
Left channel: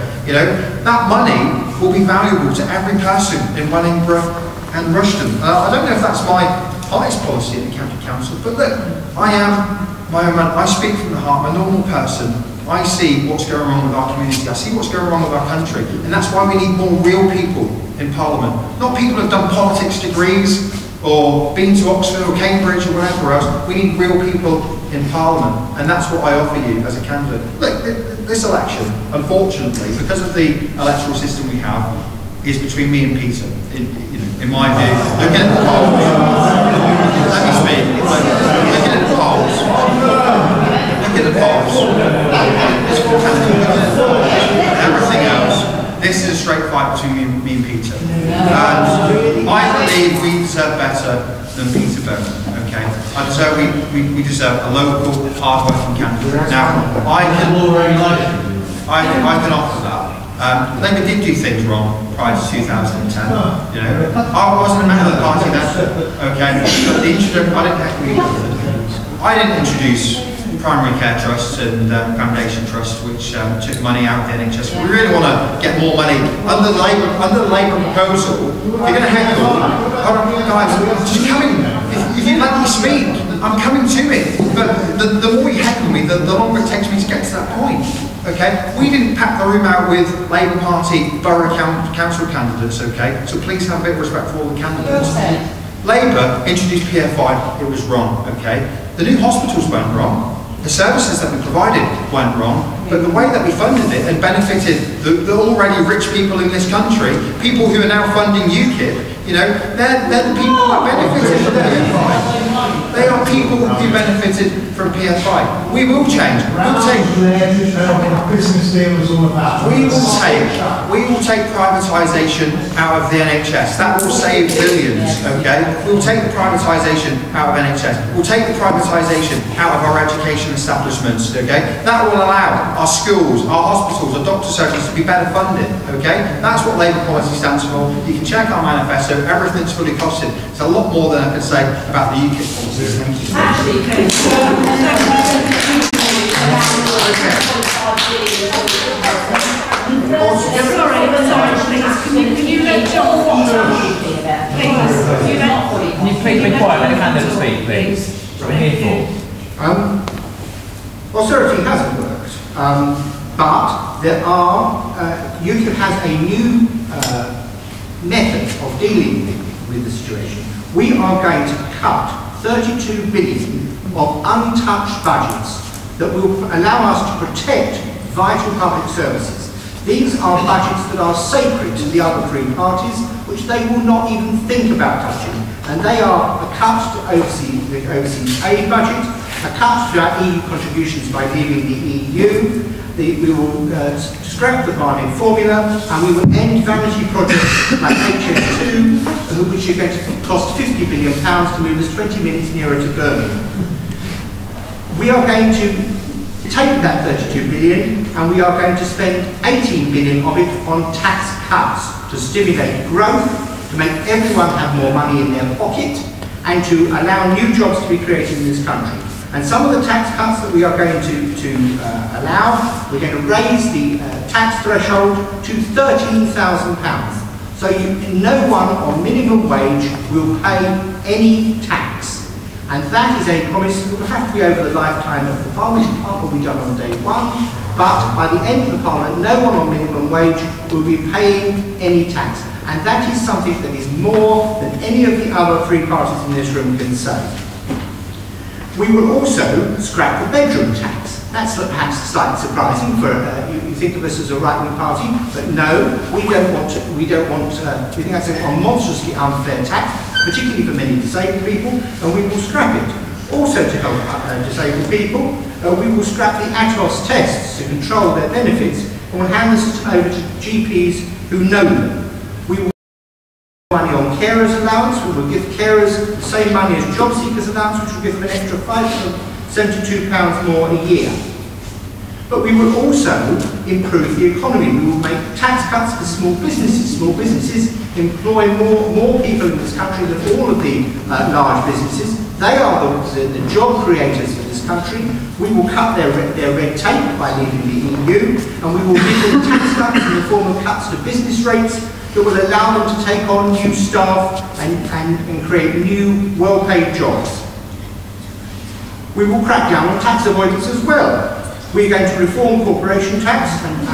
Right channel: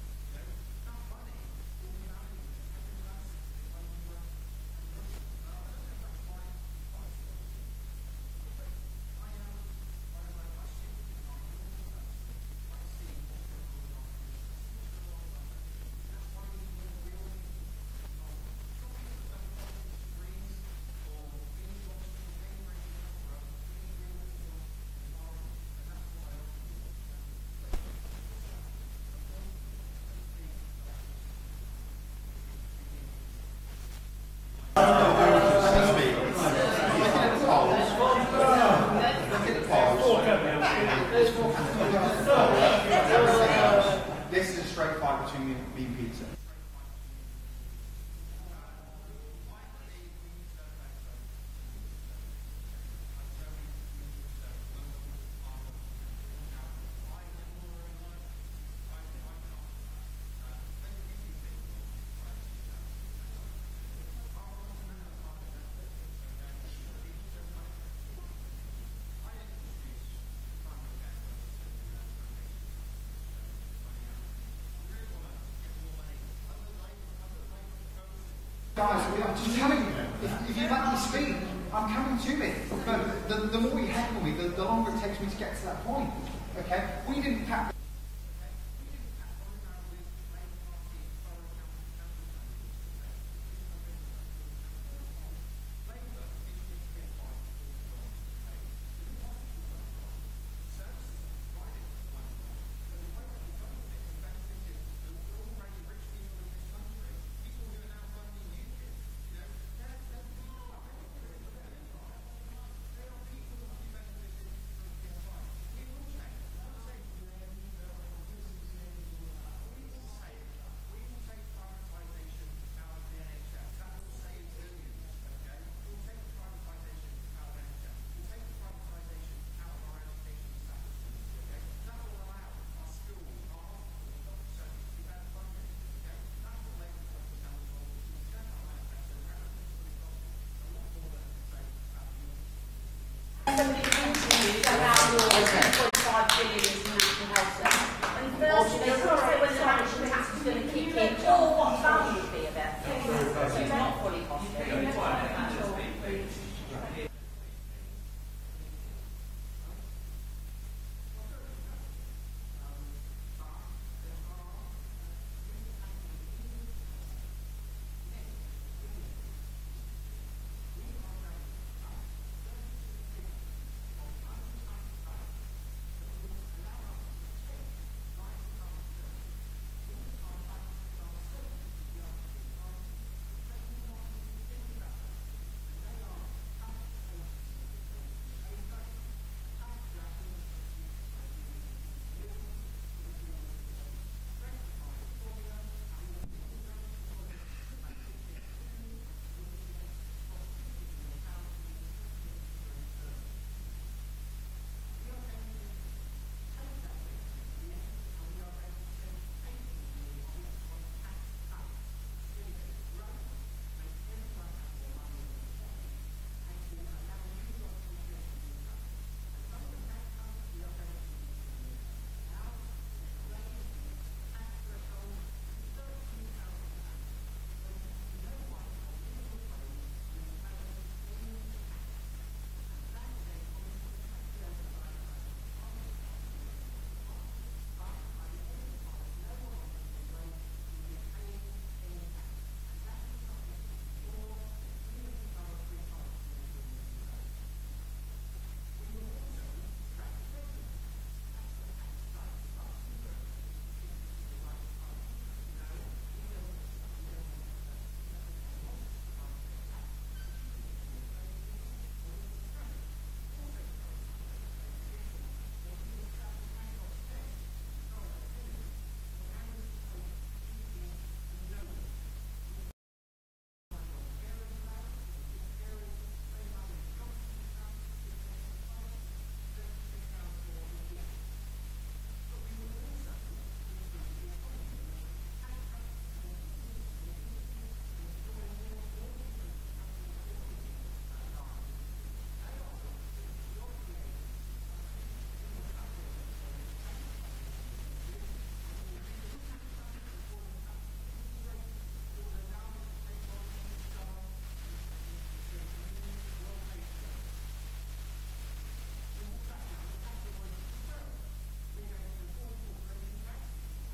That money will be valuable to every person in Wellingborough and Rushden. I don't know if that's my party's policy in the county council, but look, I am my own man. I speak from the heart. I'm a normal person. I see what's going wrong with our community. I see what's going wrong with our country, and that's why we need more real people in Parliament. Not people who've done politics degrees or been to Oxford or Cambridge or whatever else. We need real people in Parliament, and that's what I offer you as a candidate. Look, this election, unfortunately, because of the electoral system we have, is between me and Peter. In my view, look at the polls. Let me speak. Look at the polls. Look at the polls. Everything else. This is a straight fight between me and Peter. And I believe we deserve better than Peter Bowman. Okay. We deserve a local, hard-working candidate. Now, I can offer that. Labour did do things wrong prior to 2010. I wasn't a member of the party then. Okay, but I didn't introduce primary care trusts and foundation trusts, which took money out of the NHS. We really want to get more money under the Labour proposal. If you're going to heckle, guys, just coming. If you let me speak, I'm coming to it. But the more you heckle me, the longer it takes me to get to that point. Okay, we didn't pack the room out with Labour Party borough council candidates. Okay, so please have a bit of respect for all the candidates. Labour introduced PF5. It was wrong. Okay, the new hospitals went wrong. The services that we provided went wrong, but the way that we funded it and benefited the already rich people in this country, people who are now funding UKIP, they're the people that benefited from PF5. They are people who benefited from PFI. We will change. Business deal was all about. We will take privatisation out of the NHS. That will save billions, okay? We'll take the privatisation out of NHS. We'll take the privatisation out of our education establishments, okay? That will allow our schools, our hospitals, our doctor surgeries to be better funded, okay? That's what Labour policy stands for. You can check our manifesto, everything's fully costed. It's a lot more than I could say about the UKIP policies. Thank you. Can you let John Can you please be quiet, let the candidate speak, please? We're here for. Austerity hasn't worked, but there are, UKIP has a new method of dealing with the situation. We are going to cut 32 billion of untouched budgets that will allow us to protect vital public services. These are budgets that are sacred to the other three parties, which they will not even think about touching. And they are a cut to the overseas aid budget, a cut to our EU contributions by leaving the EU, we will scrap the bargain formula, and we will end vanity projects like HS2, which are going to cost £50 billion to move us 20 minutes nearer to Birmingham. We are going to take that 32 billion and we are going to spend 18 billion of it on tax cuts to stimulate growth, to make everyone have more money in their pocket, and to allow new jobs to be created in this country. And some of the tax cuts that we are going to allow, we're going to raise the tax threshold to £13,000. So no one on minimum wage will pay any tax. And that is a promise that will have to be over the lifetime of the Parliament. Part will be done on day one, but by the end of the Parliament, no one on minimum wage will be paying any tax. And that is something that is more than any of the other three parties in this room can say. We will also scrap the bedroom tax. That's perhaps slightly surprising for you think of us as a right-wing party, but no, we don't want to. We think that's a monstrously unfair tax, particularly for many disabled people, and we will scrap it. Also to help disabled people, we will scrap the ATOS tests to control their benefits, and we'll hand the system over to GPs who know them. We will money on carers allowance, we will give carers the same money as job seekers allowance, which will give them an extra £572 more a year. But we will also improve the economy. We will make tax cuts for small businesses. Small businesses employ more people in this country than all of the large businesses. They are the job creators for this country. We will cut their red tape by leaving the EU, and we will give them tax cuts in the form of cuts to business rates that will allow them to take on new staff and create new, well-paid jobs. We will crack down on tax avoidance as well. We're going to reform corporation tax and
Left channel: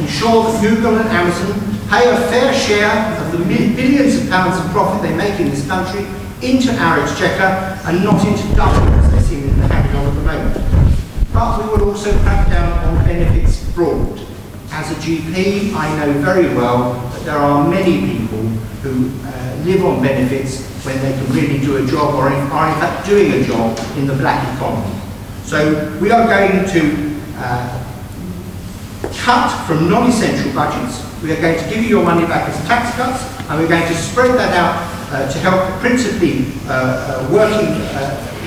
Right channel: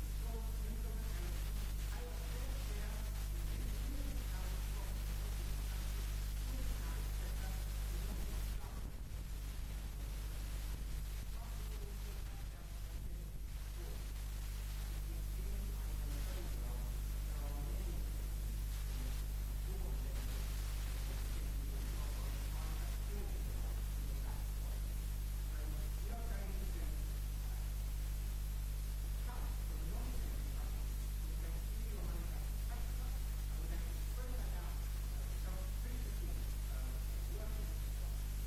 ensure that Google and Amazon pay a fair share of the billions of pounds of profit they make in this country into our exchequer and not into Dublin, as they seem to be hanging on at the moment. But we will also crack down on benefits fraud. As a GP, I know very well that there are many people who live on benefits when they can really do a job or are in fact doing a job in the black economy. So we are going to cut from non-essential budgets. We are going to give you your money back as tax cuts, and we're going to spread that out to help principally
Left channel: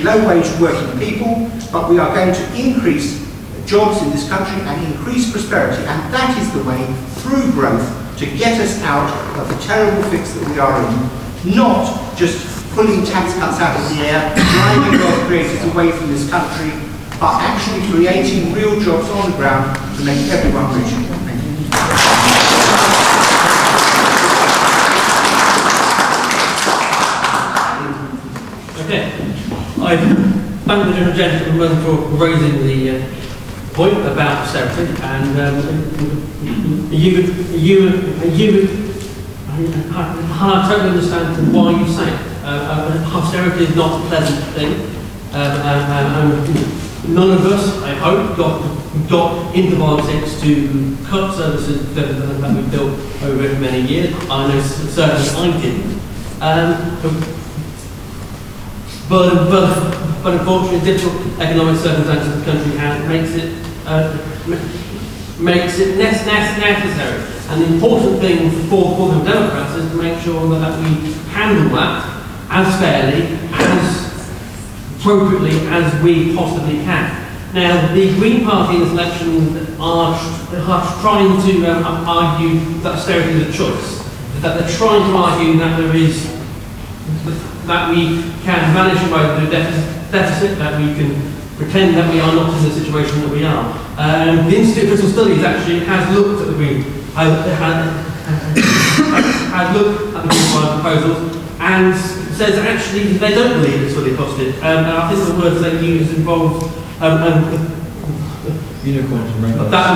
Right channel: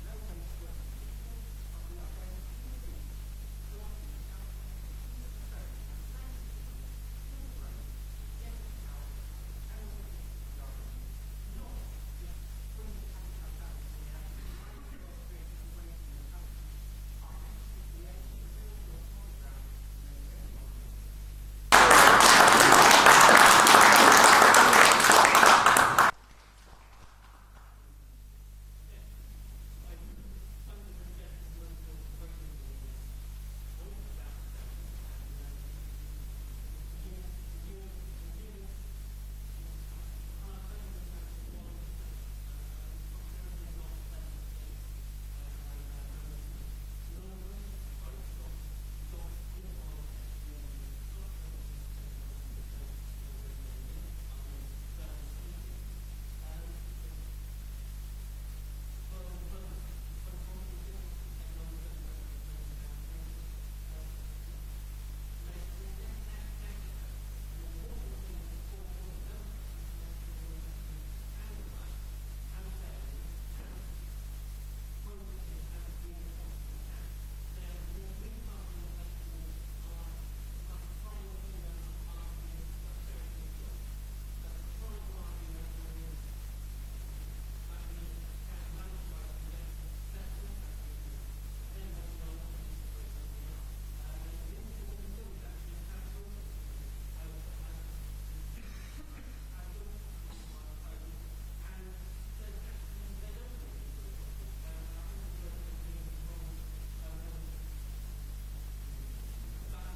low-wage working people, but we are going to increase jobs in this country and increase prosperity, and that is the way through growth to get us out of the terrible fix that we are in, not just pulling tax cuts out of the air, driving wealth creators away from this country, but actually creating real jobs on the ground to make everyone richer. Thank you. Okay. I thank the gentleman for raising the point about austerity, and I totally understand why you say it. Austerity is not a pleasant thing. None of us, I hope, got into politics to cut services that we've built over many years. I know certainly I didn't. but unfortunately, difficult economic circumstances of the country makes it necessary. And the important thing for the Democrats is to make sure that we handle that as fairly, as appropriately as we possibly can. Now, the Green Party in this election are trying to argue that austerity is a choice. That they're trying to argue that we can manage a way to do deficit, that we can pretend that we are not in the situation that we are. The Institute of Fiscal Studies actually has looked at the Green Party proposals and says actually they don't believe it's fully costed. And I think the words they use involve that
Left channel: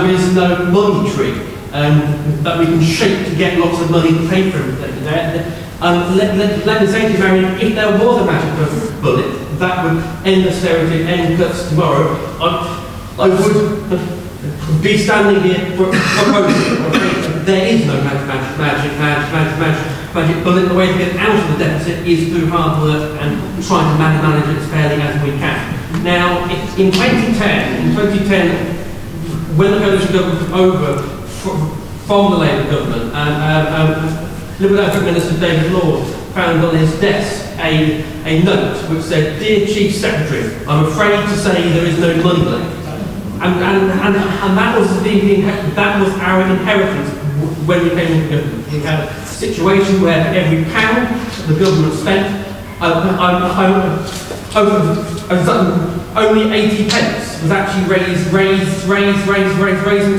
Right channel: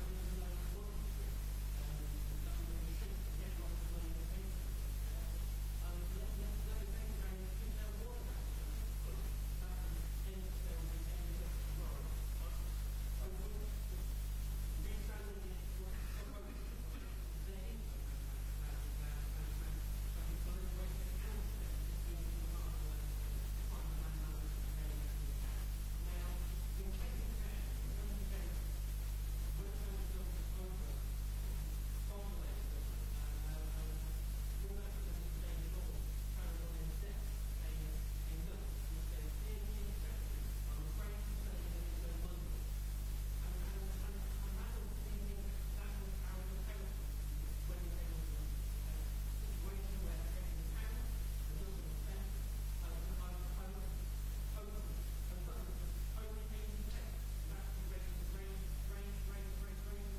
there is no money tree that we can shape to get lots of money to pay for everything. Let me say to you, Marion, if there was a magic bullet that would end austerity, end cuts tomorrow, I would be standing here proposing. There is no magic bullet. The way to get out of the deficit is through hard work and trying to manage it as fairly as we can. Now, in 2010, when the coalition government took over from the Labour government, Liberal Health Minister David Lord found on his desk a note which said, "Dear Chief Secretary, I'm afraid to say there is no money left." And that was our inheritance when we came into government. We had a situation where for every pound the government spent, only 80 pence was actually raising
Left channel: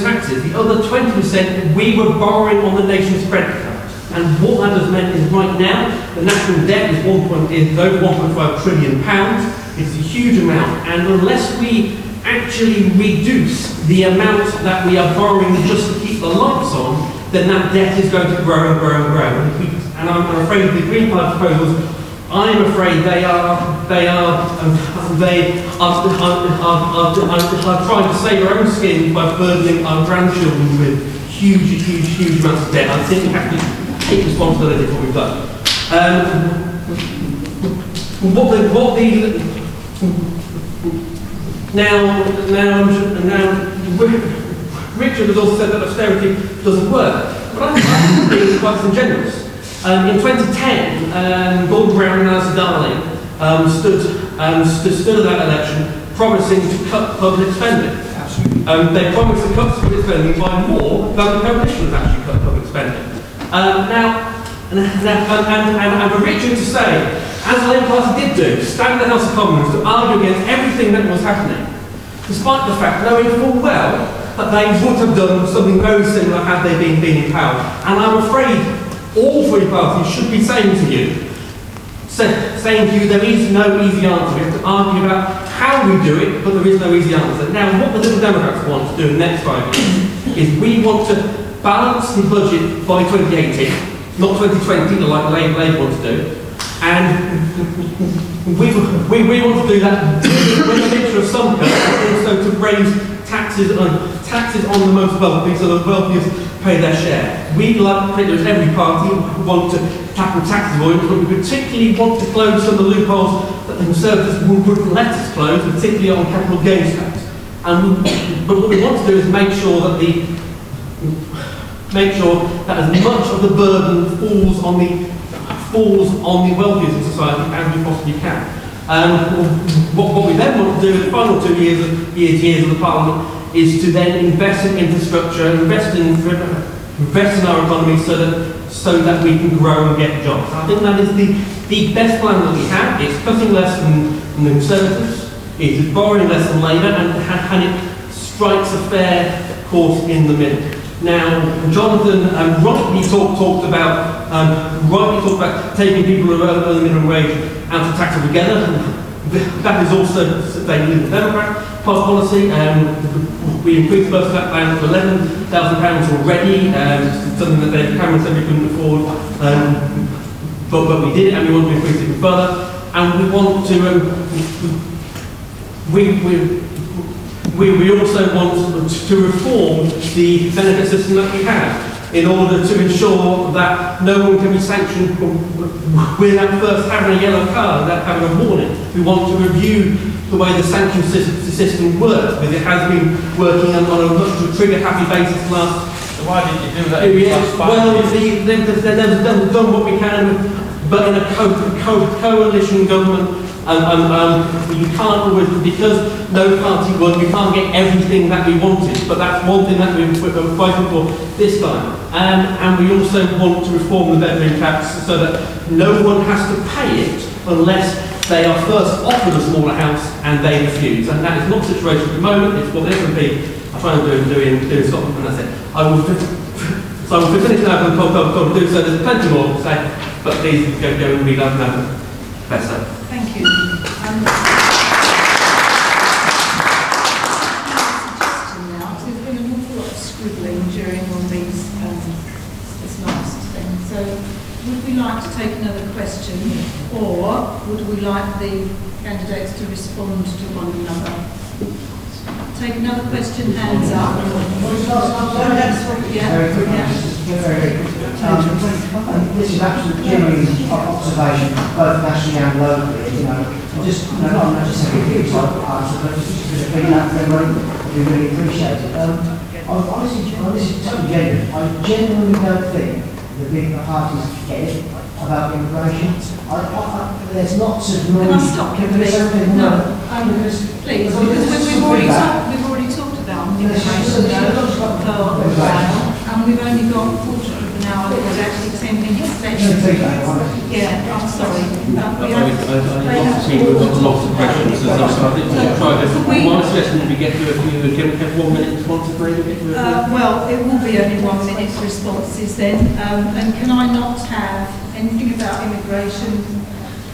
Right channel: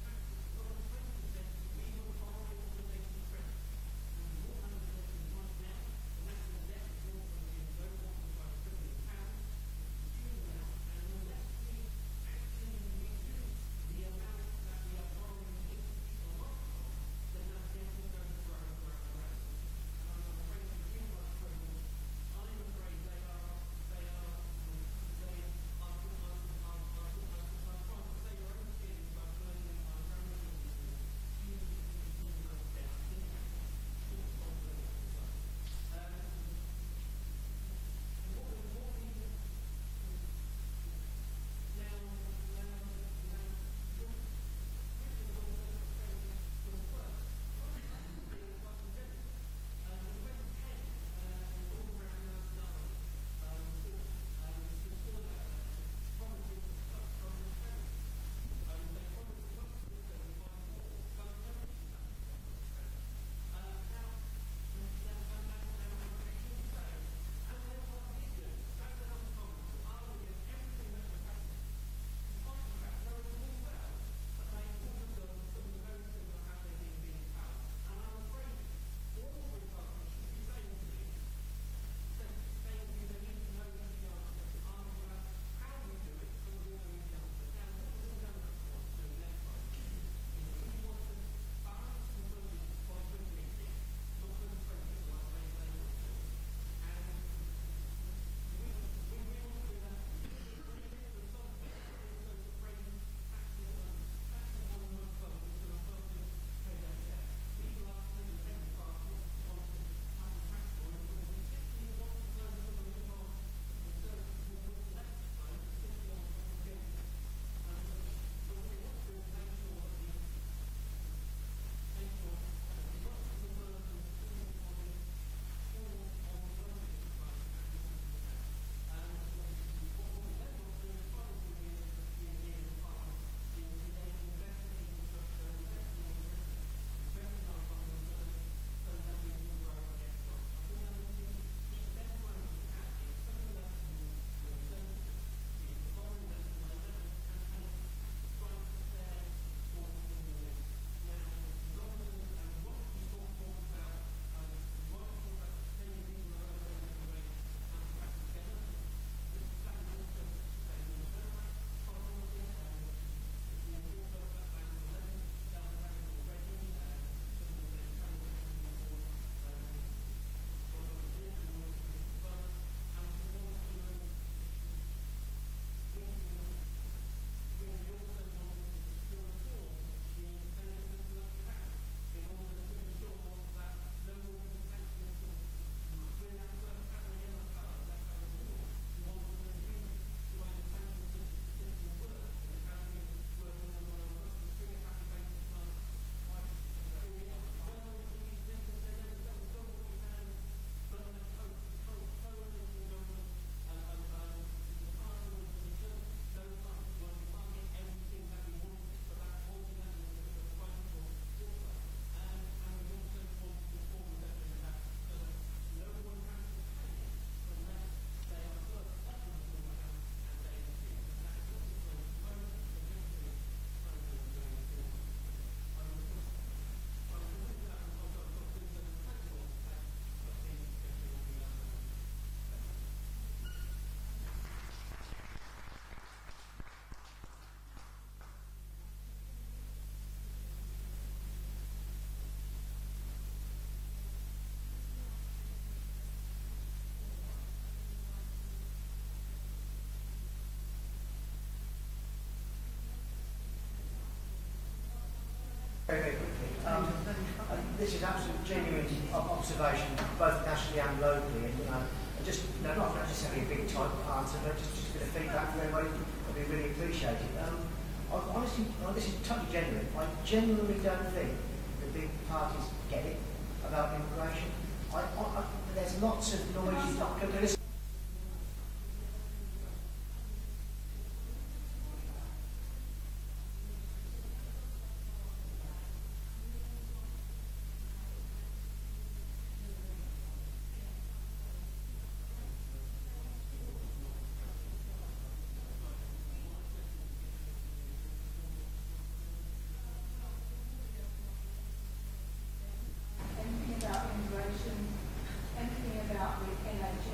taxes. The other 20% we were borrowing on the nation's credit card. And what that has meant is right now the national debt is over 1.5 trillion pounds. It's a huge amount, and unless we actually reduce the amount that we are borrowing just to keep the lights on, then that debt is going to grow and grow and grow. And I'm afraid the Green Party proposals, I'm afraid they are trying to save our own skin by burdening our grandchildren with huge amounts of debt. I think we have to take responsibility for what we've done. Now, Richard has also said that austerity doesn't work, but I think it's quite disingenuous. In 2010, Gordon Brown and Alistair Darling stood at that election promising to cut public spending. They promised to cut public spending by more than the coalition has actually cut public spending. And for Richard to say, as the Labour Party did do, stand in the House of Commons to argue against everything that was happening, despite the fact, knowing full well that they would have done something very similar had they been in power. And I'm afraid all three parties should be saying to you, there is no easy answer. We have to argue about how we do it, but there is no easy answer. Now, what the Liberal Democrats want to do in the next 5 years is we want to balance the budget by 2018, not 2020, like Labour wants to do. And we want to do that with a mixture of some cuts, and also to raise taxes on the most wealthy, so the wealthiest pay their share. We, like pretty much every party, want to tackle tax avoidance, but we particularly want to close some of the loopholes that the Conservatives wouldn't let us close, particularly on capital gains tax. But what we want to do is make sure that as much of the burden falls on the wealthiest in society as we possibly can. What we then want to do in the final 2 years of the Parliament is to then invest in infrastructure, invest in our economy so that we can grow and get jobs. I think that is the best plan that we have. It's cutting less than the Conservatives, it's borrowing less than Labour, and it strikes a fair course in the middle. Now, Jonathan rightly talked about taking people who earn the minimum wage out of tax altogether. That is also the Democrat policy. We increased most of that down to £11,000 already, something that David Cameron said we couldn't afford, but we did it, and we want to increase it even further. And we want to we also want to reform the benefit system that we have. in order to ensure that no one can be sanctioned without first having a yellow card, without having a warning. We want to review the way the sanction system works, because it has been working on a much trigger-happy basis last. So why did you do that? Well, they've done what we can, but in a coalition government, you can't always, because no party won, we can't get everything that we wanted, but that's one thing that we're fighting for this time. And we also want to reform the bedroom tax so that no one has to pay it unless they are first offered a smaller house and they refuse. And that is not the situation at the moment. It's what the SNP are trying to do in Scotland. And that's it. I will finish now and do so. There's plenty more to say, but please go and read out now. Better. Thank you. There's been an awful lot of scribbling during all these this last thing. So, would we like to take another question, or would we like the candidates to respond to one another? Take another question, hands up. This is actually genuine observation, both nationally and locally. Not just a few answers, but just a bit of feedback from everyone. We really appreciate it. Honestly, this is totally genuine. I genuinely don't think the big parties get it about immigration. There's lots of noise. Can I stop you, please? No, please, because we've already talked about immigration and we've only got a quarter of an hour. There's actually 10 minutes left. Yeah, I'm sorry. We've got lots of questions. So I think we'll try to. My suggestion would be get to a few. Can we have 1 minute response for maybe? Well, it will be only 1 minute's responses then. And can I not have anything about immigration,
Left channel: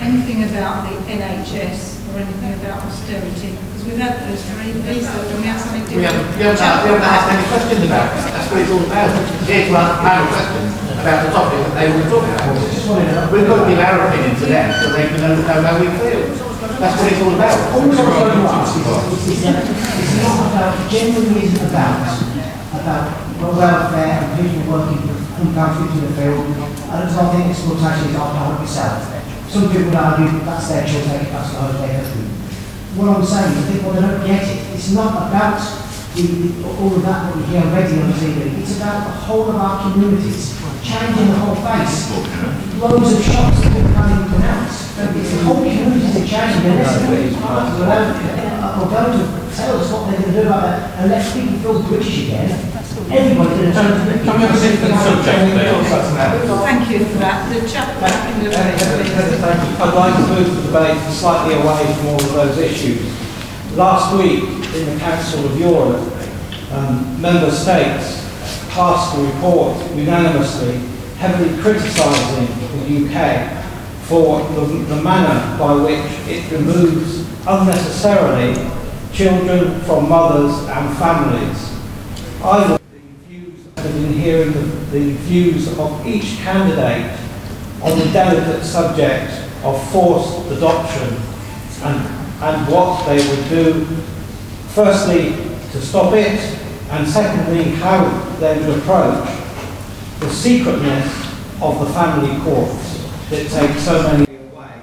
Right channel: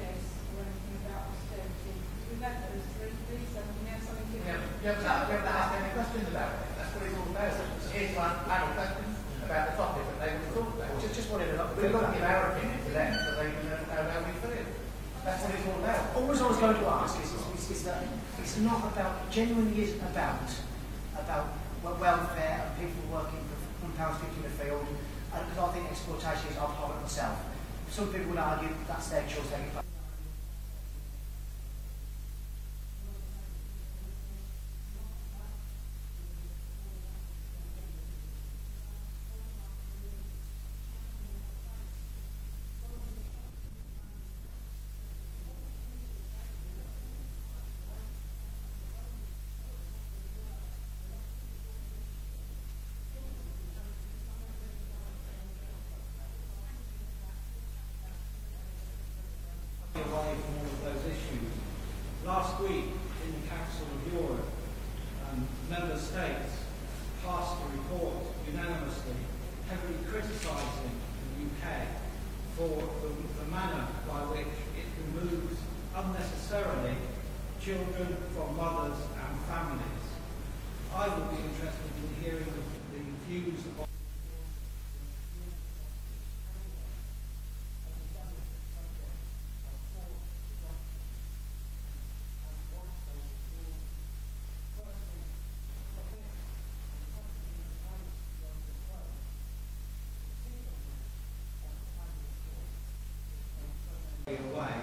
anything about the NHS, or anything about austerity? Because we've had those three. Please, don't we have something different? We haven't asked any questions about it. That's what it's all about. Here to ask panel questions about the topic that they want to talk about. We've got to give our opinion to them so they can know how we feel. That's what it's all about. All I was going to ask is not about, genuinely isn't about welfare and people working and going into the field. I don't think exploitation is after 100%. Some people would argue that's their choice, that's the whole day. What I'm saying is, I think they don't get it. It's not about all of that we hear already on TV. It's about the whole of our communities changing the whole face. Loads of shops that people can't even pronounce. It's the whole communities are changing. Unless the parties are going to tell us what they're going to do about that and let people feel British again. Everybody's going to turn to the Thank you for that. The chap back in the I'd like to move the debate slightly away from all of those issues. Last week, in the Council of Europe, member states passed a report unanimously, heavily criticising the UK for the manner by which it removes unnecessarily children from mothers and families. I would have been hearing the views of each candidate on the delicate subject of forced adoption and what they would do, firstly, to stop it, and secondly, how they would approach the secretness of the family courts that take so many away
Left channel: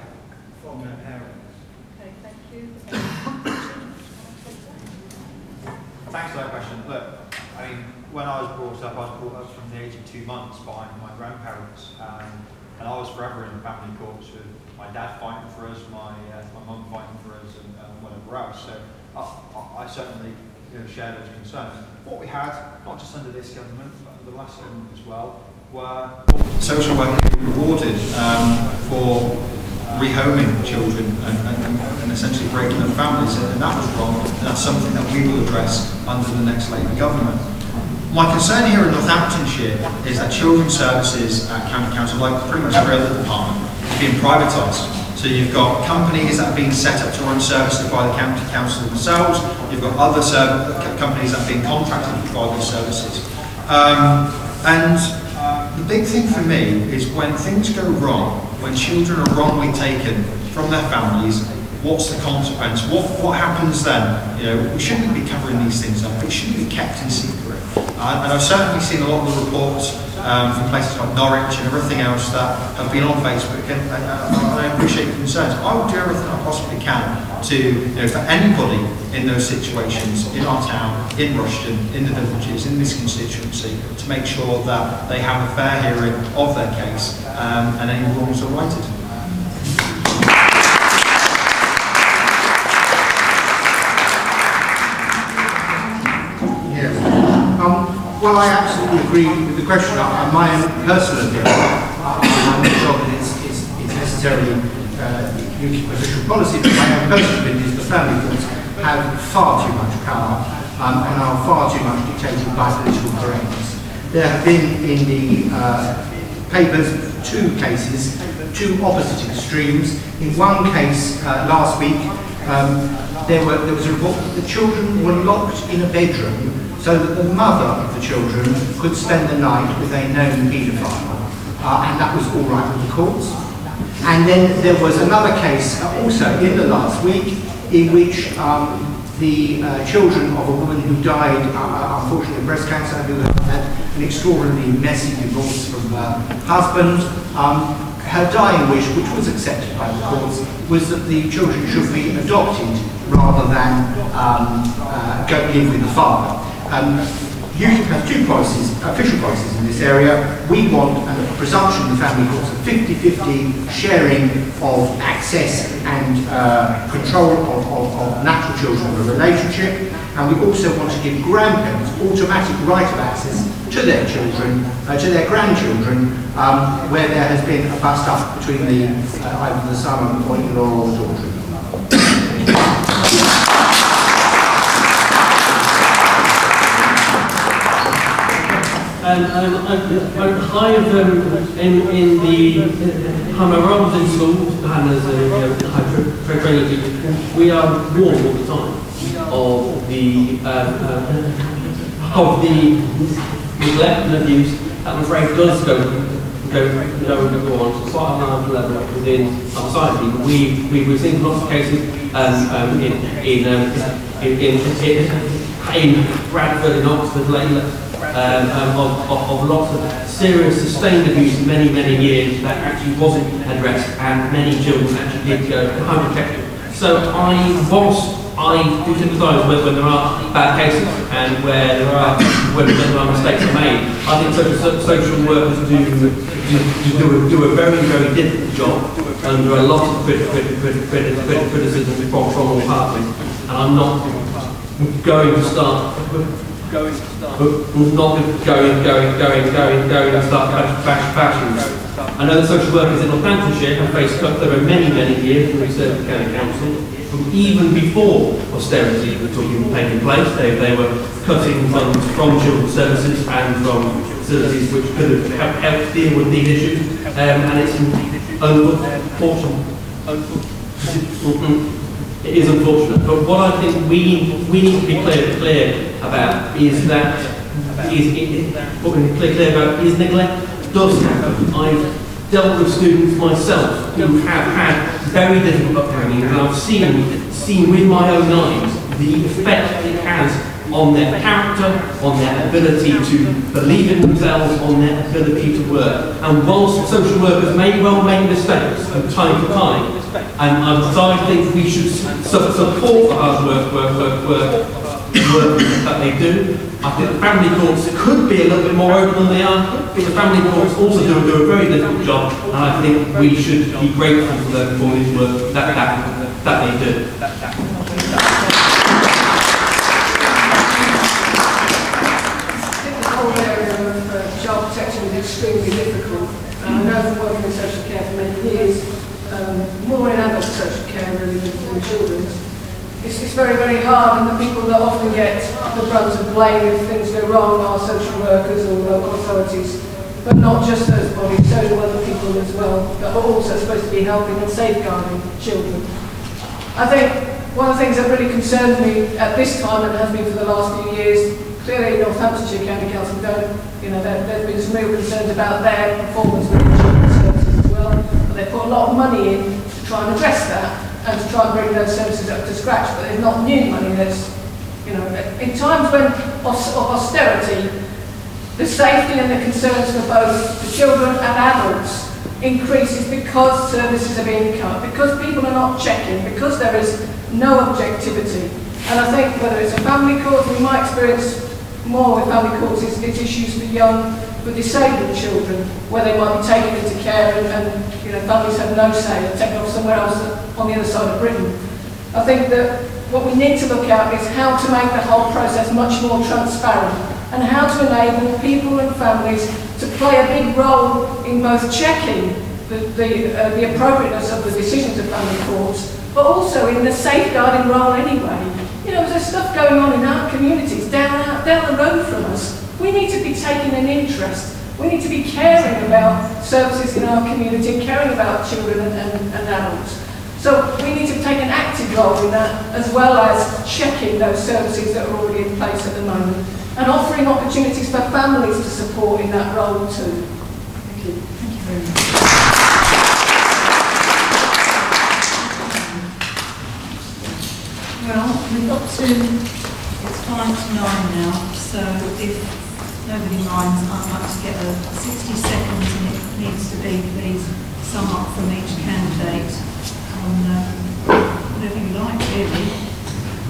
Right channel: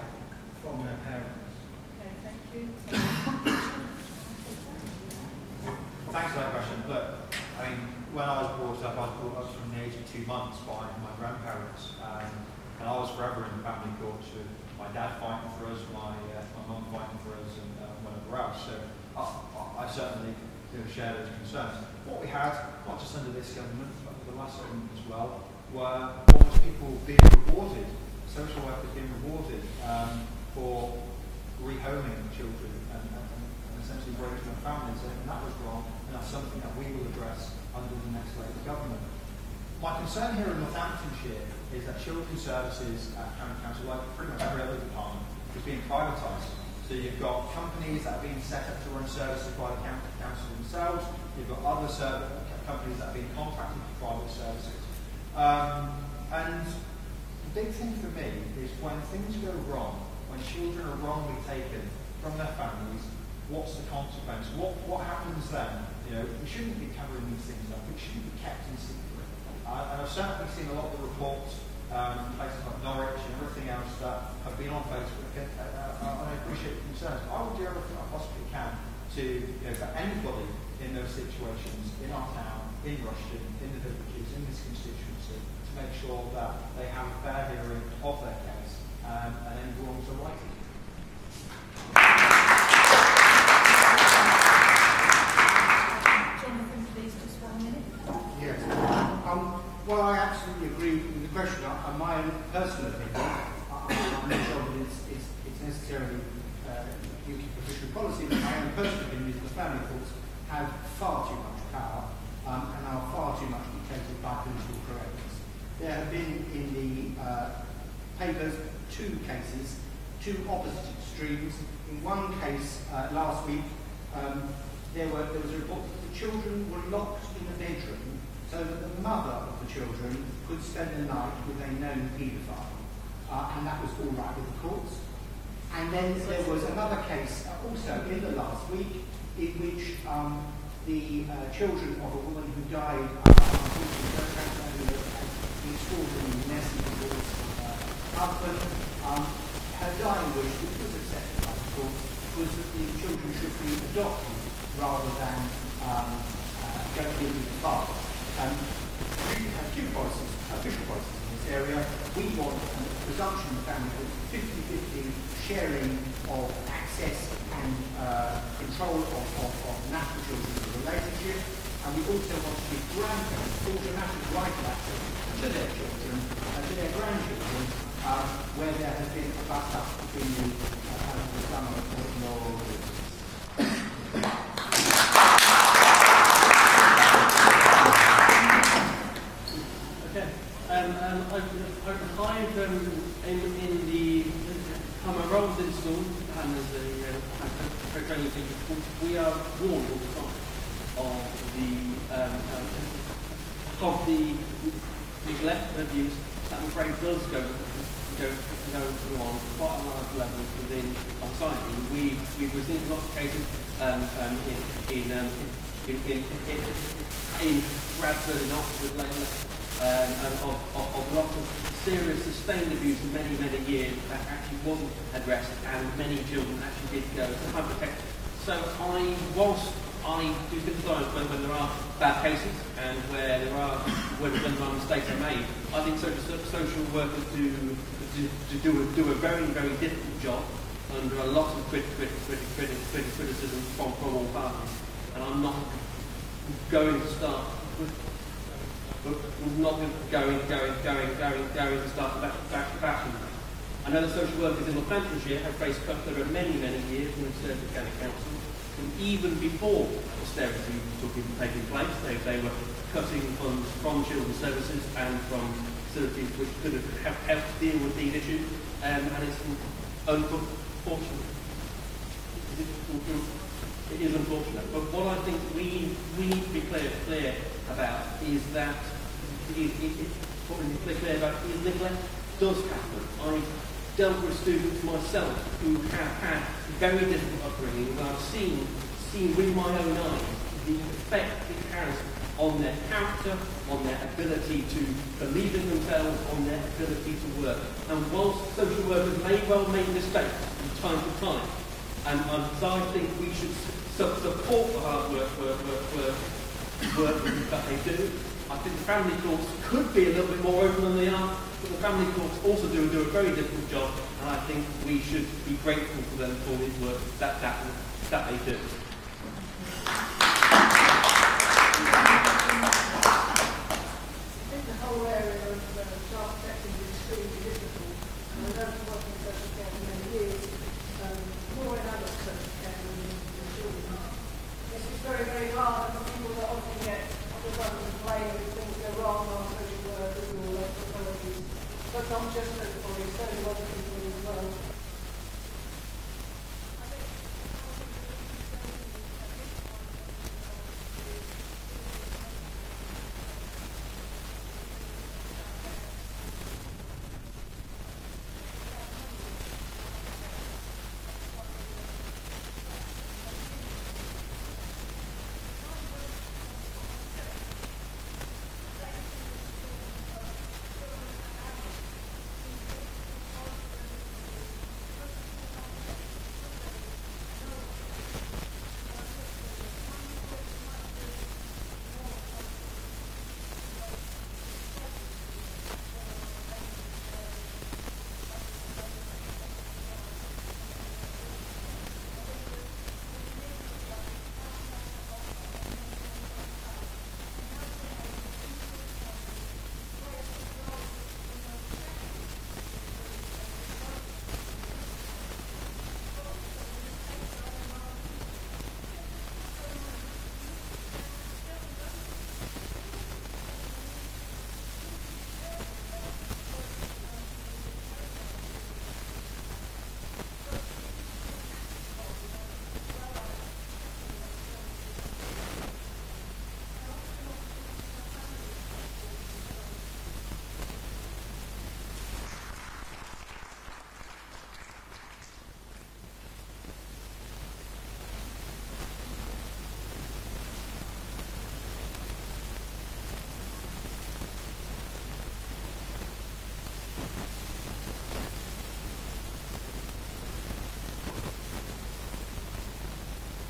from their parents. Okay, thank you. Thanks for that question. Look, I mean, when I was brought up from the age of 2 months by my grandparents, and I was forever in the family courts with my dad fighting for us, my mum fighting for us, and whatever else. So I certainly share those concerns. What we had, not just under this government, but under the last government as well, were social workers rewarded for rehoming children and essentially breaking up families, and that was wrong, and that's something that we will address under the next Labour government. My concern here in Northamptonshire is that children's services at County Council, like pretty much every other department, are being privatised. So you've got companies that are being set up to run services by the County Council themselves, you've got other companies that are being contracted to provide those services. The big thing for me is when things go wrong, when children are wrongly taken from their families, what's the consequence? What happens then? We shouldn't be covering these things up. It shouldn't be kept in secret. And I've certainly seen a lot of the reports from places like Norwich and everything else that have been on Facebook, and I appreciate your concerns. I will do everything I possibly can to, for anybody in those situations, in our town, in Rushden, in the villages, in this constituency, to make sure that they have a fair hearing of their case and any wrongs are righted. Well, I absolutely agree with the question. My own personal opinion, I'm not sure that it's necessarily UK official policy, but my own personal opinion is the family courts have far too much power and are far too much dictated by political correctness. There have been in the papers two cases, two opposite extremes. In one case last week, there was a report that the children were locked in a bedroom so that the mother of the children could spend the night with a known paedophile, and that was all right with the courts. And then there was another case also in the last week in which the children of a woman who died, unfortunately, of breast cancer, who had an extraordinarily messy divorce from her husband, her dying wish, which was accepted by the courts, was that the children should be adopted rather than go live with the father. UKIP has two policies, official policies in this area. We want a presumption in family courts of 50-50 sharing of access and control of natural children in a relationship, and we also want to give grandparents automatic right of access to their children, to their grandchildren, where there has been a bust up between either the son or in-law or daughter. I have in the Hamarods in school, and as a high training, we are warned all the time of the neglect and abuse that I'm afraid does go on to quite a large level within society. We've seen lots of cases in Bradford, in Oxford, lately. Of lots of serious sustained abuse many years that actually wasn't addressed, and many children actually did go unprotected. So I do sympathise when there are bad cases and where there are mistakes are made. I think social workers do a very difficult job under a lot of criticism from all parties, and I'm not going to start fashions. I know the social workers in Northamptonshire have faced over many years from the County Council. Even before austerity was taking place, they were cutting funds from children's services and from facilities which could have helped deal with these issues, and it's unfortunate. It is unfortunate, but what I think we need to be clear about is that neglect does happen. I've dealt with students myself who have had very difficult upbringing, and I've seen with my own eyes the effect it has on their character, on their ability to believe in themselves, on their ability to work. And whilst social workers may well make mistakes from time to time, and I think we should support the hard work that they do. I think the family courts could be a little bit more open than they are. The family courts also do a very difficult job, and I think we should be grateful for the work that they do. Child protection is extremely difficult. I know from working in social care for many years, more in adult social care really than children. It's very hard, and the people that often get the brunt of blame if things go wrong are social workers or local authorities, but not just those bodies, so do other people as well, that are also supposed to be helping and safeguarding children. I think one of the things that really concerned me at this time, and has been for the last few years, clearly Northamptonshire County Council there's been some real concerns about their performance with the children's services as well, but they put a lot of money in to try and address that and to try and bring those services up to scratch, but there's not new money. There's, in times when of austerity, the safety and the concerns for both the children and adults increases because services are being cut, because people are not checking, because there is no objectivity. And I think whether it's a family court, we might experience more with family courts, it's issues for disabled children, where they might be taken into care and you know, families have no say, they're taken off somewhere else on the other side of Britain. I think that what we need to look at is how to make the whole process much more transparent and how to enable people and families to play a big role in both checking the appropriateness of the decisions of family courts, but also in the safeguarding role anyway. You know, there's stuff going on in our communities down the road from us. We need to be taking an interest. We need to be caring about services in our community and caring about children and adults. So we need to take an active role in that, as well as checking those services that are already in place at the moment and offering opportunities for families to support in that role too. Thank you. Thank you very much. Well, we've got to, it's 9:05 now, so if nobody minds, I'd like to get a 60 seconds, and it needs to be, please, sum up from each candidate on whatever you like, really.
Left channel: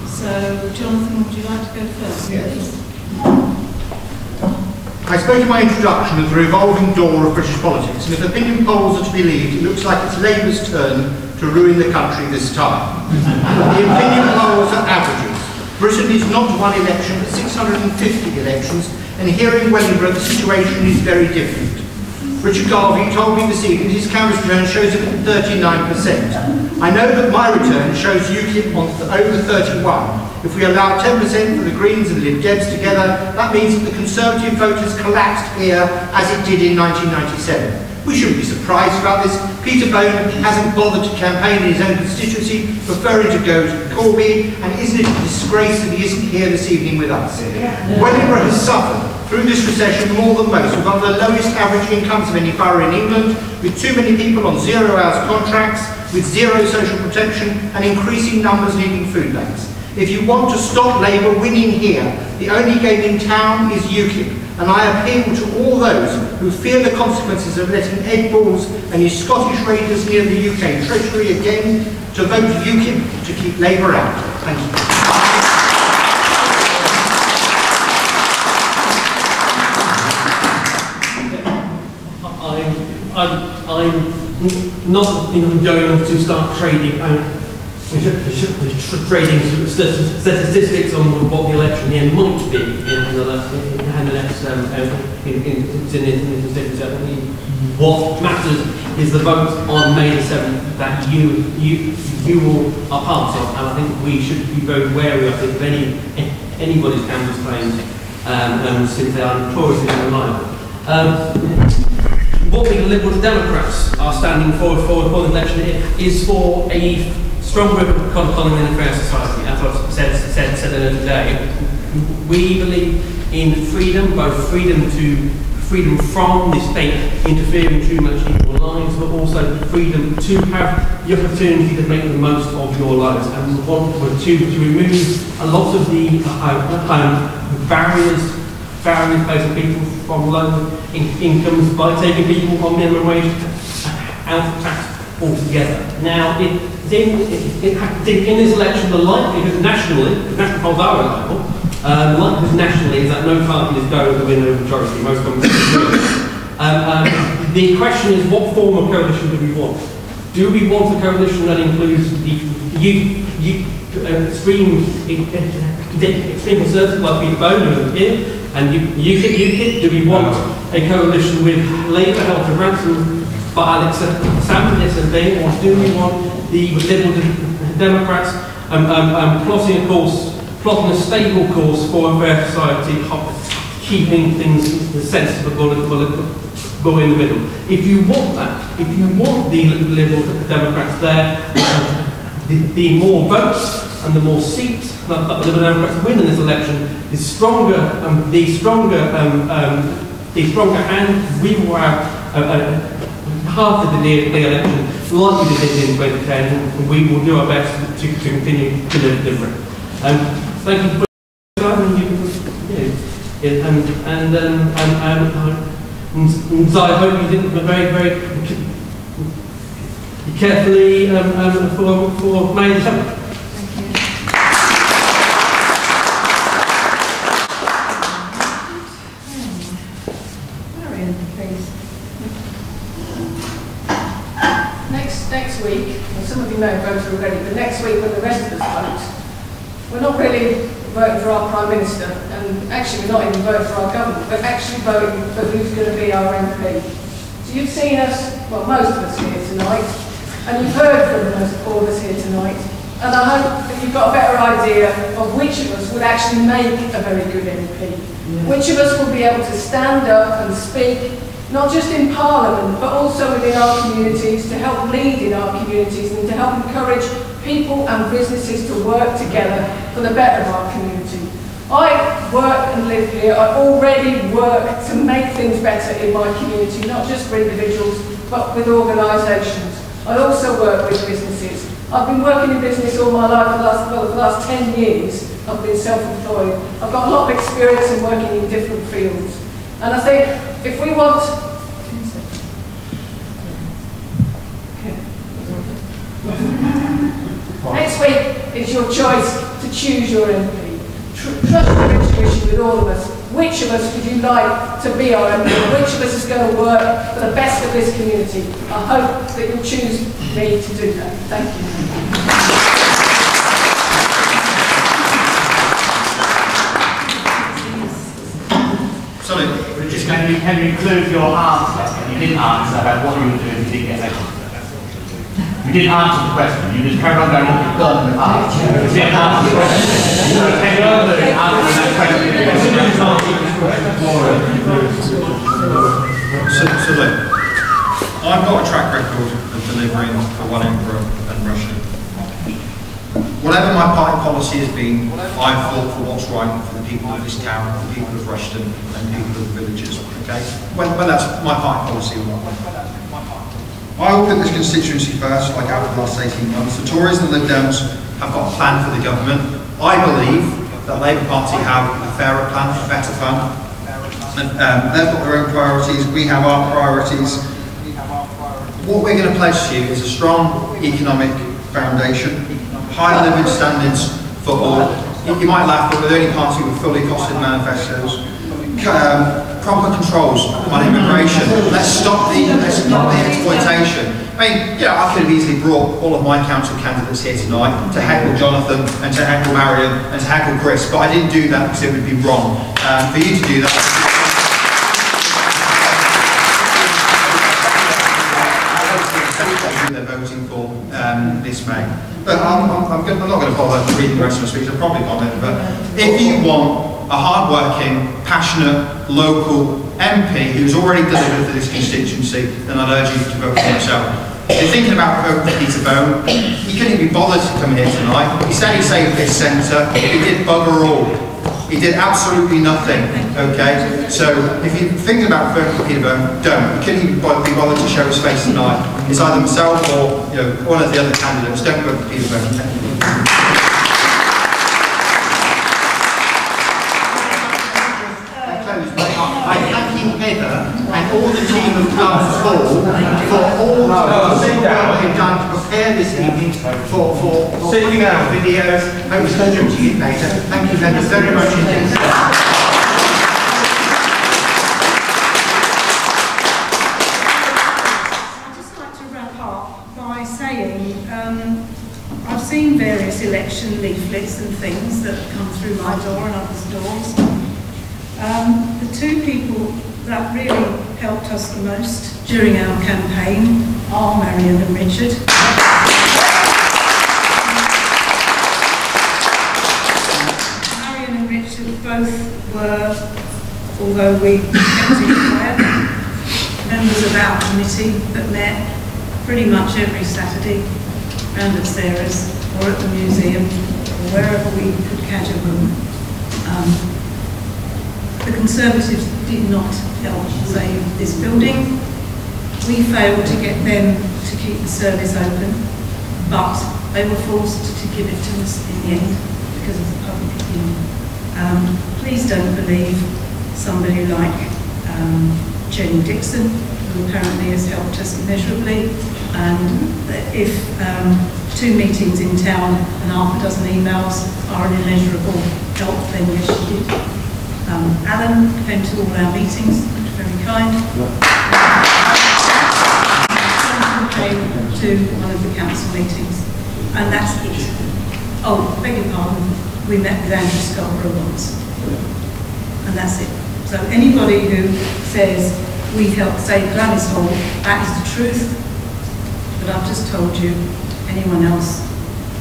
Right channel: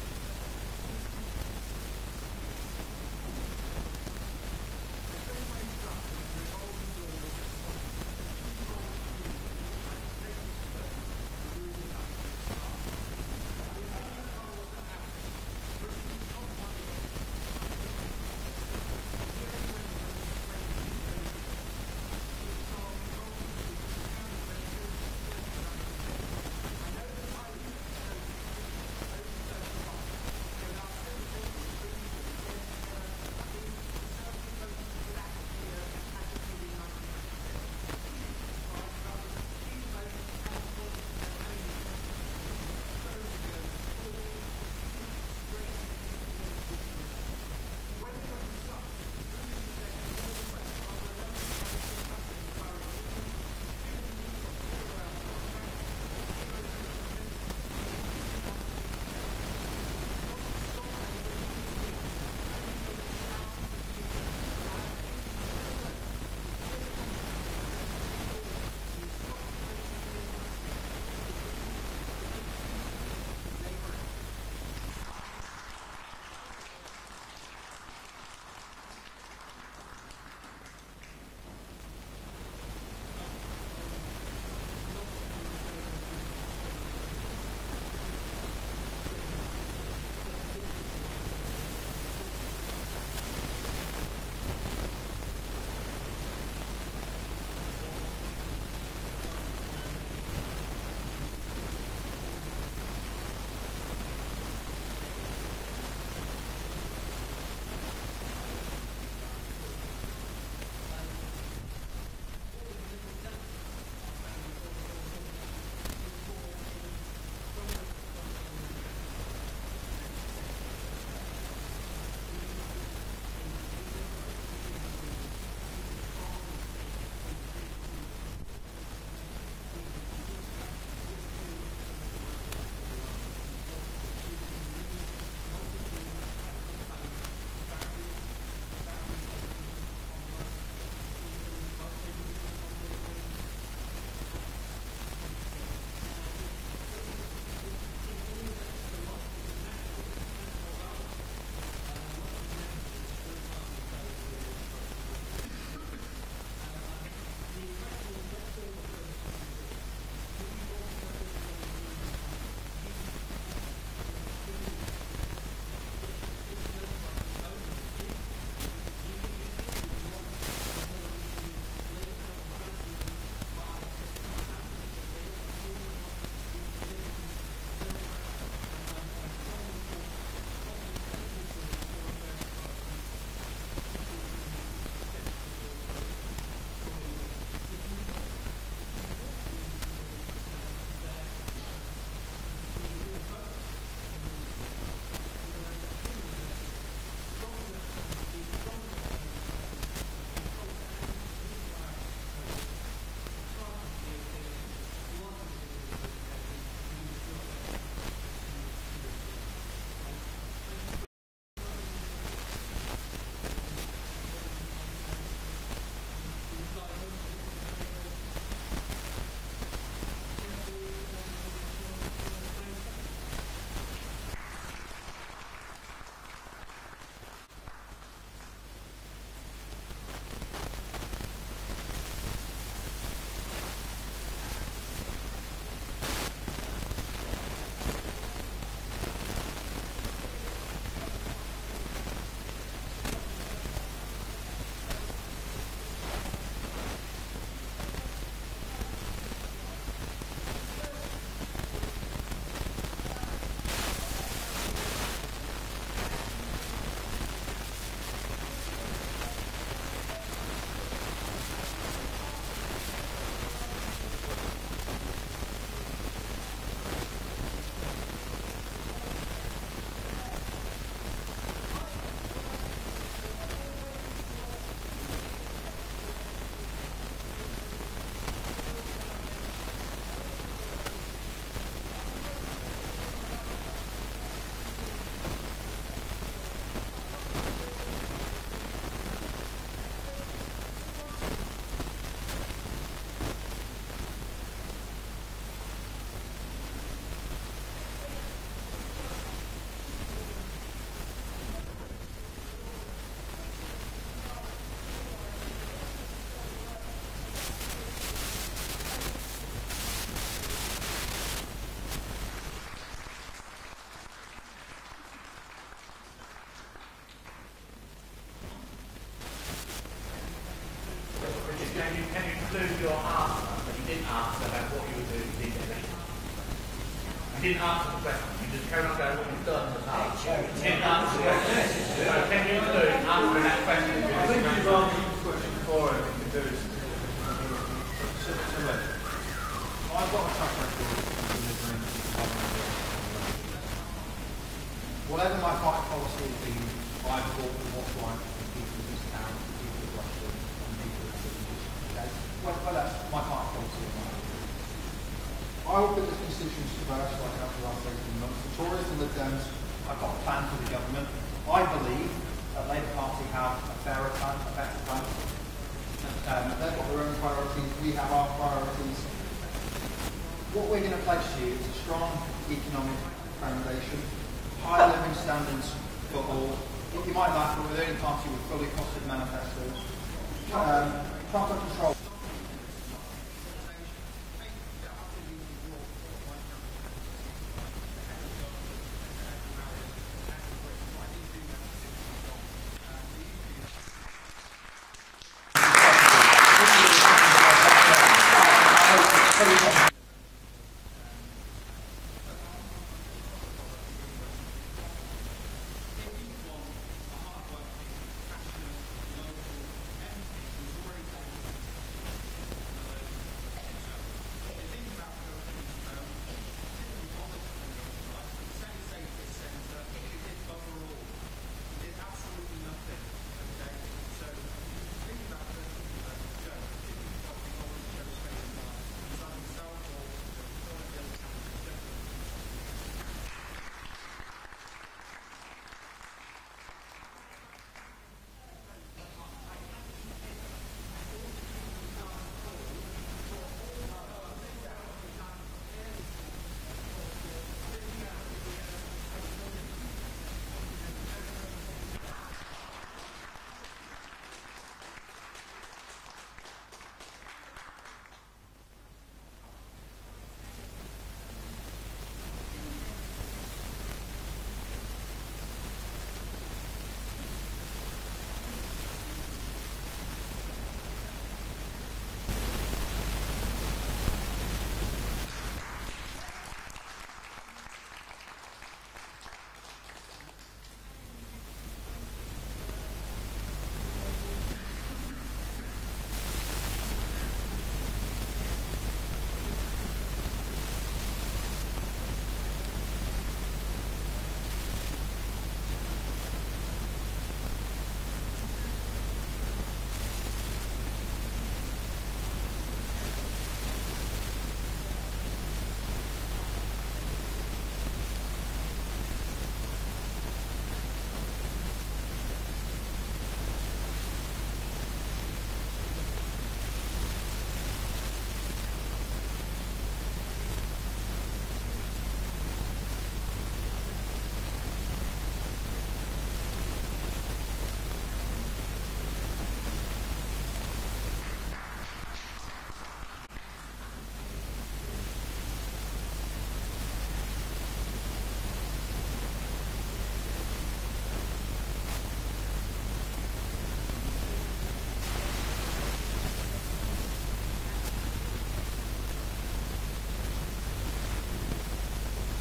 So, Jonathan, would you like to go first, please? I spoke in my introduction of the revolving door of British politics, and if opinion polls are to be believed, it looks like it's Labour's turn to ruin the country this time. The opinion polls are averages. Britain is not one election, but 650 elections, and here in Wellingborough the situation is very different. Richard Garvie told me this evening his canvas return shows him at 39%. I know that my return shows UKIP on over 31. If we allow 10% for the Greens and Lib Debs together, that means that the Conservative vote has collapsed here as it did in 1997. We shouldn't be surprised about this. Peter Bone hasn't bothered to campaign in his own constituency, preferring to go to Corby, and isn't it a disgrace that he isn't here this evening with us? Wellingborough has suffered through this recession more than most, with one of the lowest average incomes of any borough in England, with too many people on 0 hours contracts, with zero social protection, and increasing numbers needing food banks. If you want to stop Labour winning here, the only game in town is UKIP, and I appeal to all those who fear the consequences of letting Ed Balls and his Scottish Raiders near the UK Treasury again to vote UKIP to keep Labour out. Thank you. I'm not going to start trading statistics on what the election here might be in the next what matters is the vote on May the 7th that you all are part of, and I think we should be very wary of anybody's canvas claims since they are notoriously unreliable. What the Liberal Democrats are standing for the election here is for a stronger economy and a fair society. As I've said earlier today, we believe in freedom, both freedom from the state interfering too much in your lives, but also freedom to have the opportunity to make the most of your lives. And we want to remove a lot of the barriers facing people from low incomes by taking people on minimum wage out of tax altogether. Now, in this election, the likelihood nationally, the national polls are reliable, the likelihood nationally is that no party is going to win a majority. Most countries will. The question is, what form of coalition do we want? Do we want a coalition that includes the extreme conservatives like Peter Bone here, and UKIP? Do we want a coalition with Labour held to ransom by Alex Salmon and Bay, or do we want the Liberal Democrats plotting a stable course for a fair society, keeping things sensible in the middle? If you want that, if you want the Liberal Democrats there, the more votes and the more seats that the Liberal Democrats win in this election, the stronger and we will have half of the election like we did in 2010, and we will do our best to continue to deliver it. Thank you for So I hope you did very carefully for May the 7th. Marion, please. Next week, and some of you may have voted already, but next week when the rest of us vote, we're not really voting for our Prime Minister, and actually we're not even voting for our government, but actually voting for who's going to be our MP. So you've seen us, well, most of us here tonight, and you've heard from all of us here tonight, and I hope that you've got a better idea of which of us would actually make a very good MP. Which of us will be able to stand up and speak, not just in Parliament, but also within our communities, to help lead in our communities and to help encourage people and businesses to work together for the better of our community. I work and live here. I already work to make things better in my community, not just for individuals, but with organisations. I also work with businesses. I've been working in business all my life, for the last 10 years. I've been self-employed. I've got a lot of experience in working in different fields. And I think if we want... Next week is your choice to choose your MP. Trust your intuition with all of us. Which of us would you like to be our MP? Which of us is going to work for the best of this community? I hope that you'll choose me to do that. Thank you. Sorry, just can you include your answer? You didn't answer about what you were doing if you didn't get elected. You didn't answer the question. You just carried on going what you've done with art. You didn't answer the question. You were taking over and answering that question. So look, I've got a track record of delivering for Wellingborough and Rushden. Whatever my party policy has been, I've fought for what's right for the people of this town, the people of Rushden, and people of the villages. Okay, when that's my party policy or not. I will put this constituency first, like I have for the last 18 months. The Tories and the Lib Dems have got a plan for the government. I believe that Labour Party have a fairer plan, a better plan. And they've got their own priorities. We have our priorities. What we're going to pledge to you is a strong economic foundation, high living standards for all. You might laugh, but we're the only party with fully costed manifestos. Proper controls on immigration. Let's stop the exploitation. I mean, yeah, I could have easily brought all of my council candidates here tonight to heckle Jonathan and to heckle Marion and to heckle Chris, but I didn't do that because it would be wrong. For you to do that. They're voting for this May. But I'm not going to bother reading the rest of my speech. I'll probably comment. But if you want a hard-working, passionate, local MP who's already delivered for this constituency, then I'd urge you to vote for yourself. If you're thinking about voting for Peter Bone, he couldn't be bothered to come here tonight. He said he saved this centre. He did bugger all. He did absolutely nothing, okay? So if you're thinking about voting for Peter Bone, don't. He couldn't even be bothered to show his face tonight. It's either himself or one of the other candidates. Don't vote for Peter Bone. I thank you, Heather, and all the team of Glamis Hall for all the work they've done to prepare this evening for videos. I will send them to you later. Thank you very much indeed. I'd just like to wrap up by saying I've seen various election leaflets and things that have come through my door and others' doors. The two people that really helped us the most during our campaign are Marion and Richard. Marion and Richard both were, although we kept it quiet, members of our committee that met pretty much every Saturday round at Sarah's or at the museum or wherever we could catch a room. The Conservatives did not help save this building. We failed to get them to keep the service open, but they were forced to give it to us in the end because of the public opinion. Please don't believe somebody like Jenny Dixon, who apparently has helped us immeasurably, and if 2 meetings in town and half a dozen emails are an immeasurable help, then yes, she did. Alan came to all our meetings, very kind. Jonathan came to one of the council meetings, and that's it. Oh, beg your pardon, we met with Andrew Scarborough once, and that's it. So anybody who says we helped save Glamis Hall, that is the truth. But I've just told you. Anyone else,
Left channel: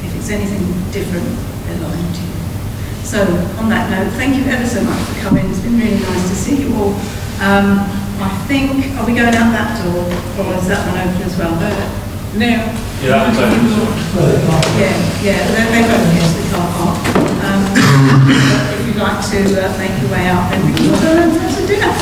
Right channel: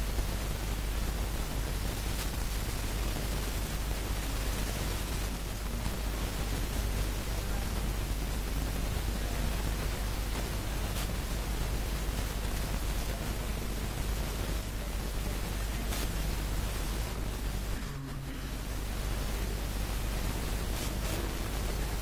if it's anything different, they're lying to you. So on that note, thank you ever so much for coming. It's been really nice to see you all. I think, are we going out that door, or is that one open as well? No. Yeah, that one's open. Yeah, they're both here, so we can't park. But if you'd like to make your way out, then we can all go and have some dinner.